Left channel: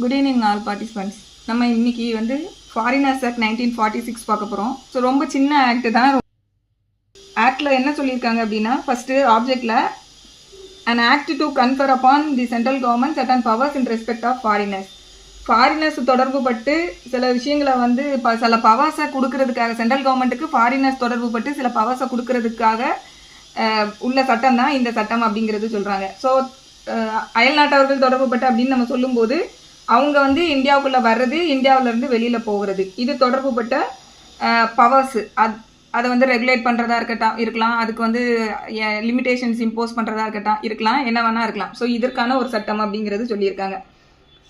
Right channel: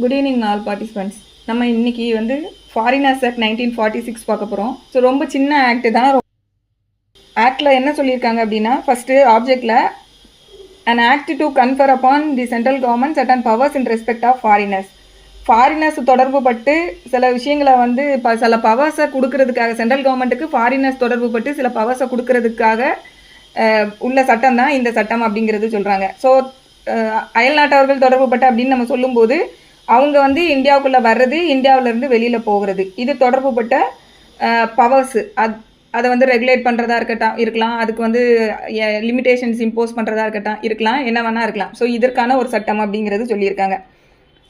Good evening all participants. நம்ம இன்னைக்கு foreigners act 1946 பார்க்க போகிறோம். ஸோ ரொம்ப சின்ன ஆக்ட் தான். ஆக்டில் என்ன சொல்லியிருக்காங்க அப்படின்னா, first ஆப்ஜெக்டில் an act to confer upon the central government certain powers in respect of foreigners. Foreigners தொடர்பு பட்டு சில விஷயங்களை சில பவர்ஸை கொடுக்கறதுக்காக, சென்ட்ரல் கவர்மெண்ட்டுக்கு ஃபாரினர்ஸ் தொடர்பு பட்டு சில பவர்ஸை கொடுக்கறதுக்காக உள்ள சட்டம் தான் இந்த சட்டம் அப்படிங்கிறது சொல்கிறாங்க. ஸோ அயல்நாட்டவர்கள் தொடர்பு பட்டு அப்படின்னு நம்ம சொல்லும்போது அவங்க இந்தியாவுக்குள்ளே வர்றது, இந்தியாவிலேருந்து வெளியில் போகிறது, இது தொடர்பு பட்ட பவர்ஸு. அதை ரெகுலேட் பண்ணுறதா இருக்கலாம், அதுக்கு லிமிடேஷன்ஸ் இம்போஸ் பண்ணுறதா இருக்கலாம், என்ன வேணால் இருக்கலாம். ஸோ இதற்கான ஒரு சட்டம் அப்படிங்கிறது சொல்லியிருக்காங்க.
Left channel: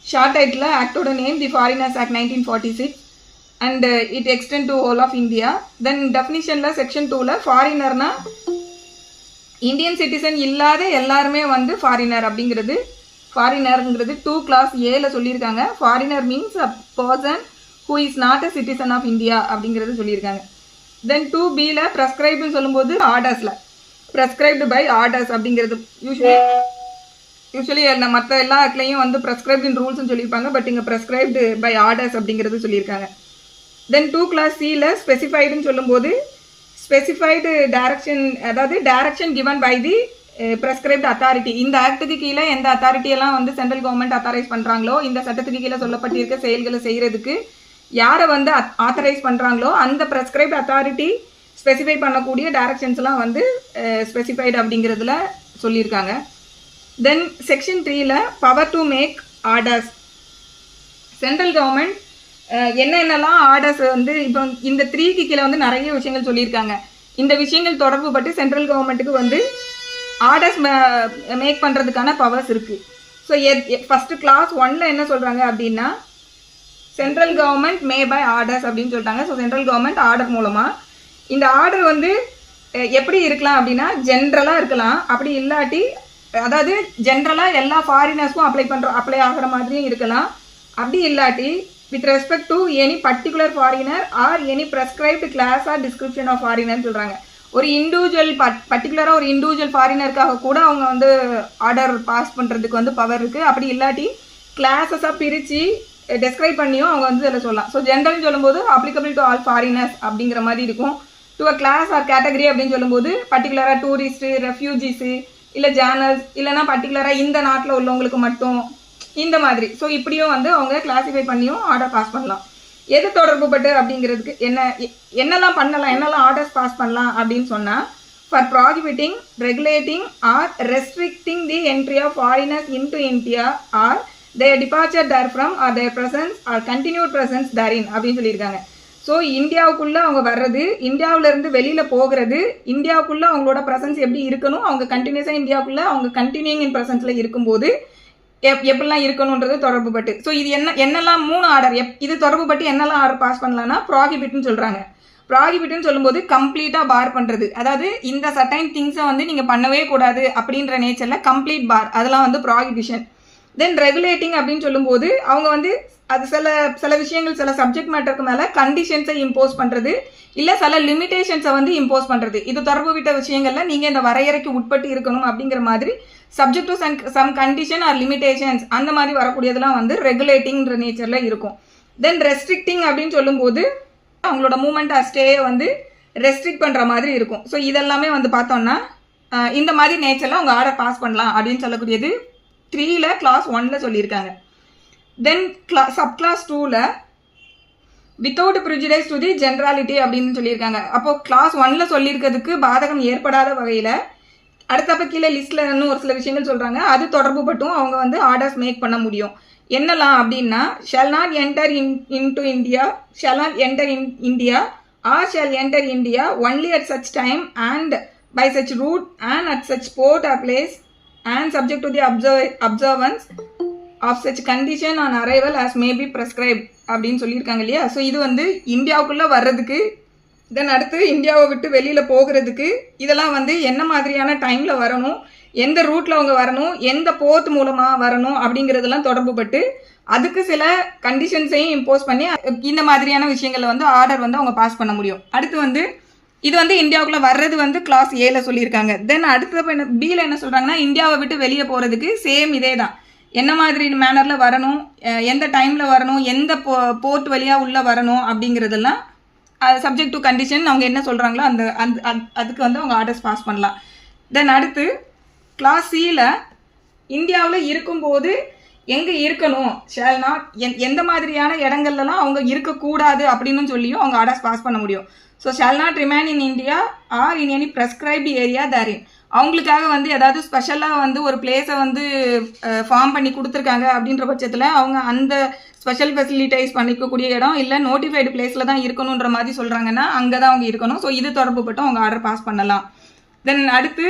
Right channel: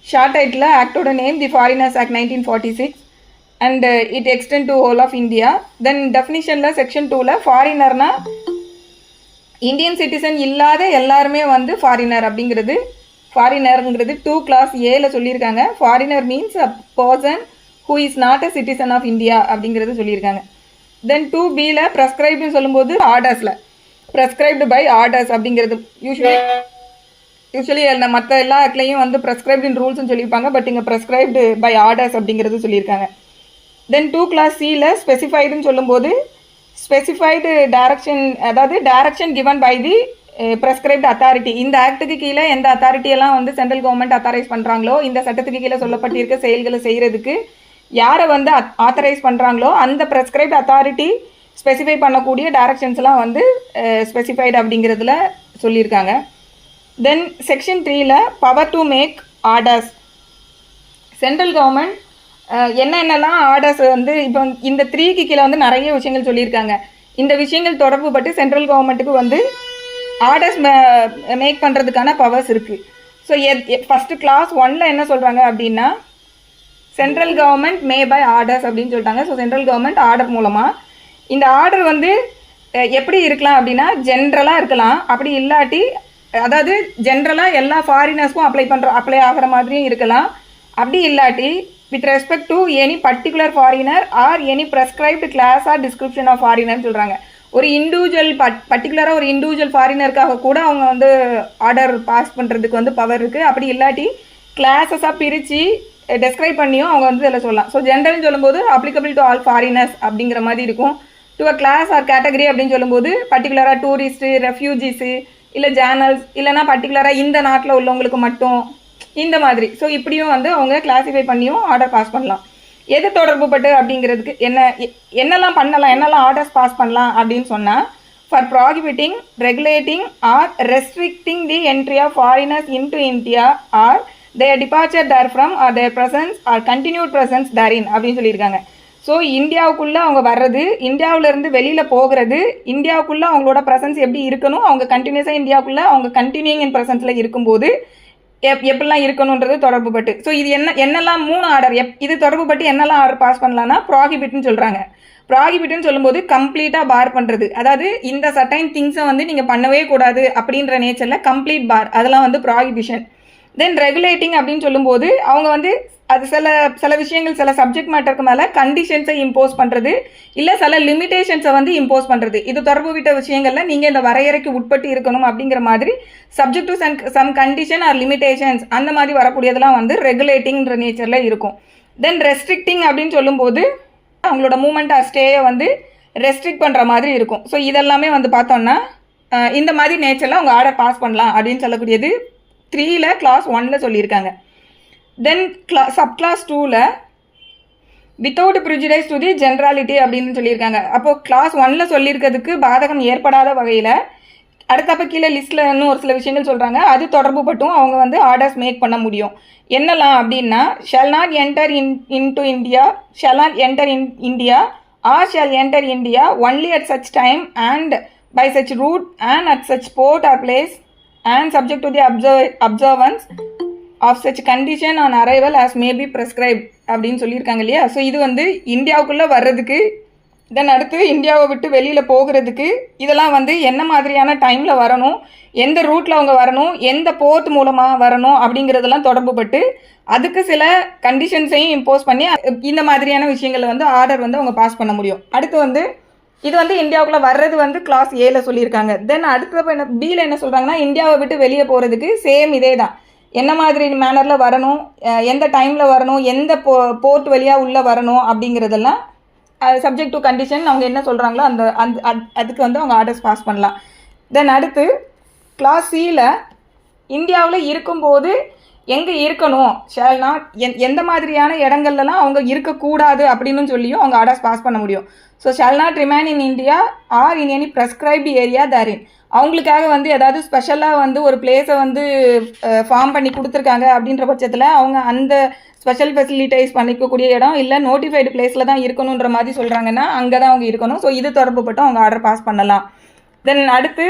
ஷார்ட் டைட்டில் ஆக்டோட name the foreigners act 1946 and it extend to whole of India. Then டெஃபினிஷனில் செக்ஷன் 2ல் ஃபாரினர்னா இந்தியன் சிட்டிசன் இல்லாத எல்லாருமே ஃபாரினர் அப்படிங்கிறது, ஃபாரினருங்கிறது 2 clause Aல சொல்லியிருக்காங்க. Foreigner means a person who is not a citizen of India அப்படிங்கிறது சொல்லியிருக்காங்க. தென் 2Bல ப்ரெஸ்கிரைப்டுன்னு சொல்லும்போது ஆர்டர்ஸில் ப்ரெஸ்கிரைப்டு பை ஆர்டர்ஸ் அப்படிங்கிறது யூஸ்வலி அந்த மற்ற எல்லா ஆக்ட்லையும் ப்ரெஸ்கிரைப்டின் ரூல்ஸ்னு சொல்லியிருப்பாங்க. பட் இங்கே ப்ரெஸ்கிரைப்டு பை ஆர்டர்ஸ் அப்படிங்கிறது சொல்லியிருக்காங்க. தென் 2 clause Cல ஸ்பெசிஃபைடுன்னு சொல்லும்போது ஸ்பெசிஃபைடு டைரக்ஷன், அதாவது direction given by the prescribed authority. இந்த ஆக்டுக்கு கீழே எந்த அத்தாரிட்டியெல்லாம் சென்ட்ரல் கவர்மெண்ட் அத்தாரைஸ் பண்ணுறாங்களோ, இந்த சட்டத்துக்கு கீழே சொல்லப்பட்டிருக்க செயல்களை செய்கிறதுக்கு யாரை ஆத்தரைஸ் பண்ணுறாங்களோ அந்த ப்ரெஸ்கிரைப்டு அத்தாரிட்டி ஸ்பெசிஃபை பண்ணக்கூடிய டைரக்ஷன்ஸ்லாம் ஸ்பெசிஃபைடு அப்படிங்கிறதுல சொல்லியிருக்காங்க. தென் செக்ஷன் 3ல power to make orders. Central government என்னென்னலாம் ஆர்டர்ஸ் இப்போ இந்த 3க்கு கீழே நிறைய விஷயங்கள் சொல்லியிருக்காங்க. இந்த விஷயங்கள் தொடர்பு பட்டு சென்ட்ரல் கவர்மெண்ட்டுக்கு ஆர்டர்ஸ் மேக் பண்ணுறதுக்கான பவர்ஸ் இருக்குது. ஸோ ஃபஸ்ட்டு clause 1ல என்ன சொல்கிறாங்க அப்படின்னா, central government may by orders அப்படின்னு சொல்லிட்டாங்க. ஸோ சென்ட்ரல் கவர்மெண்ட் ஆர்டர் மூலமாக இந்த ஆர்டர் எப்படி இருக்கலாம் அப்படின்னா, ஜென்ரலாக இருக்கலாம், அப்படி இல்லாட்டி அதாவது ஜென்ரலாக எல்லா ஃபாரினர்ஸ்க்கும் அப்ளை ஆகிற மாதிரியும் இருக்கலாம், அப்படி இல்லாட்டி with respect to any particular foreigner or any prescribed class or description of ஃபாரினர்னு சொல்கிறாங்க. ஒரு இண்டிவிஜுவல் பர்டிகுலராக ஒரு இண்டிவிஜுவல் ஃபாரினருக்காக கூட அவங்க ஆர்டர் பாஸ் பண்ணுறதுக்கு பவர் இருக்குது. அப்படி இல்லாட்டி கிளாஸஸாக பிரித்து டெஸ்கிரைப் பண்ணியும் அவங்க இதில் சொல்லலாம். ஸோ ஜென்ரல்னு சொல்லும்போது அப்ளிகபிள் டு ஆல் ஃபாரினர்ஸ் அப்படிங்கிற மாதிரி இருக்கும். To a class or category அப்படின்னு சொல்லும்போது பர்டிகுலராக டூரிஸ்ட்டு, ரெஃப்யூஜிஸு, இல்லை ஜேர்னல்ஸ், இல்லைனா பர்டிகுலராக இந்த நாட்டில் உள்ளவங்களுக்கு மட்டும், இந்த மாதிரி. ஸோ இப்படியும் அவங்க கிளாஸிஃபை பண்ணியும் ஆர்டர் பாஸ் பண்ணலாம். எது தொடர்பு பட்டு அப்படிங்கிறதுக்கு என்னெல்லாம் பண்ணலாம், என்னெல்லாம் ஆர்டர்ஸ் பாஸ் பண்ணலாம் அப்படின்னு சொன்னால், for prohibiting, regulating or restricting the entry of foreigners into India or their departure therefrom or their presence or continued presence therein அப்படின்னு சொல்லியிருக்காங்க. ஸோ இந்தியாவுக்குள்ளே அவங்க வர்றது, இந்தியாவிலேருந்து வெளியில் போகிறது, இந்தியாவுக்குள்ளே அவங்களோட ப்ரெசன்ஸ் எப்படி இருக்கணும், அவங்க கண்டினியூஸாக இந்தியாவுக்குள்ளே அவங்க கண்டினியூங் இன் ப்ரெசன்ஸில் இருக்கும்போது எப்படிலாம் இருக்கணுன்றது தொடர்பு பட்டு. ஸோ இது என்னெல்லாம் 3 ஆர்டர் இது தொடர்பு பட்டு என்னெல்லாம் ஆர்டர் பாஸ் பண்ணலான்னா, ப்ராஹிபிட்னு சொல்கிறாங்க. ப்ராஹிபிட்னு சொல்லும்போது கம்ப்ளீட்டாக பார் பண்ணுறது, அதாவது இந்த சர்டைன் திங்ஸை நீங்கள் பண்ணவே கூடாது அப்படின்ற நேச்சரில் கம்ப்ளீட் பார், அதெல்லாம் ப்ராஹிபிஷன். தென் ரெகுலேட்டிங் அப்படின்னு சொல்லும்போது அவங்க அது சில விஷயங்கள், சில சப்ஜெக்ட் மேட்டருக்கு மேலே கண்டிஷன்ஸை இம்போஸ் பண்ணுறது, இல்லை சில லிமிடேஷன்ஸை இம்போஸ் பண்ணுறது. இது தொடர்பு விட்ட விஷயங்களில் நீங்கள் இந்த வரையறைக்கு உட்பட்டு இருக்கணும் அப்படிங்கிற மாதிரி subject to some condition or limitations அந்த மாதிரி வரக்கூடியதெல்லாம் ரெகுலேட்டிங்ன்ற நேச்சரில் இருக்கும். தென் ரெஸ்ட்ரிக்டிங் அப்படின்னு சொல்லும்போது அவங்களோட மூமெண்ட் ஆர் ஸ்டேயை ரெஸ்ட்ரிக்ட் பண்ணுற மாதிரி இருக்கும். ஸோ இதெல்லாமே பார்த்தோம்னா இந்த மாதிரி நேச்சரில் அவங்க ஆர்டர் பாஸ் பண்ணலாம் அப்படின்னு சொல்லக்கூடியது 3ல clause 1ல சொல்லியிருக்காங்க. தென் சப்-clause 2ல வித்தவுட் ப்ரிஜுடைஸ் டு தி ஜென்ரலிட்டி அப்படின்னு சொல்லியிருக்காங்க. அப்போது clause 1ல சொல்லியிருக்கிறதுக்கு பாதகம் ஏற்படாத வகையில் அடுத்தப்போ கீழே லிஸ்ட்டில் இன்னும் ஒரு சில விஷயங்கள் சொல்கிறாங்க. அது தொடர்பு பட்டும் அவங்க ஆர்டர்ஸ் மேக் பண்ண முடியும். என்னெல்லாம் அப்படின்னா, shall not enter into India, shall not enter in India or shall enter India only at such time and by such route and at such port or place and subject to the observance of such condition on arrival as may be prescribed அப்படின்னு சொல்லியிருக்காங்க இல்லையா. So இது இந்தியாவுக்குள்ளே வர்றதுக்கு, தென் அடுத்து இந்தியாவை விட்டு வெளியில் போகிறதுக்கு, இதெல்லாம் என்ன மாதிரியான டைமில் வரணும், எந்த ரூட்டில் அவங்க வரணும், எந்த போர்ட் மூலமாக வரணும் அப்படிங்கிறதெல்லாம் தொடர்பு பட்டு அதுக்கு சில கண்டிஷன்ஸையும் இம்போஸ் பண்ணி இந்த மாதிரியான விஷயங்களை ஆர்டர் அவங்க பாஸ் பண்ண முடியும். அடுத்து இது இந்தியாவுக்குள்ளே வர்றது clause Aல சொல்லியிருக்காங்க. தென் அடுத்த Bல என்ன சொல்கிறாங்கன்னா, இந்தியாவை விட்டு வெளியே போகிறதுக்கு சேம் இதே தான், என்ன மாதிரி மேனரில் வரணும், எந்த டைமில் வரணும், எந்த போர்ட் வழியாக உள்ளே வரணும் அப்படிங்கிறதெல்லாம் சப்ஜெக்ட் டு கண்டிஷன் அவங்க என்ன சொல்கிறாங்களோ அதுக்கு வந்து அவங்க ஆர்டர்ஸ் பாஸ் பண்ணலாம். தென் அடுத்து கிளாஸ் சியில் இந்தியாவில் இருக்கும்போது எங்கே இருக்கணும், ஷேல் நாட் எந்த மாதிரியான இடங்கள்லாம் அவங்க இருக்கக்கூடாது அப்படின்னு சொல்லியும் அவங்க ஆர்டர்ஸ் பாஸ் பண்ண முடியும். So shall not remain in India or in any prescribed area therein. அவங்களுக்காக வந்து ஏதாவது ஸ்பெஷலாக வந்து ஒரு பிளேஸை வந்து ஃபார்ம் பண்ணி கொடுத்துருக்காங்க அப்படின்ற பட்சத்தில் அவங்க அந்த ஸ்பெஷல் ஃபெசிலிட்டைஸ் பண்ணிக்கக்கூடிய இடம் இல்லை நோட்டிஃபைடு பிளேஸில் தான் இருக்கணுன்ற மாதிரி சொல்கிறாங்கன்னா அங்கே தான் அவங்க இருக்கணும். ஸோ இது தொடர்புப்பட்டு அவங்க ஆர்டர் பாஸ் பண்ணலாம். தென் அடுத்து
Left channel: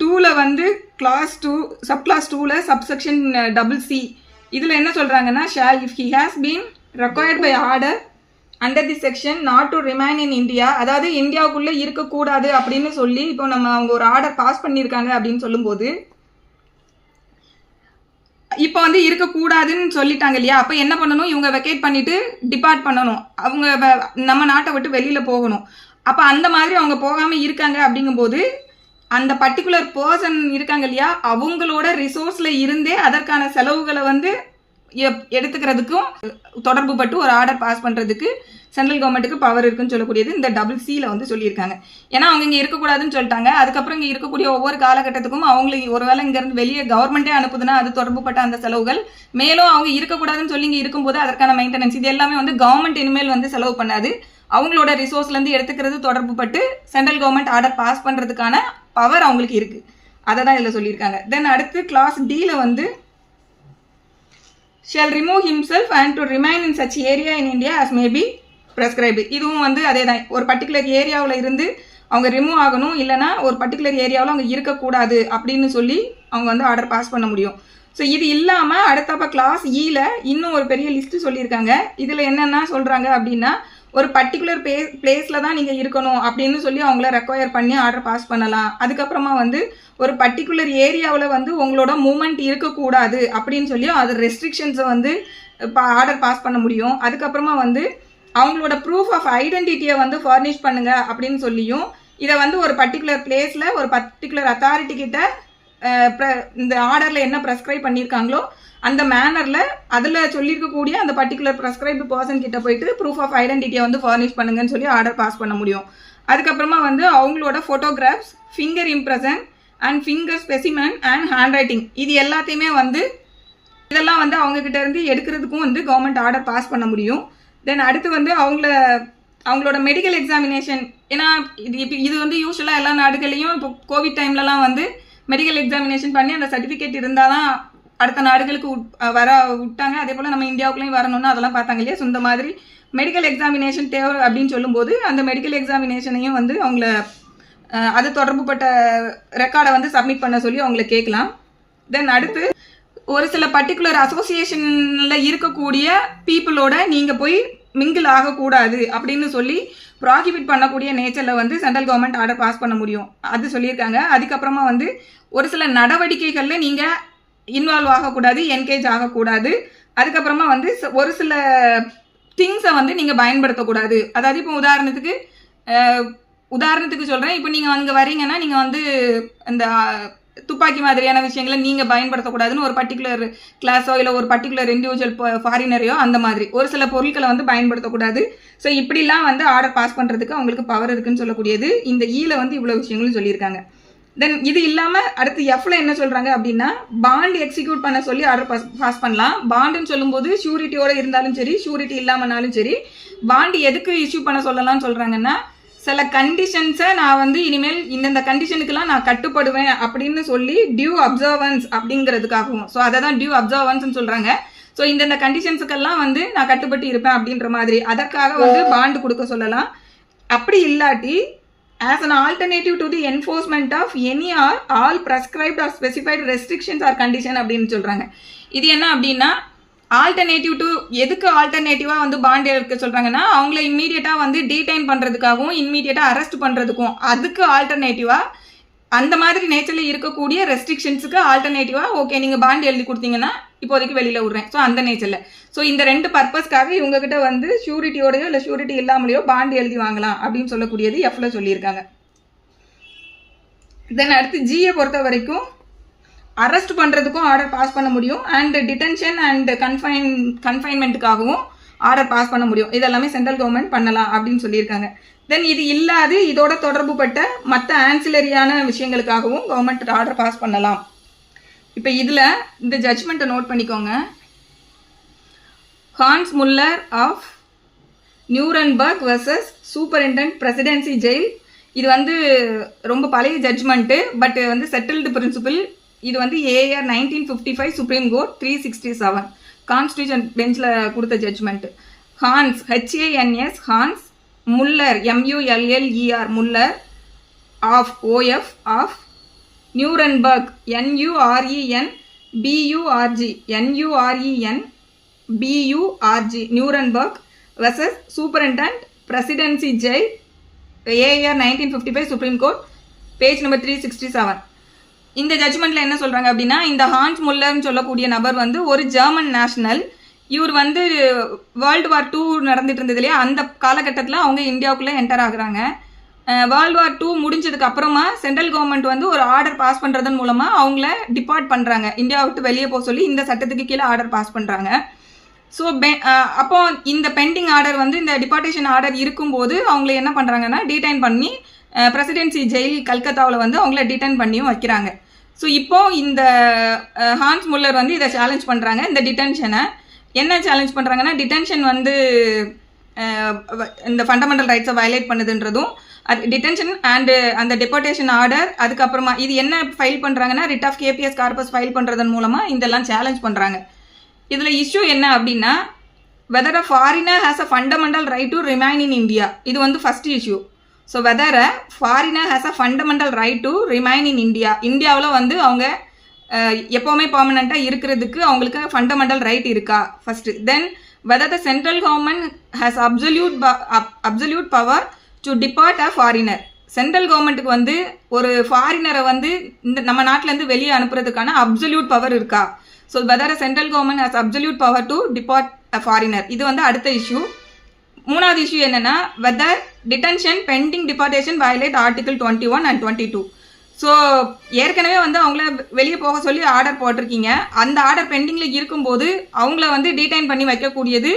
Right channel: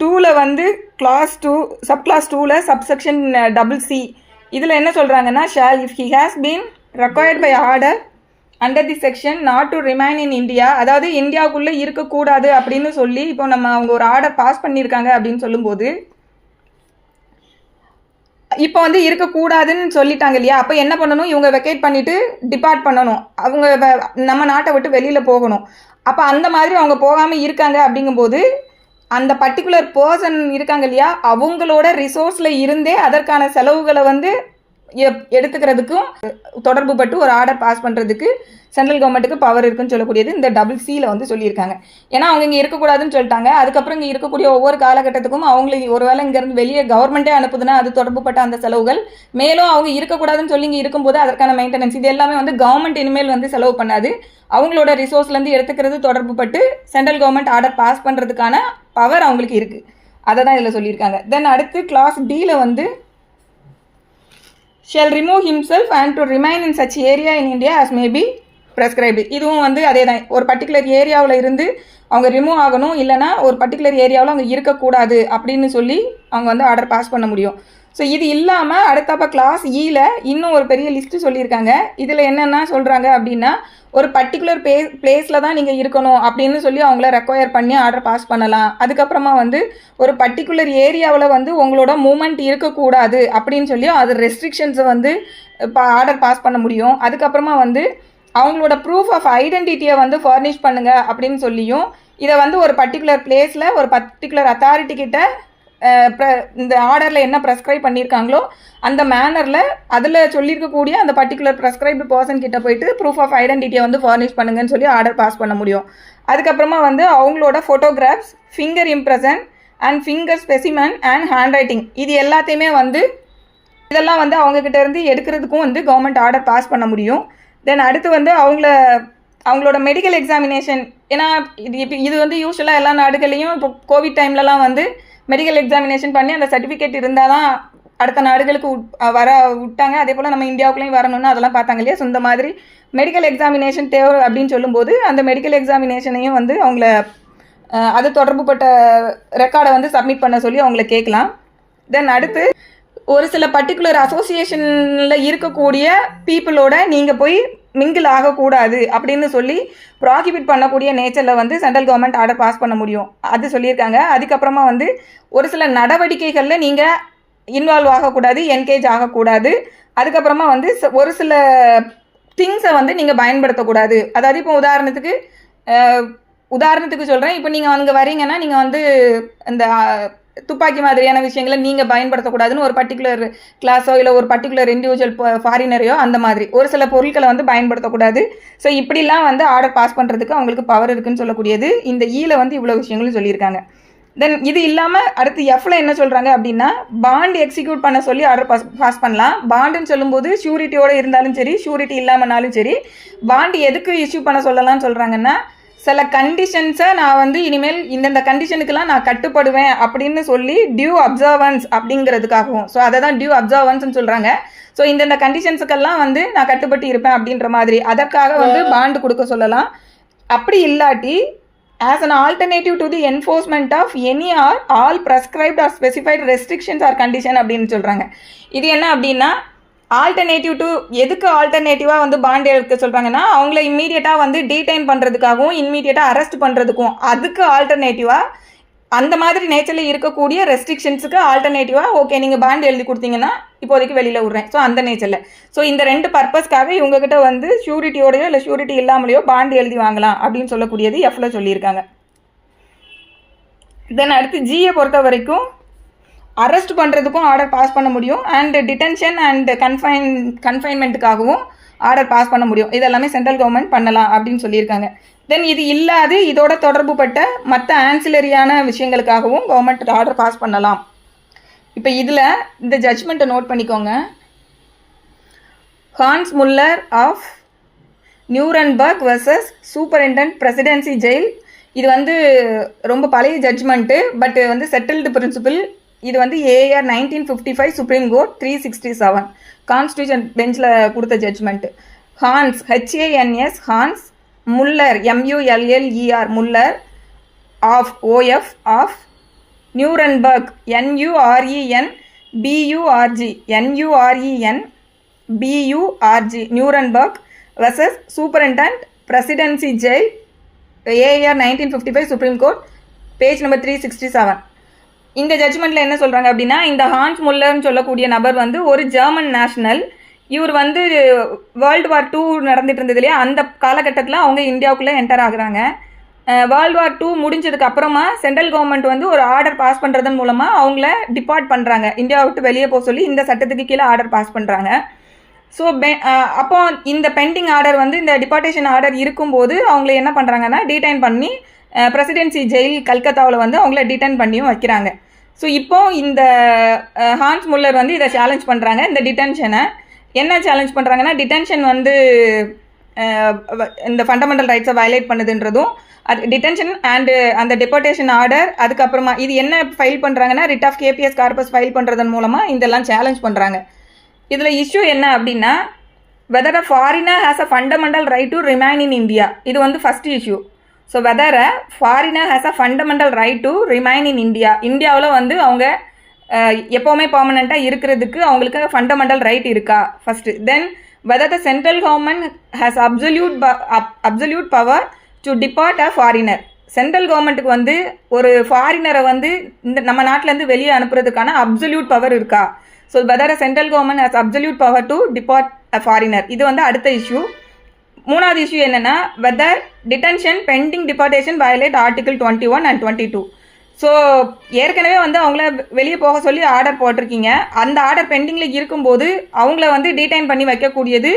2ல் வந்து கிளாஸ் 2 சப் கிளாஸ் 2ல் சப்செக்ஷன் CC இதில் என்ன சொல்கிறாங்கன்னா shall if he has been required by order under the section not to remain in India, அதாவது இந்தியாவுக்குள்ளே இருக்கக்கூடாது அப்படின்னு சொல்லி இப்போ அவங்க ஒரு ஆர்டர் பாஸ் பண்ணியிருக்காங்க அப்படின்னு சொல்லும்போது இப்போ வந்து இருக்கக்கூடாதுன்னு சொல்லிட்டாங்க இல்லையா, அப்போ என்ன பண்ணணும், இவங்க வெக்கேட் பண்ணிவிட்டு டிபார்ட் பண்ணணும், அவங்க நம்ம நாட்டை விட்டு வெளியில் போகணும். அப்போ அந்த மாதிரி அவங்க போகாமல் இருக்காங்க அப்படிங்கும்போது அந்த பர்டிகுலர் பர்சன் இருக்காங்க இல்லையா, அவங்களோட ரிசோர்ஸில் இருந்தே அதற்கான செலவுகளை வந்து எடுத்துக்கிறதுக்கும் தொடர்பு பட்டு ஒரு ஆர்டர் பாஸ் பண்ணுறதுக்கு சென்ட்ரல் கவர்மெண்ட்டுக்கு பவர் இருக்குன்னு சொல்லக்கூடியது இந்த CCயில் வந்து சொல்லியிருக்காங்க. ஏன்னா அவங்க இங்கே இருக்கக்கூடாதுன்னு சொல்லிட்டாங்க. அதுக்கப்புறம் இங்கே இருக்கக்கூடிய ஒவ்வொரு காலகட்டத்துக்கும் அவங்களுக்கு ஒருவேளை இங்கேருந்து வெளியே கவர்மெண்ட்டே அனுப்புதுன்னா அது தொடர்புப்பட்ட அந்த செலவுகள், மேலும் அவங்க இருக்கக்கூடாதுன்னு சொல்லி இங்கே இருக்கும்போது அதற்கான மெயின்டெனன்ஸ், இது எல்லாமே வந்து கவர்மெண்ட் இனிமேல் வந்து செலவு பண்ணாது, அவங்களோட ரிசோர்ஸ்லேருந்து எடுத்துக்கிறது தொடர்பு பட்டு சென்ட்ரல் கவர்மெண்ட் ஆர்டர் பாஸ் பண்ணுறதுக்கான பவர் அவங்களுக்கு இருக்குது. அதை தான் இதில் சொல்லியிருக்காங்க. தென் அடுத்து கிளாஸ் Dயில் வந்து shall remove himself and to remain in such area in India as may be prescribed. இதுவும் வந்து அதே தான், ஒரு பர்டிகுலர் ஏரியாவில் இருந்து அவங்க ரிமூவ் ஆகணும், இல்லைனா ஒரு பர்டிகுலர் ஏரியாவில் அவங்க இருக்கக்கூடாது அப்படின்னு சொல்லி அவங்க வந்து ஆர்டர் பாஸ் பண்ண முடியும். ஸோ இது இல்லாமல் அடுத்தப்போ கிளாஸ் Eயில் இன்னும் ஒரு பெரிய லிஸ்ட்டு சொல்லியிருக்காங்க. இதில் என்னென்னா சொல்கிறாங்க அப்படின்னா ஒரு பர்டிகுலர் பிளேஸில் தான் நீங்கள் இருக்கணும் அப்படின்னு சொல்லி அவங்கள ரெக்வயர் பண்ணி ஆர்டர் பாஸ் பண்ணலாம். அதுக்கப்புறமா வந்து ஒரு பர்டிகுலர் ஏரியாவில் வந்து உங்களோட மூமெண்ட் இருக்கக்கூடாது அப்படின்னு சொல்லி அது ரெஸ்ட்ரிக்ஷன்ஸை வந்து இப்போ ஆர்டர் பாஸ் பண்ண முடியும். அதுக்கப்புறமா வந்து அவங்களோட ப்ரூஃப் ஆஃப் ஐடென்டிட்டியை வந்து ஃபர்னிஷ் பண்ணுங்கள் அப்படின்னு சொல்லியும் இதை வந்து ஒரு பர்டிகுலர் பிளேஸில் ஒரு பர்டிகுலர் அத்தாரிட்டி கிட்ட இந்த ஆர்டரில் என்ன ப்ரெஸ்கிரைப் பண்ணியிருக்காங்களோ அந்த மேனரில் அதில் சொல்லியிருக்கக்கூடிய அந்த பர்டிகுலர் ப்ரெஸ்கிரைப்டு பர்சன் கிட்ட போயிட்டு ப்ரூஃப் ஆஃப் ஐடென்டிட்டியை வந்து ஃபர்னிஷ் பண்ணுங்கன்னு சொல்லி ஆர்டர் பாஸ் பண்ண முடியும். அதுக்கப்புறமா வந்து அவங்களோட photographs, finger impression and finger specimen and hand writing, இது எல்லாத்தையுமே வந்து இதெல்லாம் வந்து அவங்கக்கிட்ட இருந்து எடுக்கிறதுக்கும் வந்து கவர்மெண்ட் ஆர்டர் பாஸ் பண்ண முடியும். தென் அடுத்து வந்து அவங்களோட மெடிக்கல் எக்ஸாமினேஷன், ஏன்னா இது வந்து யூஸ்வலாக எல்லா நாடுகளையும் இப்போ கோவிட் டைம்லலாம் வந்து மெடிக்கல் எக்ஸாமினேஷன் பண்ணி அந்த சர்டிஃபிகேட் இருந்தால் தான் அடுத்த நாடுகளுக்கு வர விட்டாங்க. அதே போல் நம்ம இந்தியாவுக்குள்ளேயும் வரணும்னு அதெல்லாம் பார்த்தாங்க இல்லையா. ஸோ இந்த மாதிரி மெடிக்கல் எக்ஸாமினேஷன் தேவை அப்படின்னு சொல்லும்போது அந்த மெடிக்கல் எக்ஸாமினேஷனையும் வந்து அவங்கள அது தொடர்புப்பட்ட ரெக்கார்டை வந்து சப்மிட் பண்ண சொல்லி அவங்கள கேட்கலாம். தென் அடுத்து ஒரு சில பர்டிகுலர் அசோசியேஷனில் இருக்கக்கூடிய பீப்புளோட நீங்கள் போய் மிங்கிள் ஆகக்கூடாது அப்படின்னு சொல்லி ப்ராஹிபிட் பண்ணக்கூடிய நேச்சரில் வந்து சென்ட்ரல் கவர்மெண்ட் ஆர்டர் பாஸ் பண்ண முடியும், அது சொல்லியிருக்காங்க. அதுக்கப்புறமா வந்து ஒரு சில நடவடிக்கைகளில் நீங்கள் இன்வால்வ் ஆகக்கூடாது, என்கேஜ் ஆகக்கூடாது. அதுக்கப்புறமா வந்து ஒரு சில திங்ஸை வந்து நீங்கள் பயன்படுத்தக்கூடாது. அதாவது இப்போ உதாரணத்துக்கு சொல்கிறேன், இப்போ நீங்கள் அங்கே வரீங்கன்னா நீங்கள் வந்து இந்த துப்பாக்கி மாதிரியான விஷயங்களை நீங்கள் பயன்படுத்தக்கூடாதுன்னு ஒரு பர்டிகுலர் கிளாஸோ இல்லை ஒரு பர்டிகுலர் இண்டிவிஜுவல் ஃபாரினரையோ அந்த மாதிரி ஒரு சில பொருட்களை வந்து பயன்படுத்தக்கூடாது. ஸோ இப்படிலாம் வந்து ஆர்டர் பாஸ் பண்ணுறதுக்கு அவங்களுக்கு பவர் இருக்குன்னு சொல்லக்கூடியது இந்த ஈல வந்து இவ்வளோ விஷயங்களும் சொல்லியிருக்காங்க. தென் இது இல்லாமல் அடுத்து எஃப்ல என்ன சொல்கிறாங்க அப்படின்னா பாண்ட் எக்ஸிக்யூட் பண்ண சொல்லி ஆர்டர் பாஸ் பண்ணலாம். பாண்டுன்னு சொல்லும்போது ஷூரிட்டியோடு இருந்தாலும் சரி, ஷூரிட்டி இல்லாமனாலும் சரி, பாண்டு எதுக்கு இஷ்யூ பண்ண சொல்லலாம்னு சொல்கிறாங்கன்னா சில கண்டிஷன்ஸை நான் வந்து இனிமேல் இந்தந்த கண்டிஷனுக்கெல்லாம் நான் கட்டுப்படுவேன் அப்படின்னு சொல்லி டியூ அப்சர்வன்ஸ் அப்படிங்கிறதுக்காகவும், ஸோ அதை தான் டியூ அப்சர்வன்ஸ்ன்னு சொல்கிறாங்க. ஸோ இந்தந்த கண்டிஷன்ஸுக்கெல்லாம் வந்து நான் கட்டுப்பட்டு இருப்பேன் அப்படின்ற மாதிரி அதற்காக வந்து பாண்டு கொடுக்க சொல்லலாம். அப்படி இல்லாட்டி as an alternative to the enforcement of any or all prescribed or specified restrictions or condition அப்படின்னு சொல்கிறாங்க. இது என்ன அப்படின்னா ஆல்டர்னேட்டிவ் டு எதுக்கு ஆல்டர்னேட்டிவாக வந்து பாண்ட் எடுக்க சொல்கிறாங்கன்னா அவங்கள இம்மீடியட்டாக வந்து டீடைன் பண்ணுறதுக்காகவும் இம்மீடியட்டாக அரெஸ்ட் பண்ணுறதுக்கும் அதுக்கு ஆல்டர்னேட்டிவாக அந்த மாதிரி நேச்சரில் இருக்கக்கூடிய ரெஸ்ட்ரிக்ஷன்ஸுக்கு ஆல்டர்னேட்டிவாக ஓகே நீங்கள் பாண்ட் எழுதி கொடுத்தீங்கன்னா இப்போதைக்கு வெளியில் விட்றேன். ஸோ அந்த நேச்சரில் ஸோ இந்த ரெண்டு பர்பஸ்க்காக இவங்ககிட்ட வந்து ஷூரிட்டியோடையோ இல்லை ஷூரிட்டி இல்லாமலையோ பாண்ட் எழுதி வாங்கலாம் அப்படின்னு சொல்லக்கூடியது எஃப்ல சொல்லியிருக்காங்க. தென் அடுத்து ஜியை பொறுத்த வரைக்கும் அரெஸ்ட் பண்ணுறதுக்கும் ஆர்டர் பாஸ் பண்ண முடியும், அண்ட் டிடென்ஷன் அண்ட் கன்ஃபைன்மெண்ட்டுக்காகவும் ஆர்டர் பாஸ் பண்ண முடியும். இதெல்லாமே சென்ட்ரல் கவர்மெண்ட் பண்ணலாம் அப்படின்னு சொல்லியிருக்காங்க. தென் இது இல்லாது இதோட தொடர்புபட்ட மற்ற ஆன்சிலரியான விஷயங்களுக்காகவும் கவர்மெண்ட் ஆர்டர் பாஸ் பண்ணலாம். இப்போ இதில் இந்த ஜட்ஜ்மெண்ட்டை நோட் பண்ணிக்கோங்க. Hans Muller of Nuremberg versus superintendent presidency jail. இது வந்து ரொம்ப பழைய ஜட்ஜ்மெண்ட்டு, பட் வந்து செட்டில்டு பிரின்சிபிள். இது வந்து ஏஆர் 1955 சுப்ரீம் கோர்ட் 367 கான்ஸ்டியூஷன் பெஞ்சில் கொடுத்த judgement. Hans HANS Hans Muller MULLER Muller of OF of Nuremberg NURENBURG Nuremberg versus superintendent presidency jail AR 1955 supreme court page number 367. இந்த ஜட்ஜ்மெண்ட்டில் என்ன சொல்கிறாங்க அப்படின்னா, இந்த ஹான்ஸ் முல்லர்னு சொல்லக்கூடிய நபர் வந்து ஒரு ஜெர்மன் நேஷனல். இவர் வந்து வேர்ல்டு வார் 2 நடந்துட்டு இருந்தது இல்லையா, அந்த காலகட்டத்தில் அவங்க இந்தியாவுக்குள்ளே என்டர் ஆகுறாங்க. வேர்ல்டு வார் 2 முடிஞ்சதுக்கு அப்புறமா சென்ட்ரல் கவர்மெண்ட் வந்து ஒரு ஆர்டர் பாஸ் பண்ணுறதன் மூலமாக அவங்கள டிபார்ட் பண்ணுறாங்க, இந்தியாவை விட்டு வெளியே போக சொல்லி இந்த சட்டத்துக்கு கீழே ஆர்டர் பாஸ் பண்ணுறாங்க. ஸோ அப்போ இந்த பெண்டிங் ஆர்டர் வந்து இந்த டிபார்ட்டேஷன் ஆர்டர் இருக்கும்போது அவங்கள என்ன பண்ணுறாங்கன்னா டிடைன் பண்ணி பிரசிடென்சி ஜெயில் கல்கத்தாவில் வந்து அவங்கள டிடைன் பண்ணியும் வைக்கிறாங்க. ஸோ இப்போது இந்த ஹான்ஸ் முல்லர் வந்து இதை சேலஞ்ச் பண்ணுறாங்க. இந்த டிடென்ஷனை என்ன சேலஞ்ச் பண்ணுறாங்கன்னா, டிடென்ஷன் வந்து இந்த ஃபண்டமெண்டல் ரைட்ஸை வயலேட் பண்ணுதுன்றதும், அது டிடென்ஷன் அண்டு அந்த டிபார்ட்டேஷன் ஆர்டர், அதுக்கப்புறமா இது என்ன ஃபைல் பண்ணுறாங்கன்னா writ of habeas corpus file பண்ணுறதன் மூலமாக இதெல்லாம் சேலஞ்ச் பண்ணுறாங்க. இதில் இஷ்யூ என்ன அப்படின்னா, whether a foreigner has a fundamental right to remain in India. இது வந்து first issue. So whether a foreigner has a fundamental right to remain in India. இந்தியாவில் வந்து அவங்க எப்போவுமே பர்மனெண்ட்டாக இருக்கிறதுக்கு அவங்களுக்கு ஃபண்டமெண்டல் ரைட் இருக்கா first. Then whether the central government has absolute power to deport a foreigner. சென்ட்ரல் கவர்மெண்ட்டுக்கு வந்து ஒரு ஃபாரினரை வந்து இந்த நம்ம நாட்டிலேருந்து வெளியே அனுப்புறதுக்கான அப்சல்யூட் பவர் இருக்கா. So whether a central government has absolute power to deport a foreigner. இது வந்து அடுத்த இஷ்யூ. மூணாவது இஷ்யூ என்னென்னா, whether detention pending deportation violate article 21 and 22. So ஏற்கனவே வந்து அவங்கள வெளியே போக சொல்லி ஆர்டர் போட்டிருக்கீங்க. அந்த ஆர்டர் பெண்டிங்கில் இருக்கும்போது அவங்கள வந்து டீடைன் பண்ணி வைக்கக்கூடியது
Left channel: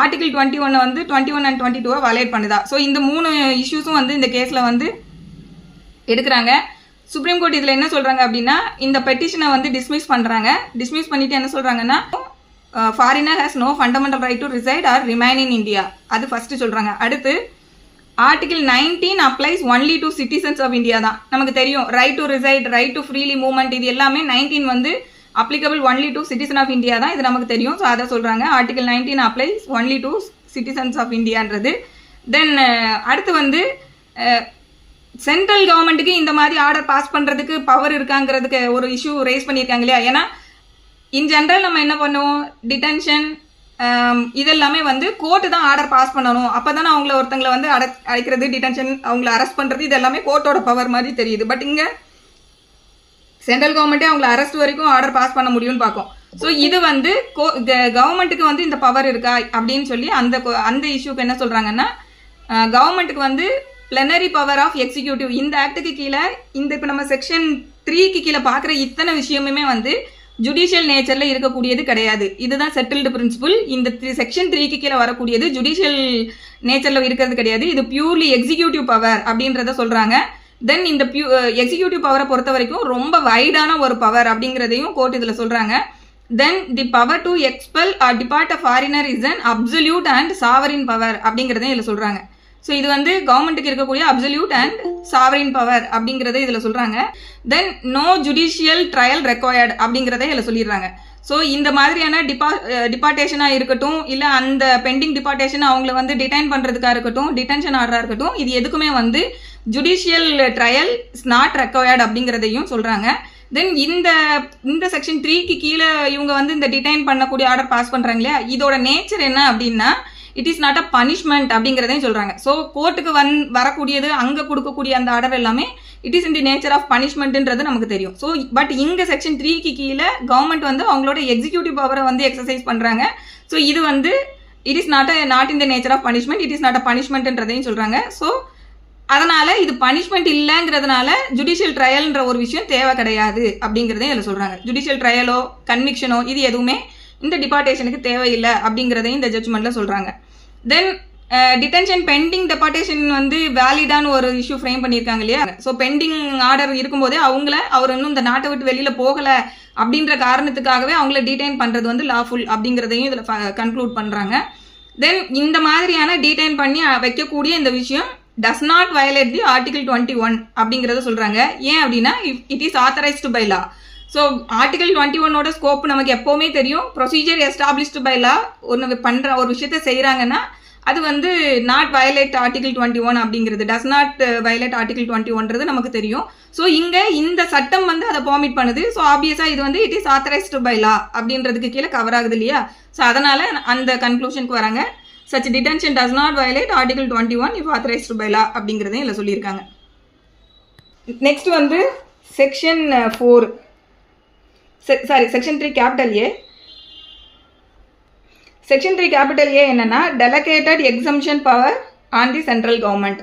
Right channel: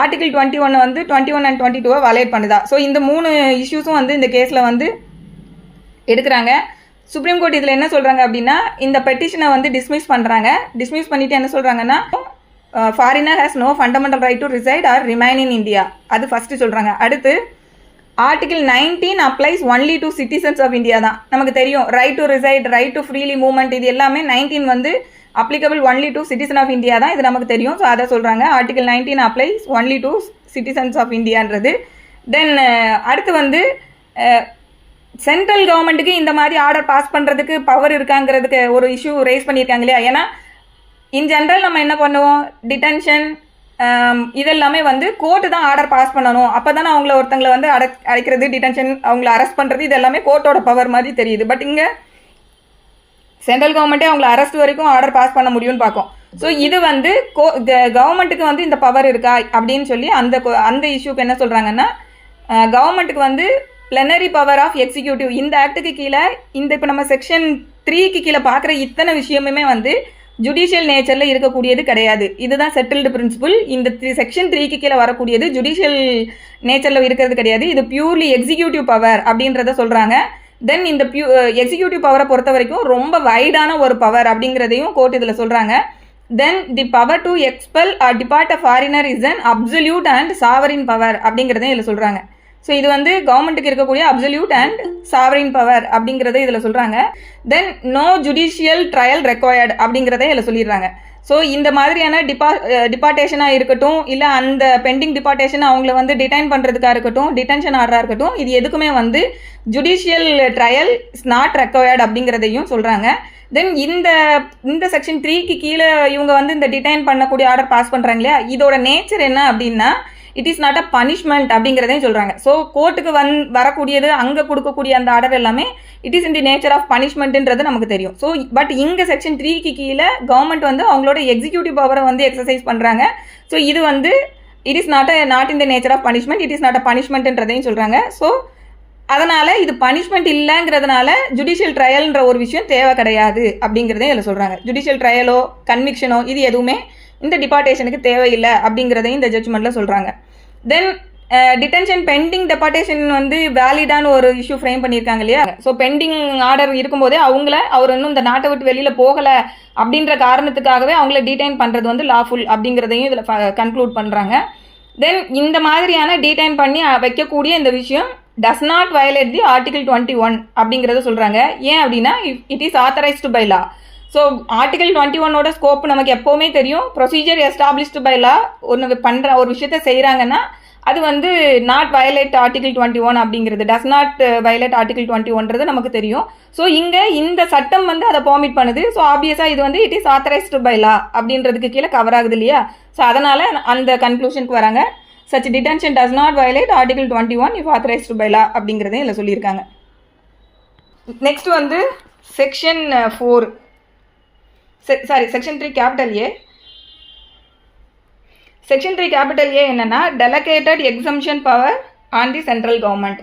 ஆர்டிகல் 21 வந்து 21 and 22 வயலேட் பண்ணுதா. ஸோ இந்த 3 இஷ்யூஸும் வந்து இந்த கேஸில் வந்து எடுக்கிறாங்க. சுப்ரீம் கோர்ட் இதில் என்ன சொல்கிறாங்க அப்படின்னா, இந்த பெட்டிஷனை வந்து டிஸ்மிஸ் பண்ணுறாங்க. டிஸ்மிஸ் பண்ணிவிட்டு என்ன சொல்கிறாங்கன்னா, foreigner has no fundamental right to reside or remain in India. அது ஃபஸ்ட்டு சொல்கிறாங்க. அடுத்து article 19 applies only to citizens of India தான். நமக்கு தெரியும் right to reside, right to freely movement, இது எல்லாமே 19 வந்து applicable only to citizen of India தான். இது நமக்கு தெரியும். ஸோ அதை சொல்கிறாங்க. Article 19 applies only to citizens of இந்தியான்றது. தென் அடுத்து வந்து சென்ட்ரல் கவர்மெண்ட்டுக்கு இந்த மாதிரி ஆர்டர் பாஸ் பண்ணுறதுக்கு பவர் இருக்காங்கிறதுக்கு ஒரு இஷ்யூ ரைஸ் பண்ணியிருக்காங்க இல்லையா. ஏன்னா இன் ஜென்ரல் நம்ம என்ன பண்ணுவோம், டிடென்ஷன் இதெல்லாமே வந்து கோர்ட்டு தான் ஆர்டர் பாஸ் பண்ணணும். அப்போ தானே அவங்கள ஒருத்தங்களை வந்து அடைக்கிறது, டிடென்ஷன், அவங்கள அரெஸ்ட் பண்ணுறது, இது எல்லாமே கோர்ட்டோட பவர் மாதிரி தெரியுது. பட் இங்கே சென்ட்ரல் கவர்மெண்ட்டே அவங்கள அரெஸ்ட் வரைக்கும் ஆர்டர் பாஸ் பண்ண முடியும்னு பார்க்கும். ஸோ இது வந்து கவர்மெண்ட்டுக்கு வந்து இந்த பவர் இருக்கா அப்படின்னு சொல்லி அந்த இஷ்யூக்கு என்ன சொல்கிறாங்கன்னா, கவர்மெண்ட்டுக்கு வந்து பிளனரி பவர் ஆஃப் எக்ஸிக்யூட்டிவ், இந்த ஆக்டுக்கு கீழே இந்த இப்போ நம்ம செக்ஷன் 3க்கு கீழே பார்க்குற இத்தனை விஷயமுமே வந்து ஜுடிஷியல் நேச்சரில் இருக்கக்கூடியது கிடையாது. இதுதான் செட்டில்டு பிரின்சிபிள். இந்த செக்ஷன் 3க்கு கீழே வரக்கூடியது ஜுடிஷியல் நேச்சரில் இருக்கிறது கிடையாது. இது பியூர்லி எக்ஸிக்யூட்டிவ் பவர் அப்படின்றத சொல்கிறாங்க. தென் இந்த எக்ஸிக்யூட்டிவ் பவரை பொறுத்த வரைக்கும் ரொம்ப வைடான ஒரு பவர் அப்படிங்கிறதையும் கோர்ட் இதில் சொல்கிறாங்க. Then the power to expel or deport a foreigner is an absolute and sovereign power அப்படிங்கிறதையும் இதில் சொல்கிறாங்க. ஸோ இது வந்து கவர்மெண்ட்டுக்கு இருக்கக்கூடிய அப்சல்யூட் அண்ட் சாவரின் பவர் அப்படிங்கிறத இதில் சொல்கிறாங்க. Then no judicial trial required அப்படிங்கிறத இதில் சொல்லிடுறாங்க. ஸோ இந்த மாதிரியான டிபார்ட்டேஷனாக இருக்கட்டும், இல்லை அந்த பெண்டிங் டிபார்ட்டேஷன் அவங்கள வந்து டிடைன் பண்ணுறதுக்காக இருக்கட்டும், டிடென்ஷன் ஆர்டராக இருக்கட்டும், இது எதுக்குமே வந்து judicial trial is not required அப்படிங்கிறதையும் சொல்கிறாங்க. தென் இந்த செக்ஷன் 3க்கு கீழே இவங்க வந்து இந்த டிடைன் பண்ணக்கூடிய ஆர்டர் பாஸ் பண்ணுறாங்க இல்லையா, இதோட நேச்சர் என்ன அப்படின்னா, it is not a punishment அப்படிங்கிறதையும் சொல்கிறாங்க. ஸோ கோர்ட்டுக்கு வரக்கூடியது, அங்கே கொடுக்கக்கூடிய அந்த ஆர்டர் எல்லாமே it is in the nature of பனிஷ்மெண்ட்டுன்றது நமக்கு தெரியும். ஸோ பட் இங்கே செக்ஷன் 3க்கு கீழே கவர்மெண்ட் வந்து அவங்களோட எக்ஸிக்யூட்டிவ் பவரை வந்து எக்ஸசைஸ் பண்ணுறாங்க. ஸோ இது வந்து it is not in the nature of punishment, it is not a பனிஷ்மெண்ட்ன்றதையும் சொல்கிறாங்க. ஸோ அதனால் இது பனிஷ்மெண்ட் இல்லைங்கிறதுனால ஜுடிஷியல் ட்ரையல்ன்ற ஒரு விஷயம் தேவை கிடையாது அப்படிங்கிறதே இதில் சொல்கிறாங்க. ஜுடிஷியல் ட்ரையலோ கன்விக்ஷனோ இது எதுவுமே இந்த டிபார்ட்டேஷனுக்கு தேவையில்லை அப்படிங்கிறதையும் இந்த ஜட்ஜ்மெண்ட்டில் சொல்கிறாங்க. தென் டிடென்ஷன் பெண்டிங் டெபார்ட்டேஷன் வந்து வேலிடான ஒரு இஷ்யூ ஃப்ரேம் பண்ணியிருக்காங்க இல்லையா. ஸோ பெண்டிங் ஆர்டர் இருக்கும்போதே அவர் இன்னும் இந்த நாட்டை விட்டு வெளியில் போகலை அப்படின்ற காரணத்துக்காகவே அவங்கள டீடைன் பண்ணுறது வந்து லாஃபுல் அப்படிங்கிறதையும் இதில் கன்க்ளூட் பண்ணுறாங்க. தென் இந்த மாதிரியான டீடைன் பண்ணி வைக்கக்கூடிய இந்த விஷயம் does not violate the article 21 அப்படிங்கிறத சொல்கிறாங்க. ஏன் அப்படின்னா it is authorised by law. So article 21 scope நமக்கு எப்போவுமே தெரியும். ப்ரொசீஜர் எஸ்டாப்ளிஷ்டு பை லா ஒன்று பண்ணுற ஒரு விஷயத்த செய்கிறாங்கன்னா அது வந்து நாட் வயலேட் ஆர்டிகல் 21 அப்படிங்கிறது, டஸ் நாட் வயலேட் ஆர்டிகல் 21ன்றது நமக்கு தெரியும். ஸோ இங்கே இந்த சட்டம் வந்து அதை பெர்மிட் பண்ணுது. ஸோ ஆப்வியஸாக இது வந்து it is authorised by law அப்படின்றதுக்கு கீழே கவர் ஆகுது இல்லையா. ஸோ அதனால் அந்த கன்க்ளூஷனுக்கு வராங்க. Such detention does not violate article 21 if authorised by law அப்படிங்கிறதையும் இதில் சொல்லியிருக்காங்க. நெக்ஸ்ட் வந்து section 4 section 3 capital A. Section 3 capital A என்னன்னா delegated exemption power on the central government.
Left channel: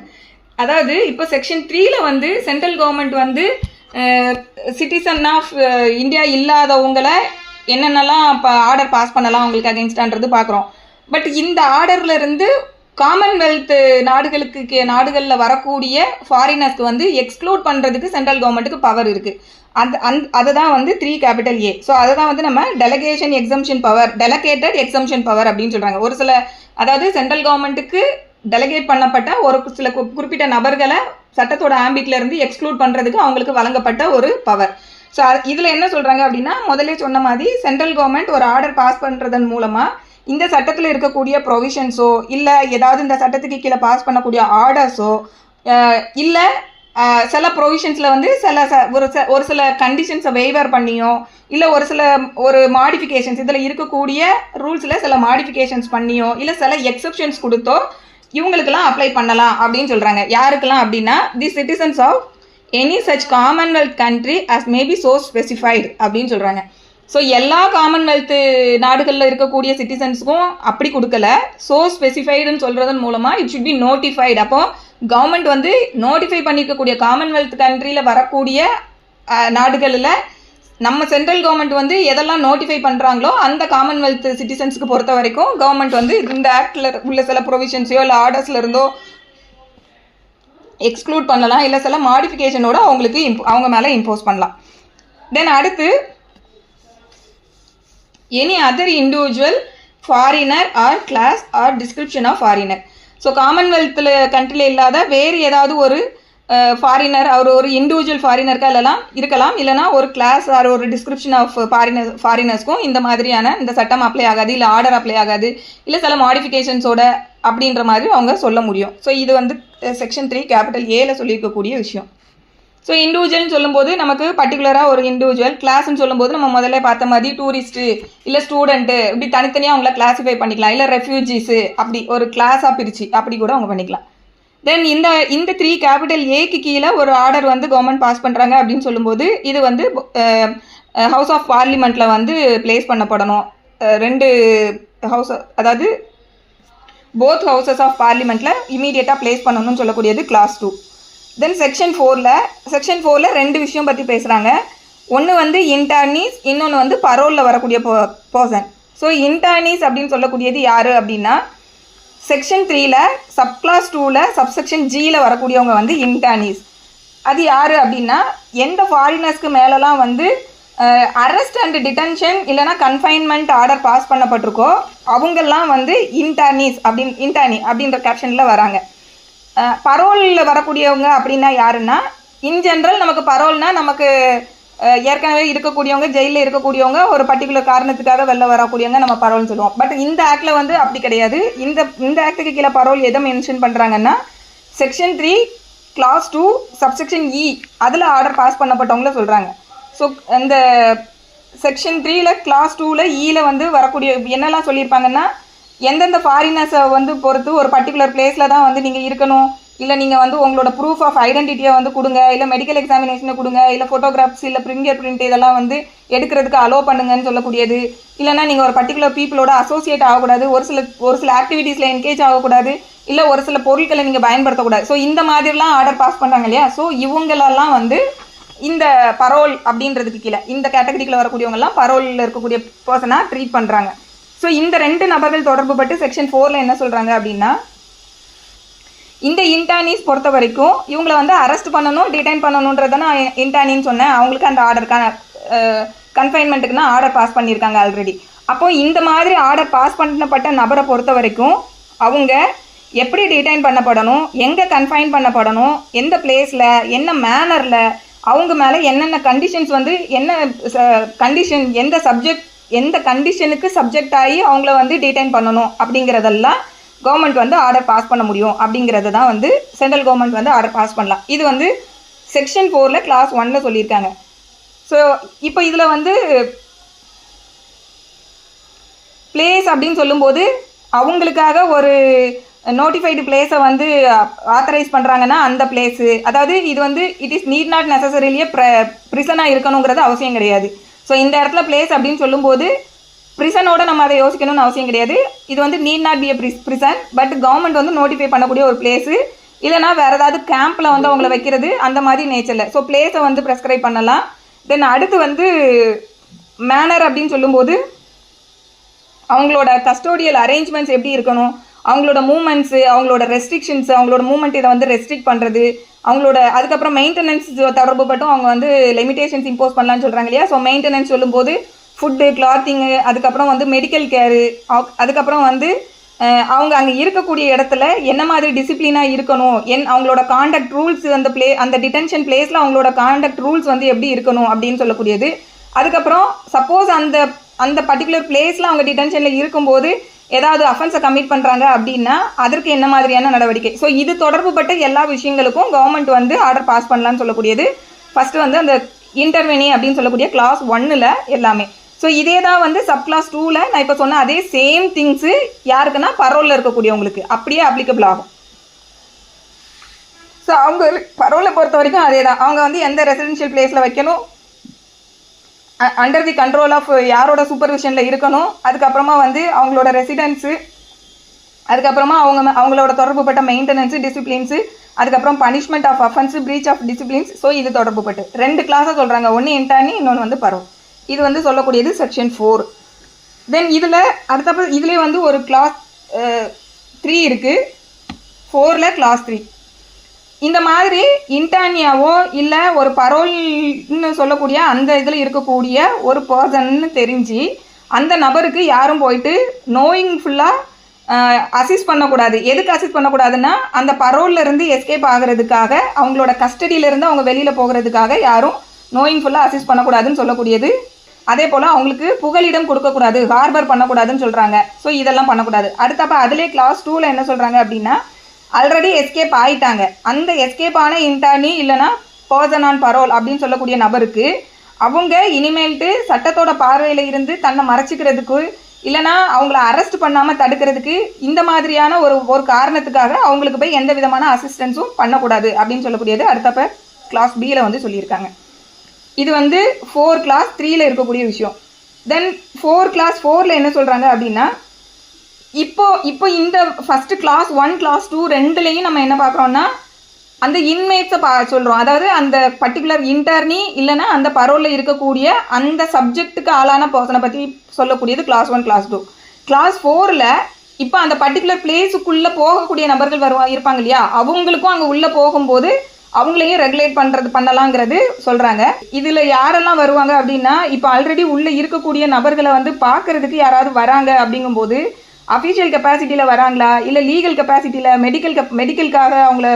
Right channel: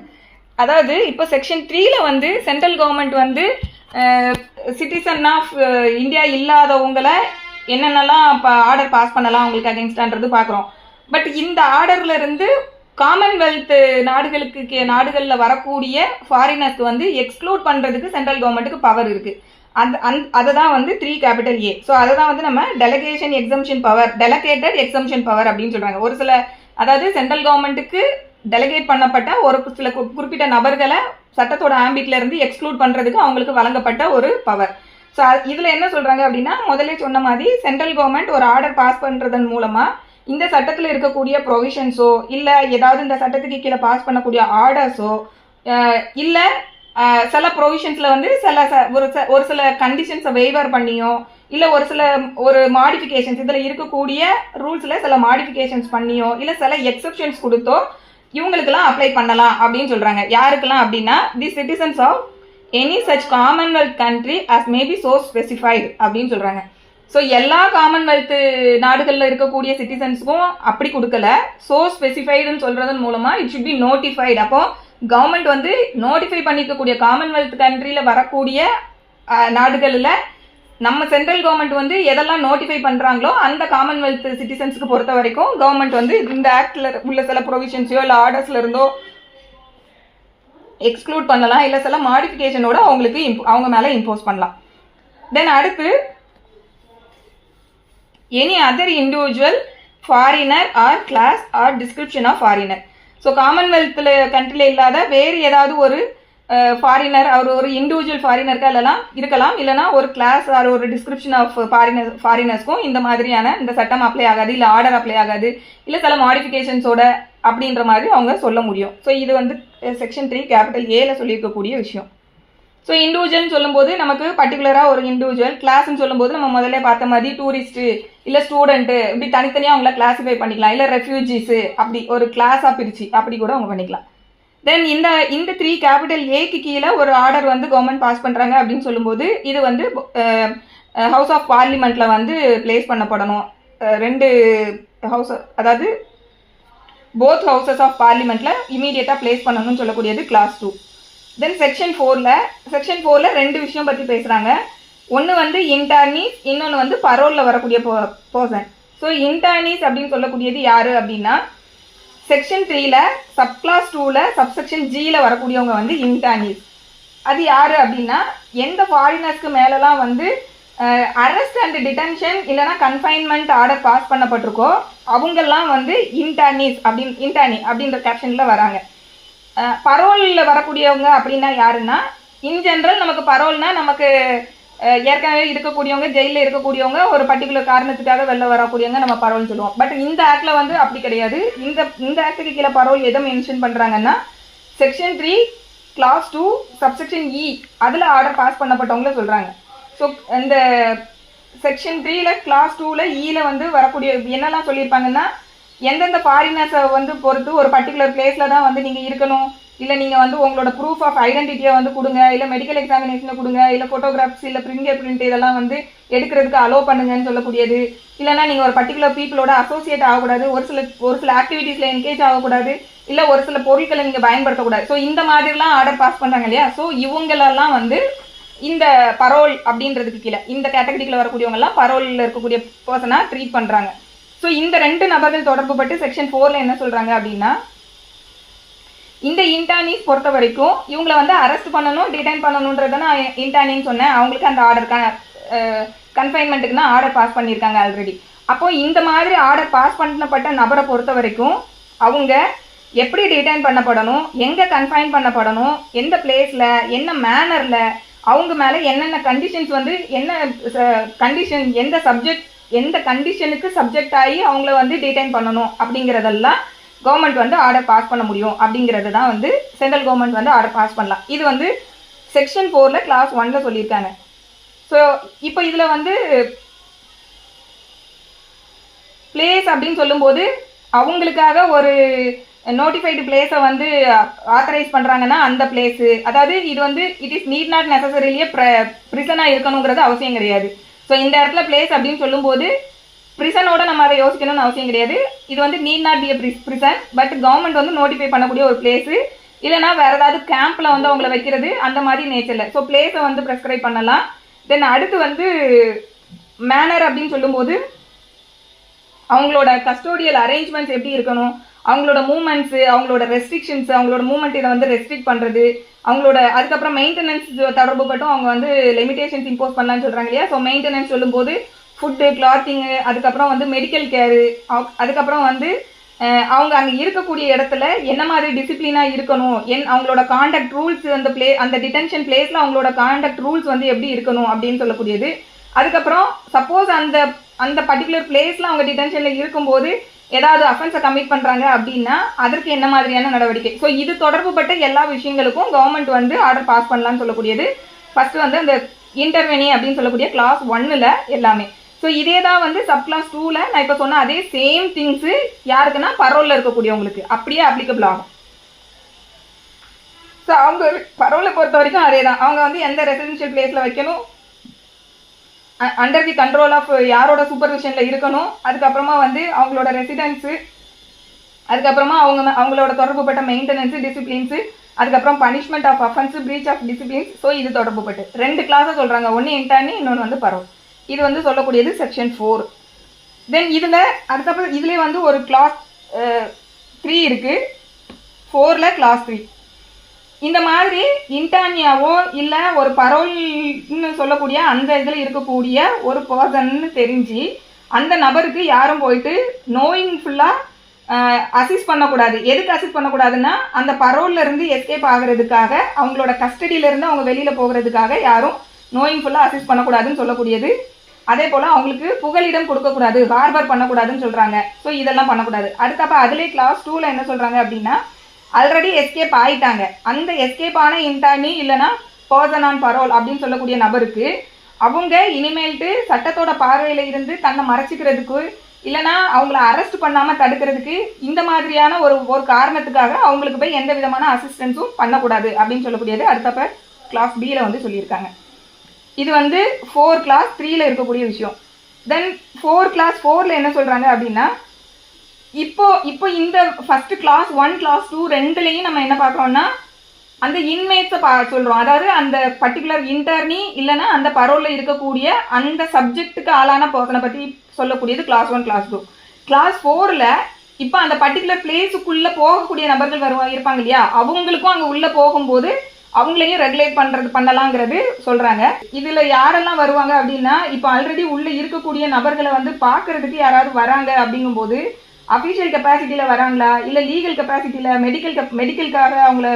அதாவது இப்போ செக்ஷன் 3ல வந்து சென்ட்ரல் கவர்மெண்ட் வந்து சிட்டிசன் ஆஃப் இந்தியா இல்லாதவங்களை என்னென்னலாம் இப்போ ஆர்டர் பாஸ் பண்ணலாம் அவங்களுக்கு அகென்ஸ்டான்றது பார்க்குறோம். பட் இந்த ஆர்டர்ல இருந்து காமன்வெல்த் நாடுகளில் வரக்கூடிய ஃபாரினர்ஸ்க்கு வந்து எக்ஸ்க்ளூட் பண்ணுறதுக்கு சென்ட்ரல் கவர்மெண்ட்டுக்கு பவர் இருக்குது. அதை தான் வந்து 3 கேபிட்டல் ஏ. ஸோ அதை தான் வந்து நம்ம டெலகேஷன் எக்ஸம்ஷன் பவர், டெலகேட்டட் எக்ஸம்ஷன் பவர் அப்படின்னு சொல்கிறாங்க. ஒரு சில அதாவது சென்ட்ரல் கவர்மெண்ட்டுக்கு டெலகேட் பண்ணப்பட்ட ஒரு சில குறிப்பிட்ட நபர்களை சட்டத்தோட ஆம்பிட்ல இருந்து எக்ஸ்க்ளூட் பண்ணுறதுக்கு அவங்களுக்கு வழங்கப்பட்ட ஒரு பவர். ஸோ இதில் என்ன சொல்கிறாங்க அப்படின்னா முதலே சொன்ன மாதிரி சென்ட்ரல் கவர்மெண்ட் ஒரு ஆர்டர் பாஸ் பண்ணுறதன் மூலமாக இந்த சட்டத்தில் இருக்கக்கூடிய ப்ரொவிஷன்ஸோ இல்லை ஏதாவது இந்த சட்டத்துக்கு கீழே பாஸ் பண்ணக்கூடிய ஆர்டர்ஸோ இல்லை சில ப்ரொவிஷன்ஸில் வந்து ஒரு சில கண்டிஷன்ஸை வெய்வர் பண்ணியோ இல்லை ஒரு மாடிஃபிகேஷன்ஸ் இதில் இருக்கக்கூடிய ரூல்ஸில் சில மாடிஃபிகேஷன்ஸ் பண்ணியோ இல்லை சில எக்ஸப்ஷன்ஸ் கொடுத்தோ இவங்களுக்கெல்லாம் அப்ளை பண்ணலாம் அப்படின்னு சொல்கிறாங்க. யாருக்கெல்லாம் அப்படின்னா the citizens of any such Commonwealth country as may be so specified அப்படின்னு சொல்கிறாங்க. ஸோ எல்லா காமன்வெல்த் நாடுகளில் இருக்கக்கூடிய சிட்டிசன்ஸுக்கும் அப்படி கொடுக்கல, ஸோ ஸ்பெசிஃபைடுன்னு சொல்கிறதன் மூலமாக இட் ஷுட் பி நோட்டிஃபைடு. அப்போது கவர்மெண்ட் வந்து நோட்டிஃபை பண்ணியிருக்கக்கூடிய காமன்வெல்த் கண்ட்ரியில் வரக்கூடிய நாடுகளில் நம்ம சென்ட்ரல் கவர்மெண்ட் வந்து எதெல்லாம் நோட்டிஃபை பண்ணுறாங்களோ அந்த காமன்வெல்த் சிட்டிசன்ஸுக்கு பொறுத்த வரைக்கும் கவர்மெண்ட் வந்து இந்த ஆக்டில் உள்ள சில ப்ரொவிஷன்ஸையோ இல்லை ஆர்டர்ஸில் இருந்தோ எக்ஸ்க்ளூட் பண்ணலாம், இல்லை சில மாடிஃபிகேஷனோட அவங்க மேலே இம்போஸ் பண்ணலாம். தென் அடுத்து any other individual foreigner or class or description of foreigner. So காமன்வெல்த்தில் கண்ட்ரியில் இல்லாத வேறு ஏதாவது ஒரு ஃபாரினர் அவர் ஒரு இண்டிவிஜுவல் ஃபாரினருக்கா இருக்கலாம், இல்லைனா ஒரு கிளாஸ் ஆர் ஒரு டிஸ்கிரிப்ஷன் ஆஃப் ஃபாரினர்ஸ்க்கும் இந்த மாதிரியான இந்த சட்டம் அப்ளை ஆகாது, இல்லை ஆர்டர் அப்ளை ஆகாது, இல்லை சில மாடிஃபிகேஷன்ஸோட அப்படின்ற மாதிரி அவங்க சொல்ல முடியும். ஸோ இது வந்து செக்ஷன் 3 கேபிட்டல் ஏல சொல்லியிருக்கக்கூடிய விஷயம். ஸோ இண்டிவிஜுவல்னு சொல்லும்போது நமக்கு பர்டிகுலராக ஒரு இண்டிவிஜுவல், கிளாஸ்ன்னு சொல்லும்போது நம்ம முதல்ல பார்த்த மாதிரி டூரிஸ்ட்டு இல்லை ஸ்டூடெண்ட்டு இப்படி தனித்தனியாக அவங்கள கிளாஸிஃபை பண்ணிக்கலாம், இல்லை ரெஃப்யூஜிஸு அப்படி ஒரு கிளாஸாக பிரித்து அப்படி கூட அவங்க பண்ணிக்கலாம். தென் இந்த 3 கேபிட்டல் ஏக்கு கீழே ஒரு ஆர்டர் வந்து கவர்மெண்ட் பாஸ் பண்ணுறாங்க அப்படின்னு சொல்லும்போது இது வந்து ஹவுஸ் ஆஃப் பார்லிமெண்ட்டில் வந்து பிளேஸ் பண்ணப்படணும். 2 ஹவுஸ் அதாவது போத் ஹவுசஸ் ஆஃப் பார்லிமெண்ட்டில் இமீடியட்டாக பிளேஸ் பண்ணணும்னு சொல்லக்கூடியது கிளாஸ் 2. தென் செக்ஷன் 4ல் 2 விஷயம் பற்றி பேசுகிறாங்க. ஒன்று வந்து இன்டர்னீஸ், இன்னொன்று வந்து பரோலில் வரக்கூடிய பர்சன். ஸோ இன்டர்னீஸ் அப்படின்னு சொல்லக்கூடியது யார் அப்படின்னா செக்ஷன் 3ல் சப்கிளாஸ் 2ல் சப்செக்ஷன் ஜியில் வரக்கூடியவங்க வந்து இன்டர்னீஸ். அது யார் அப்படின்னா எந்த ஃபாரினர்ஸ்க்கு மேலெலாம் வந்து அரெஸ்ட் அண்ட் டிடென்ஷன் இல்லைனா கன்ஃபைன்மெண்ட் ஆர்டர் பாஸ் பண்ணப்பட்டிருக்கோ அவங்கெல்லாம் வந்து இன்டர்னி அப்படின்ற கேப்ஷனில் வராங்க. பரோலில் வரக்கூடியவங்க அப்படின்னா யாருன்னா இன் ஜென்ரல் நமக்கு பரோல்னால் நமக்கு ஏற்கனவே இருக்கக்கூடியவங்க ஜெயிலில் இருக்கக்கூடியவங்க ஒரு பர்டிகுலர் காரணத்துக்காக வெளில வரக்கூடியவங்க நம்ம பரோல்னு சொல்லுவோம். பட் இந்த ஆக்டில் வந்து அப்படி கிடையாது. இந்த ஆக்டுக்கு கீழே பரோல் எதை மென்ஷன் பண்ணுறாங்கன்னா செக்ஷன் 3 கிளாஸ் 2 சப்செக்ஷன் இ அதில் ஆர்டர் பாஸ் பண்ணப்பட்டவங்கள சொல்கிறாங்க. ஸோ இந்த செக்ஷன் 3ல் கிளாஸ் 2ல் இயில் வந்து வரக்கூடிய என்னெல்லாம் சொல்லியிருப்பாங்கன்னா எந்தெந்த ஃபாரினர்ஸை வந்து பொறுத்து ஒரு பர்டிகுலர் பிளேஸில் தான் வந்து நீங்கள் இருக்கணும், இல்லை நீங்கள் வந்து உங்களோட ப்ரூஃப் ஆஃப் ஐடென்டிட்டியை வந்து கொடுங்க, இல்லை மெடிக்கல் எக்ஸாமினேஷனை கொடுங்க, இல்லை ஃபோட்டோகிராஃப்ஸ் இல்லை ஃபிங்கர் பிரிண்ட் இதெல்லாம் வந்து எடுக்கிறதுக்கு அலோவ் பண்ணுங்கன்னு சொல்லக்கூடியது. இல்லைனா நீங்கள் ஒரு பர்டிகுலர் பீப்புளோட அசோசியேட் ஆகக்கூடாது, ஒரு சில ஆக்டிவிட்டீஸில் என்கேஜ் ஆகக்கூடாது, இல்லை ஒரு சில பொருட்களை நீங்கள் பயன்படுத்தக்கூடாது. ஸோ இந்த மாதிரிலாம் ஆர்டர் பாஸ் பண்ணுறாங்க இல்லையா, ஸோ இவங்களெல்லாம் வந்து இந்த பரோல் அப்படின்றதுக்கு கீழே இந்த கேட்டகரிக்குள்ள வரக்கூடியவங்கலாம் பரோலில் இருக்கக்கூடிய பர்சனாக ட்ரீட் பண்ணுறாங்க. ஸோ இந்த 2 நபர்கள் தொடர்பு பட்டு செக்ஷன் 4ல் என்ன சொல்கிறாங்க அப்படின்னா, இந்த இன்டர்னிஸ் பொறுத்த வரைக்கும் இவங்களை வந்து அரெஸ்ட் பண்ணணும், டிடைன் பண்ணணுன்றதை நான் இன்டர்னின்னு சொன்னேன். அவங்களுக்கு அந்த ஆர்டருக்கான கன்ஃபைன்மெண்ட்டுக்குன்னா ஆர்டர் பாஸ் பண்ணியிருக்காங்க ஆல்ரெடி. அப்போ இந்த மாதிரி ஆர்டர் பாஸ் பண்ணப்பட்ட நபரை பொறுத்த வரைக்கும் அவங்க எப்படி டிடைன் பண்ணப்படணும், எங்கே கன்ஃபைன் பண்ணப்படணும், எந்த பிளேஸில், என்ன மேனரில், அவங்க மேலே என்னென்ன கண்டிஷன்ஸ் வந்து என்ன கண்டிஷன், எந்த கண்டிஷனுக்கு சப்ஜெக்ட் ஆகி அவங்கள வந்து டிடைன் பண்ணணும் அப்படிங்கிறதெல்லாம் கவர்மெண்ட் வந்து ஆர்டர் பாஸ் பண்ண முடியும். அப்படிங்கிறது தான் வந்து சென்ட்ரல் கவர்மெண்ட் வந்து ஆர்டர் பாஸ் பண்ணலாம். இது வந்து செக்ஷன் 4ல் கிளாஸ் 1ல் சொல்லியிருக்காங்க. ஸோ இப்போ இதில் வந்து பிளேஸ் அப்படின்னு சொல்லும்போது அவங்களுக்காக ஒரு நோட்டிஃபைடு பிளேஸை வந்து ஆத்தரைஸ் பண்ணுறாங்கன்னா அந்த பிளேஸு, அதாவது இது வந்து இட் இஸ் நீட் நாட் நெசசரிலியே ப்ரிசனாக இருக்கணுங்கிறது அவசியம் கிடையாது. ஸோ இந்த இடத்துல பிளேஸ் அப்படின்னு சொல்லும்போது ப்ரிசனோட நம்ம அதை யோசிக்கணும்னு அவசியம் கிடையாது. இது வந்து need not be prison, but government வந்து நோட்டிஃபை பண்ணக்கூடிய ஒரு பிளேஸு, இல்லைனா வேறு ஏதாவது கேம்பில் வந்து அவங்கள வைக்கிறது அந்த மாதிரி நேச்சரில். ஸோ பிளேஸை வந்து ப்ரெஸ்கிரைப் பண்ணலாம். தென் அடுத்து வந்து மேனர் அப்படின்னு சொல்லும்போது அவங்களோட கஸ்டோடியல் அரேஞ்ச்மெண்ட்ஸ் எப்படி இருக்கணும், அவங்களோட மூமெண்ட்ஸு, அவங்களோட ரெஸ்ட்ரிக்ஷன்ஸு, அவங்களோட மூமெண்ட் இதை வந்து ரெஸ்ட்ரிக்ட் பண்ணுறது, அவங்களோட அதுக்கப்புறம் மெயின்டெனன்ஸ் தொடர்பு பட்டும் அவங்க வந்து லிமிடேஷன்ஸ் இம்போஸ் பண்ணலான்னு சொல்கிறாங்க இல்லையா. ஸோ மெயின்டெனன்ஸ் சொல்லும்போது ஃபுட்டு, கிளாத்திங்கு, அதுக்கப்புறம் வந்து மெடிக்கல் கேரு, அதுக்கப்புறம் வந்து அவங்க அங்கே இருக்கக்கூடிய இடத்துல என்ன மாதிரி டிசிப்ளினாக இருக்கணும், அவங்களோட காண்டக்ட் ரூல்ஸ், அந்த டிடென்ஷன் பிளேஸில் அவங்களோட காண்டக்ட் ரூல்ஸ் வந்து எப்படி இருக்கணும் அப்படின்னு சொல்லக்கூடியது. அதுக்கப்புறம் சப்போஸ் அந்த பர்டிகுலர் பிளேஸில் அவங்க டிடென்ஷனில் இருக்கும்போது ஏதாவது அஃபென்ஸை கமிட் பண்ணுறாங்க அப்படின்னா அதற்கு என்ன மாதிரியான நடவடிக்கை. ஸோ இது தொடர்புபட்ட எல்லா விஷயங்களுக்கும் கவர்மெண்ட் வந்து ஆர்டர் பாஸ் பண்ணலான்னு சொல்லக்கூடியது. ஃபஸ்ட்டு வந்து அந்த இன்டர்வெனி அப்படின்னு சொல்லக்கூடிய கிளாஸ் 1ல் எல்லாமே. ஸோ இதே தான் வந்து சப் கிளாஸ் 2ல் நான் இப்போ சொன்ன அதே சேம் திங்ஸு யாருக்குன்னா பரோலில் இருக்கக்கூடியவங்களுக்கு அப்படியே அப்ளிகபிள் ஆகும். ஸோ அவங்க பரோலை பொறுத்த வரைக்கும் அதே தான். அவங்க வந்து எந்த ரெசிடென்ஷியல் பிளேஸில் வைக்கணும், அண்டர் தி கண்ட்ரோல் ஆஃப் யாரோட சூப்பர்விஷனில் இருக்கணும், அதுக்கப்புறமா வந்து அவங்களோட ரெசிடென்ஸு, அதுக்கப்புறமா அவங்களோட தொடர்புப்பட்ட மெயின்டெனன்ஸு, டிசிப்ளின்ஸு, அதுக்கப்புறம் punishment of offence, breach of disciplines. So இது தொடர்புப்பட்டு 2 கிளாஸாக சொல்கிறாங்க. ஒன்று இன்டர்னி, இன்னொன்று வந்து பரோ. இது வந்து சொல்லக்கூடியது செக்ஷன் 4. தென் இதில் அடுத்தப்போ இதுலேயே வந்து ஒரு கிளாஸ் 3 இருக்குது. 4ல் கிளாஸ் 3. இந்த மாதிரி இன்டர்னியாவோ இல்லை ஒரு பரோல்னு சொல்லக்கூடிய அந்த இதில் இருக்கக்கூடிய ஒரு பர்சன்னு தெரிஞ்சு அந்த நபருக்கு யாரும் போயிட்டு நோயிங்ஃபுல்லாக அசிஸ்ட் பண்ணக்கூடாது. எதுக்கு அசிஸ்ட் பண்ணக்கூடாதுன்னா அந்த பரோல்லேருந்து எஸ்கேப் ஆகிறதுக்காக, அவங்களோட கஸ்டடியிலேருந்து அவங்க வெளியில் போகிறதுக்காக யாரும் நோயிங்ஃபுல்லாக அசிஸ்ட் பண்ணக்கூடாதுன்னு சொல்லக்கூடியது. அதே போல் அவங்களுக்கு புகலிடம் கொடுக்கக்கூடாது, ஹார்பர் பண்ணக்கூடாதுன்னு சொல்கிறாங்க. ஸோ இதெல்லாம் பண்ணக்கூடாது. அடுத்தப்போ அதிலே கிளாஸ் 2ல் என்ன சொல்கிறாங்க அப்படின்னா, ஆல்ரெடி எஸ்கேப் ஆகிட்டாங்க, அந்த எஸ்கேப் ஆன இன்டர்னி இல்லைனா பர்சன் ஆன் பரோல் அப்படின்னு சொல்லக்கூடிய நபருக்கு அவங்க இனிமேல்ட்டு சட்டத்தோட பார்வையில் இருந்து தன்னை மறைச்சிக்கிறதுக்கு இல்லைனா அவங்கள அரெஸ்ட் பண்ணாமல் தடுக்கிறதுக்கு இந்த மாதிரியான ஒரு காரணத்துக்காக அவங்களுக்கு போய் எந்த விதமான அசிஸ்டன்ஸும் பண்ணக்கூடாது அப்படின்னு சொல்லக்கூடியது அடுத்தப்போ கிளாஸ் பியில் வந்து சொல்லியிருக்காங்க. இது வந்து 4 கிளாஸ் 3ல் இருக்கக்கூடிய விஷயம். தென் 4 கிளாஸ் 4ல் என்ன சொல்கிறாங்க அப்படின்னா, இப்போ இந்த ஃபஸ்ட்டு கிளாஸ் 1 கிளாஸ் 2 2லையும் நம்ம என்ன பார்க்குறோம்னா அந்த இன்மேட்ஸை சொல்கிறோம். அதாவது அந்த பர்டிகுலர் இன்டர்னி இல்லைனா அந்த பரோலில் இருக்கக்கூடிய அந்த சப்ஜெக்ட்டுக்கு ஆளான பர்சனை பற்றி சொல்லக்கூடியது கிளாஸ் 1 கிளாஸ் 2. கிளாஸ் 4ல் இப்போ அந்த பர்டிகுலர் பிளேஸுக்குள்ளே போகக்கூடிய நபர்கள் இருப்பாங்க இல்லையா, அவங்களுக்கும் அங்கே உள்ளே போகும்போது அவங்களையும் ரெகுலேட் பண்ணலாங்கிறது சொல்கிறாங்க. இதில் யாரெல்லாம் வருவாங்க அப்படின்னா, இப்போ ஆல்ரெடி உள்ளே இருக்கக்கூடிய நபர்களை வந்து பார்க்குறதுக்கு யாராவது வராங்க அப்படிங்கும்போது அஃபிஷியல் கெப்பாசிட்டியில் வராங்களா, இல்லை லீகல் கெப்பாசிட்டியில் மெடிக்கலுக்காக அவங்கள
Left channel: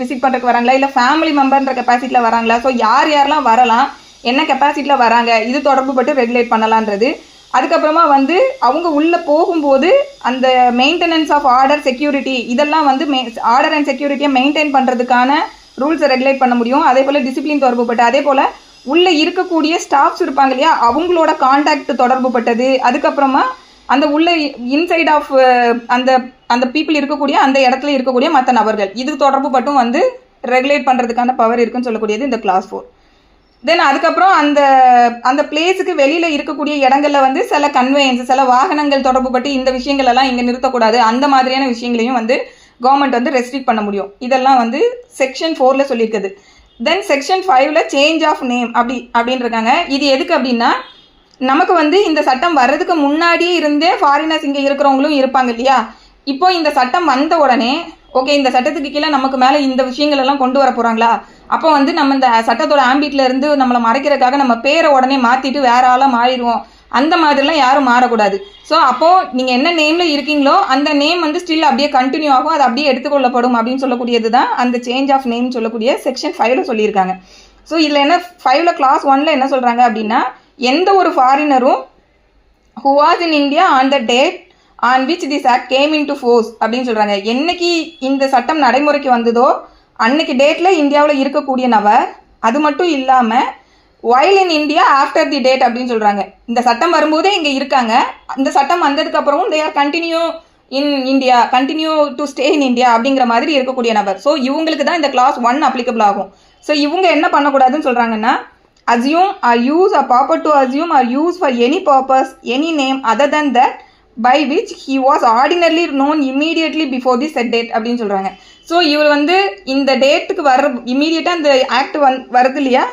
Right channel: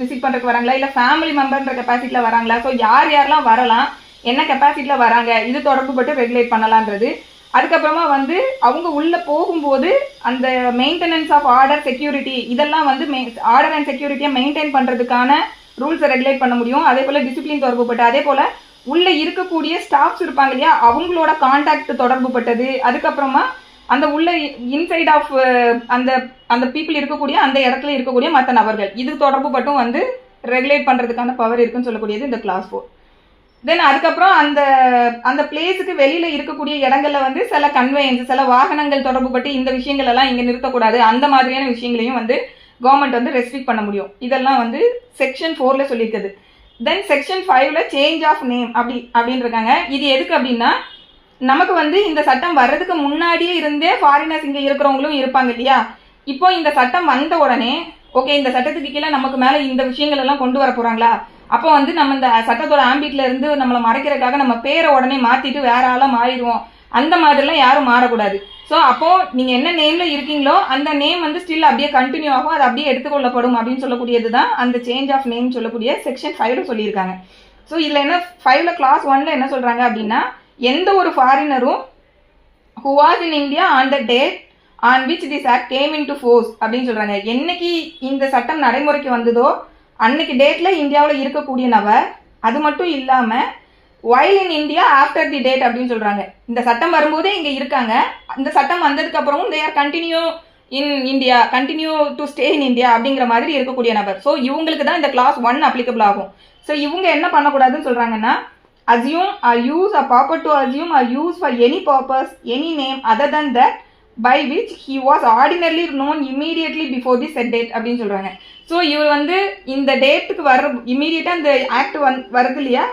விசிட் பண்ணுறதுக்கு வராங்களா, இல்லை ஃபேமிலி மெம்பர்ன்ற கெப்பாசிட்டியில் வராங்களா. ஸோ யாரெல்லாம் வரலாம், என்ன கெப்பாசிட்டியில் வராங்க, இது தொடர்பு பட்டு ரெகுலேட் பண்ணலான்றது. அதுக்கப்புறமா வந்து அவங்க உள்ளே போகும்போது அந்த மெயின்டெனன்ஸ் ஆஃப் ஆர்டர், செக்யூரிட்டி, இதெல்லாம் வந்து ஆர்டர் அண்ட் செக்யூரிட்டியை மெயின்டைன் பண்ணுறதுக்கான ரூல்ஸை ரெகுலேட் பண்ண முடியும். அதே போல் டிசிப்ளின் தொடர்புப்பட்டு, அதே போல் உள்ளே இருக்கக்கூடிய ஸ்டாஃப்ஸ் இருப்பாங்க இல்லையா, அவங்களோட கான்டாக்ட் தொடர்புப்பட்டது. அதுக்கப்புறமா அந்த உள்ள இன்சைட் ஆஃப் அந்த பீப்புள் இருக்கக்கூடிய அந்த இடத்துல இருக்கக்கூடிய மற்ற நபர்கள், இது தொடர்பு பட்டும் வந்து ரெகுலேட் பண்ணுறதுக்கான பவர் இருக்குன்னு சொல்லக்கூடியது இந்த கிளாஸ் 4. தென் அதுக்கப்புறம் அந்த பிளேஸுக்கு வெளியில் இருக்கக்கூடிய இடங்களில் வந்து சில கன்வேயன்ஸ், சில வாகனங்கள் தொடர்பு பட்டு இந்த விஷயங்கள் எல்லாம் இங்கே நிறுத்தக்கூடாது, அந்த மாதிரியான விஷயங்களையும் வந்து கவர்மெண்ட் வந்து ரெஸ்ட்ரிக்ட் பண்ண முடியும். இதெல்லாம் வந்து செக்ஷன் 4ல் சொல்லியிருக்குது. தென் செக்ஷன் 5ல் சேஞ்ச் ஆஃப் நேம் அப்படின்னு இருக்காங்க. இது எதுக்கு அப்படின்னா, நமக்கு வந்து இந்த சட்டம் வர்றதுக்கு முன்னாடியே இருந்தே ஃபாரினர்ஸ் இங்கே இருக்கிறவங்களும் இருப்பாங்க இல்லையா. இப்போ இந்த சட்டம் வந்த உடனே ஓகே இந்த சட்டத்துக்கு கீழே நமக்கு மேலே இந்த விஷயங்கள் எல்லாம் கொண்டு வர போகிறாங்களா, அப்போ வந்து நம்ம இந்த சட்டத்தோட ஆம்பிட்ல இருந்து நம்மளை மறைக்கிறதுக்காக நம்ம பேரை உடனே மாற்றிட்டு வேற ஆளாக மாறிடுவோம். அந்த மாதிரிலாம் யாரும் மாறக்கூடாது. ஸோ அப்போது நீங்கள் என்ன நேமில் இருக்கீங்களோ அந்த நேம் வந்து ஸ்டில் அப்படியே கண்டினியூ ஆகும், அது அப்படியே எடுத்துக்கொள்ளப்படும் அப்படின்னு சொல்லக்கூடியது தான் அந்த சேஞ்ச் ஆஃப் நேம் சொல்லக்கூடிய செக்ஷன் 5ல் சொல்லியிருக்காங்க. ஸோ இதில் என்ன 5ல் கிளாஸ் 1ல் என்ன சொல்கிறாங்க அப்படின்னா, எந்த ஒரு ஃபாரினரும் who was in India on the date on which this act came into force அப்படின்னு சொல்கிறாங்க. என்னைக்கு இந்த சட்டம் நடைமுறைக்கு வந்ததோ அன்னைக்கு டேட்டில் இந்தியாவில் இருக்கக்கூடிய நபர், அது மட்டும் இல்லாமல் while in India after the date அப்படின்னு சொல்கிறாங்க. இந்த சட்டம் வரும்போதே இங்கே இருக்காங்க, இந்த சட்டம் வந்ததுக்கப்புறமும் they are continue in India, continue to stay in India அப்படிங்கிற மாதிரி இருக்கக்கூடிய நபர். ஸோ இவங்களுக்கு தான் இந்த கிளாஸ் 1 அப்ளிகபிள் ஆகும். ஸோ இவங்க என்ன பண்ணக்கூடாதுன்னு சொல்கிறாங்கன்னா, assume or use or purport to assume or use for any purpose any name other than that by which he was ordinarily known immediately before the said date அப்படின்னு சொல்கிறாங்க. So இவர் வந்து இந்த டேட்டுக்கு வர இம்மீடியட்டாக இந்த ஆக்ட் வருது இல்லையா,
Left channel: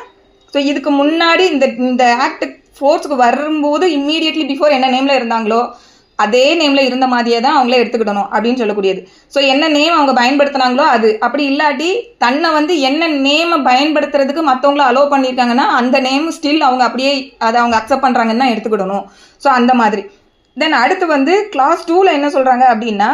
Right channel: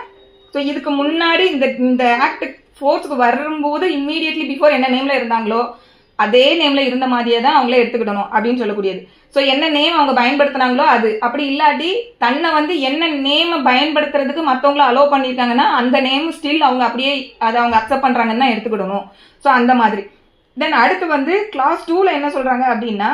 ஸோ இதுக்கு முன்னாடி இந்த ஆக்ட் ஃபோர்ஸுக்கு வரும்போது இம்மீடியட்லி பிஃபோர் என்ன நேமில் இருந்தாங்களோ அதே நேமில் இருந்த மாதிரியே தான் அவங்களே எடுத்துக்கிடணும் அப்படின்னு சொல்லக்கூடியது. ஸோ என்ன நேம் அவங்க பயன்படுத்தினாங்களோ அது, அப்படி இல்லாட்டி தன்னை வந்து என்ன நேமை பயன்படுத்துறதுக்கு மற்றவங்கள அலோவ் பண்ணியிருக்காங்கன்னா அந்த நேம் ஸ்டில் அவங்க அப்படியே அதை அவங்க அக்செப்ட் பண்ணுறாங்கன்னு தான் எடுத்துக்கிடணும். ஸோ அந்த மாதிரி. தென் அடுத்து வந்து கிளாஸ் 2ல் என்ன சொல்கிறாங்க அப்படின்னா,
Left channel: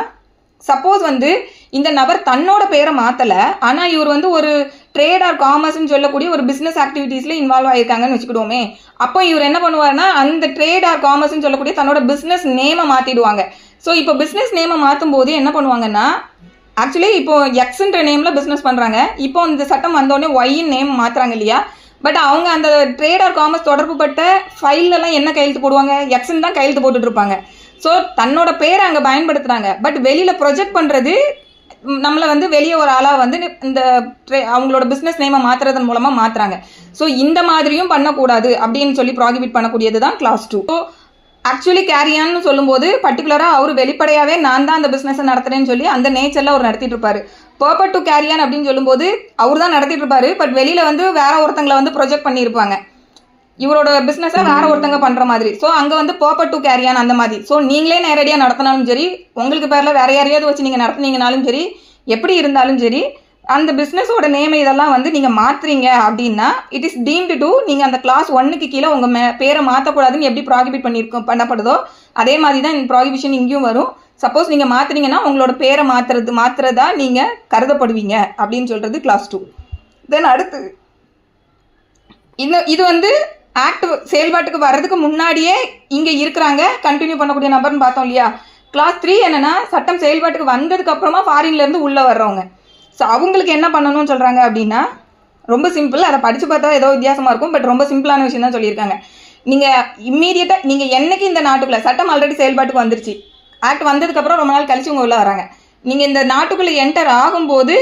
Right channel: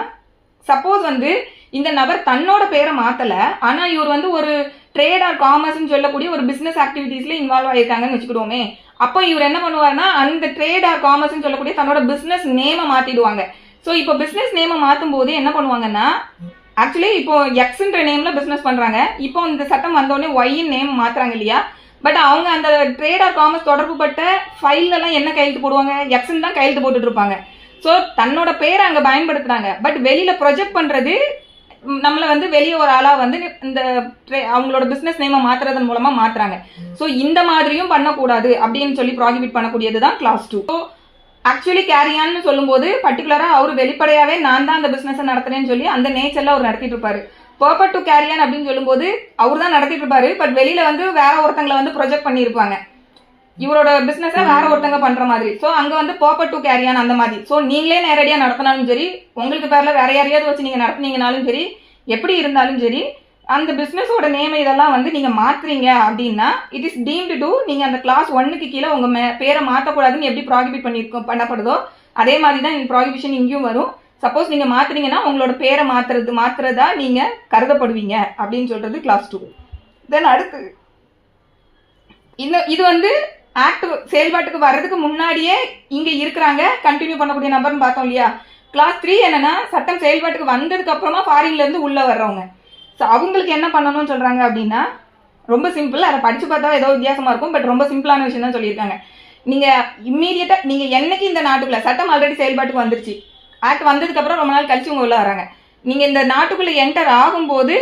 சப்போஸ் வந்து இந்த நபர் தன்னோட பேரை மாற்றலை, ஆனால் இவர் வந்து ஒரு ட்ரேட் ஆர் காமர்ஸ்ன்னு சொல்லக்கூடிய ஒரு பிஸ்னஸ் ஆக்டிவிட்டீஸில் இன்வால்வ் ஆகியிருக்காங்கன்னு வச்சுக்கிடுவோமே, அப்போ இவர் என்ன பண்ணுவார்னா அந்த ட்ரேட் ஆர் காமர்ஸ்ன்னு சொல்லக்கூடிய தன்னோட பிஸ்னஸ் நேமை மாற்றிடுவாங்க. ஸோ இப்போ பிஸ்னஸ் நேமை மாற்றும் போது என்ன பண்ணுவாங்கன்னா, ஆக்சுவலி இப்போ எக்ஸ்ன்ற நேமில் பிஸ்னஸ் பண்ணுறாங்க, இப்போ இந்த சட்டம் வந்தோடனே ஒய்யின் நேம் மாற்றுறாங்க இல்லையா, பட் அவங்க அந்த ட்ரேட் ஆர் காமர்ஸ் தொடர்புபட்ட ஃபைலெல்லாம் என்ன கையெழுத்து போடுவாங்க, எக்ஸ்ன்னு தான் கையெழுத்து போட்டுட்டு இருப்பாங்க. ஸோ தன்னோட பேரை அங்கே பயன்படுத்துகிறாங்க, பட் வெளியில் ப்ரொஜெக்ட் பண்ணுறது நம்மளை வந்து வெளியே ஒரு ஆளாக வந்து இந்த அவங்களோட பிஸ்னஸ் நேமை மாற்றுறதன் மூலமாக மாற்றுறாங்க. ஸோ இந்த மாதிரியும் பண்ணக்கூடாது அப்படின்னு சொல்லி ப்ராகிபிட் பண்ணக்கூடியது தான் கிளாஸ் 2. ஸோ ஆக்சுவலி கேரியான்னு சொல்லும்போது பர்டிகுலராக அவர் வெளிப்படையாகவே நான் தான் அந்த பிஸ்னஸை நடத்துகிறேன்னு சொல்லி அந்த நேச்சரில் அவர் நடத்திட்டு இருப்பார். பர்பட் டு கேரியான் அப்படின்னு சொல்லும்போது அவர் தான் நடத்திட்டு இருப்பாரு, பட் வெளியில் வந்து வேற ஒருத்தங்களை வந்து ப்ரொஜெக்ட் பண்ணியிருப்பாங்க, இவரோட பிஸ்னஸை வேற ஒருத்தங்க பண்ணுற மாதிரி. ஸோ அங்கே வந்து பர்பட் டு கேரியான் அந்த மாதிரி. ஸோ நீங்களே நேரடியாக நடத்தினாலும் சரி, உங்களுக்கு பேரில் வேற யாரையாவது வச்சு நீங்கள் நடத்துனீங்கனாலும் சரி, எப்படி இருந்தாலும் சரி, அந்த பிஸ்னஸோட நேம் இதெல்லாம் வந்து நீங்கள் மாற்றுறீங்க அப்படின்னா இட் இஸ் டீம்டு டு, நீங்கள் அந்த கிளாஸ் 1க்கு கீழே உங்கள் பேரை மாற்றக்கூடாதுன்னு எப்படி ப்ராகிபிட் பண்ணப்படுதோ அதே மாதிரி தான் இந்த ப்ராகிபிஷன் இங்கேயும் வரும். சப்போஸ் நீங்கள் மாற்றுறீங்கன்னா உங்களோட பேரை மாற்றுறதா நீங்கள் கருதப்படுவீங்க அப்படின்னு சொல்கிறது கிளாஸ் 2. தென் அடுத்து இது வந்து ஆக்ட் செயல்பாட்டுக்கு வர்றதுக்கு முன்னாடியே இங்கே இருக்கிறாங்க கண்டினியூ பண்ணக்கூடிய நபர்னு பார்த்தோம் இல்லையா. கிளாஸ் 3 என்னென்னா, சட்டம் செயல்பாட்டுக்கு வந்ததுக்கு அப்புறமா ஃபாரின்லேருந்து உள்ளே வர்றவங்க. ஸோ அவங்களுக்கு என்ன பண்ணணும்னு சொல்கிறாங்க அப்படின்னா, ரொம்ப சிம்பிள், அதை படித்து பார்த்தா ஏதோ வித்தியாசமாக இருக்கும், பட் ரொம்ப சிம்பிளான விஷயம் தான் சொல்லியிருக்காங்க. நீங்கள் இம்மீடியட்டாக நீங்கள் என்னைக்கு இந்த நாட்டுக்குள்ளே சட்டம் ஆல்ரெடி செயல்பாட்டுக்கு வந்துருச்சு, ஆக்ட் வந்ததுக்கப்புறம் ரொம்ப நாள் கழிச்சு உங்கள் உள்ளே வராங்க, நீங்கள் இந்த நாட்டுக்குள்ளே என்டர் ஆகும்போது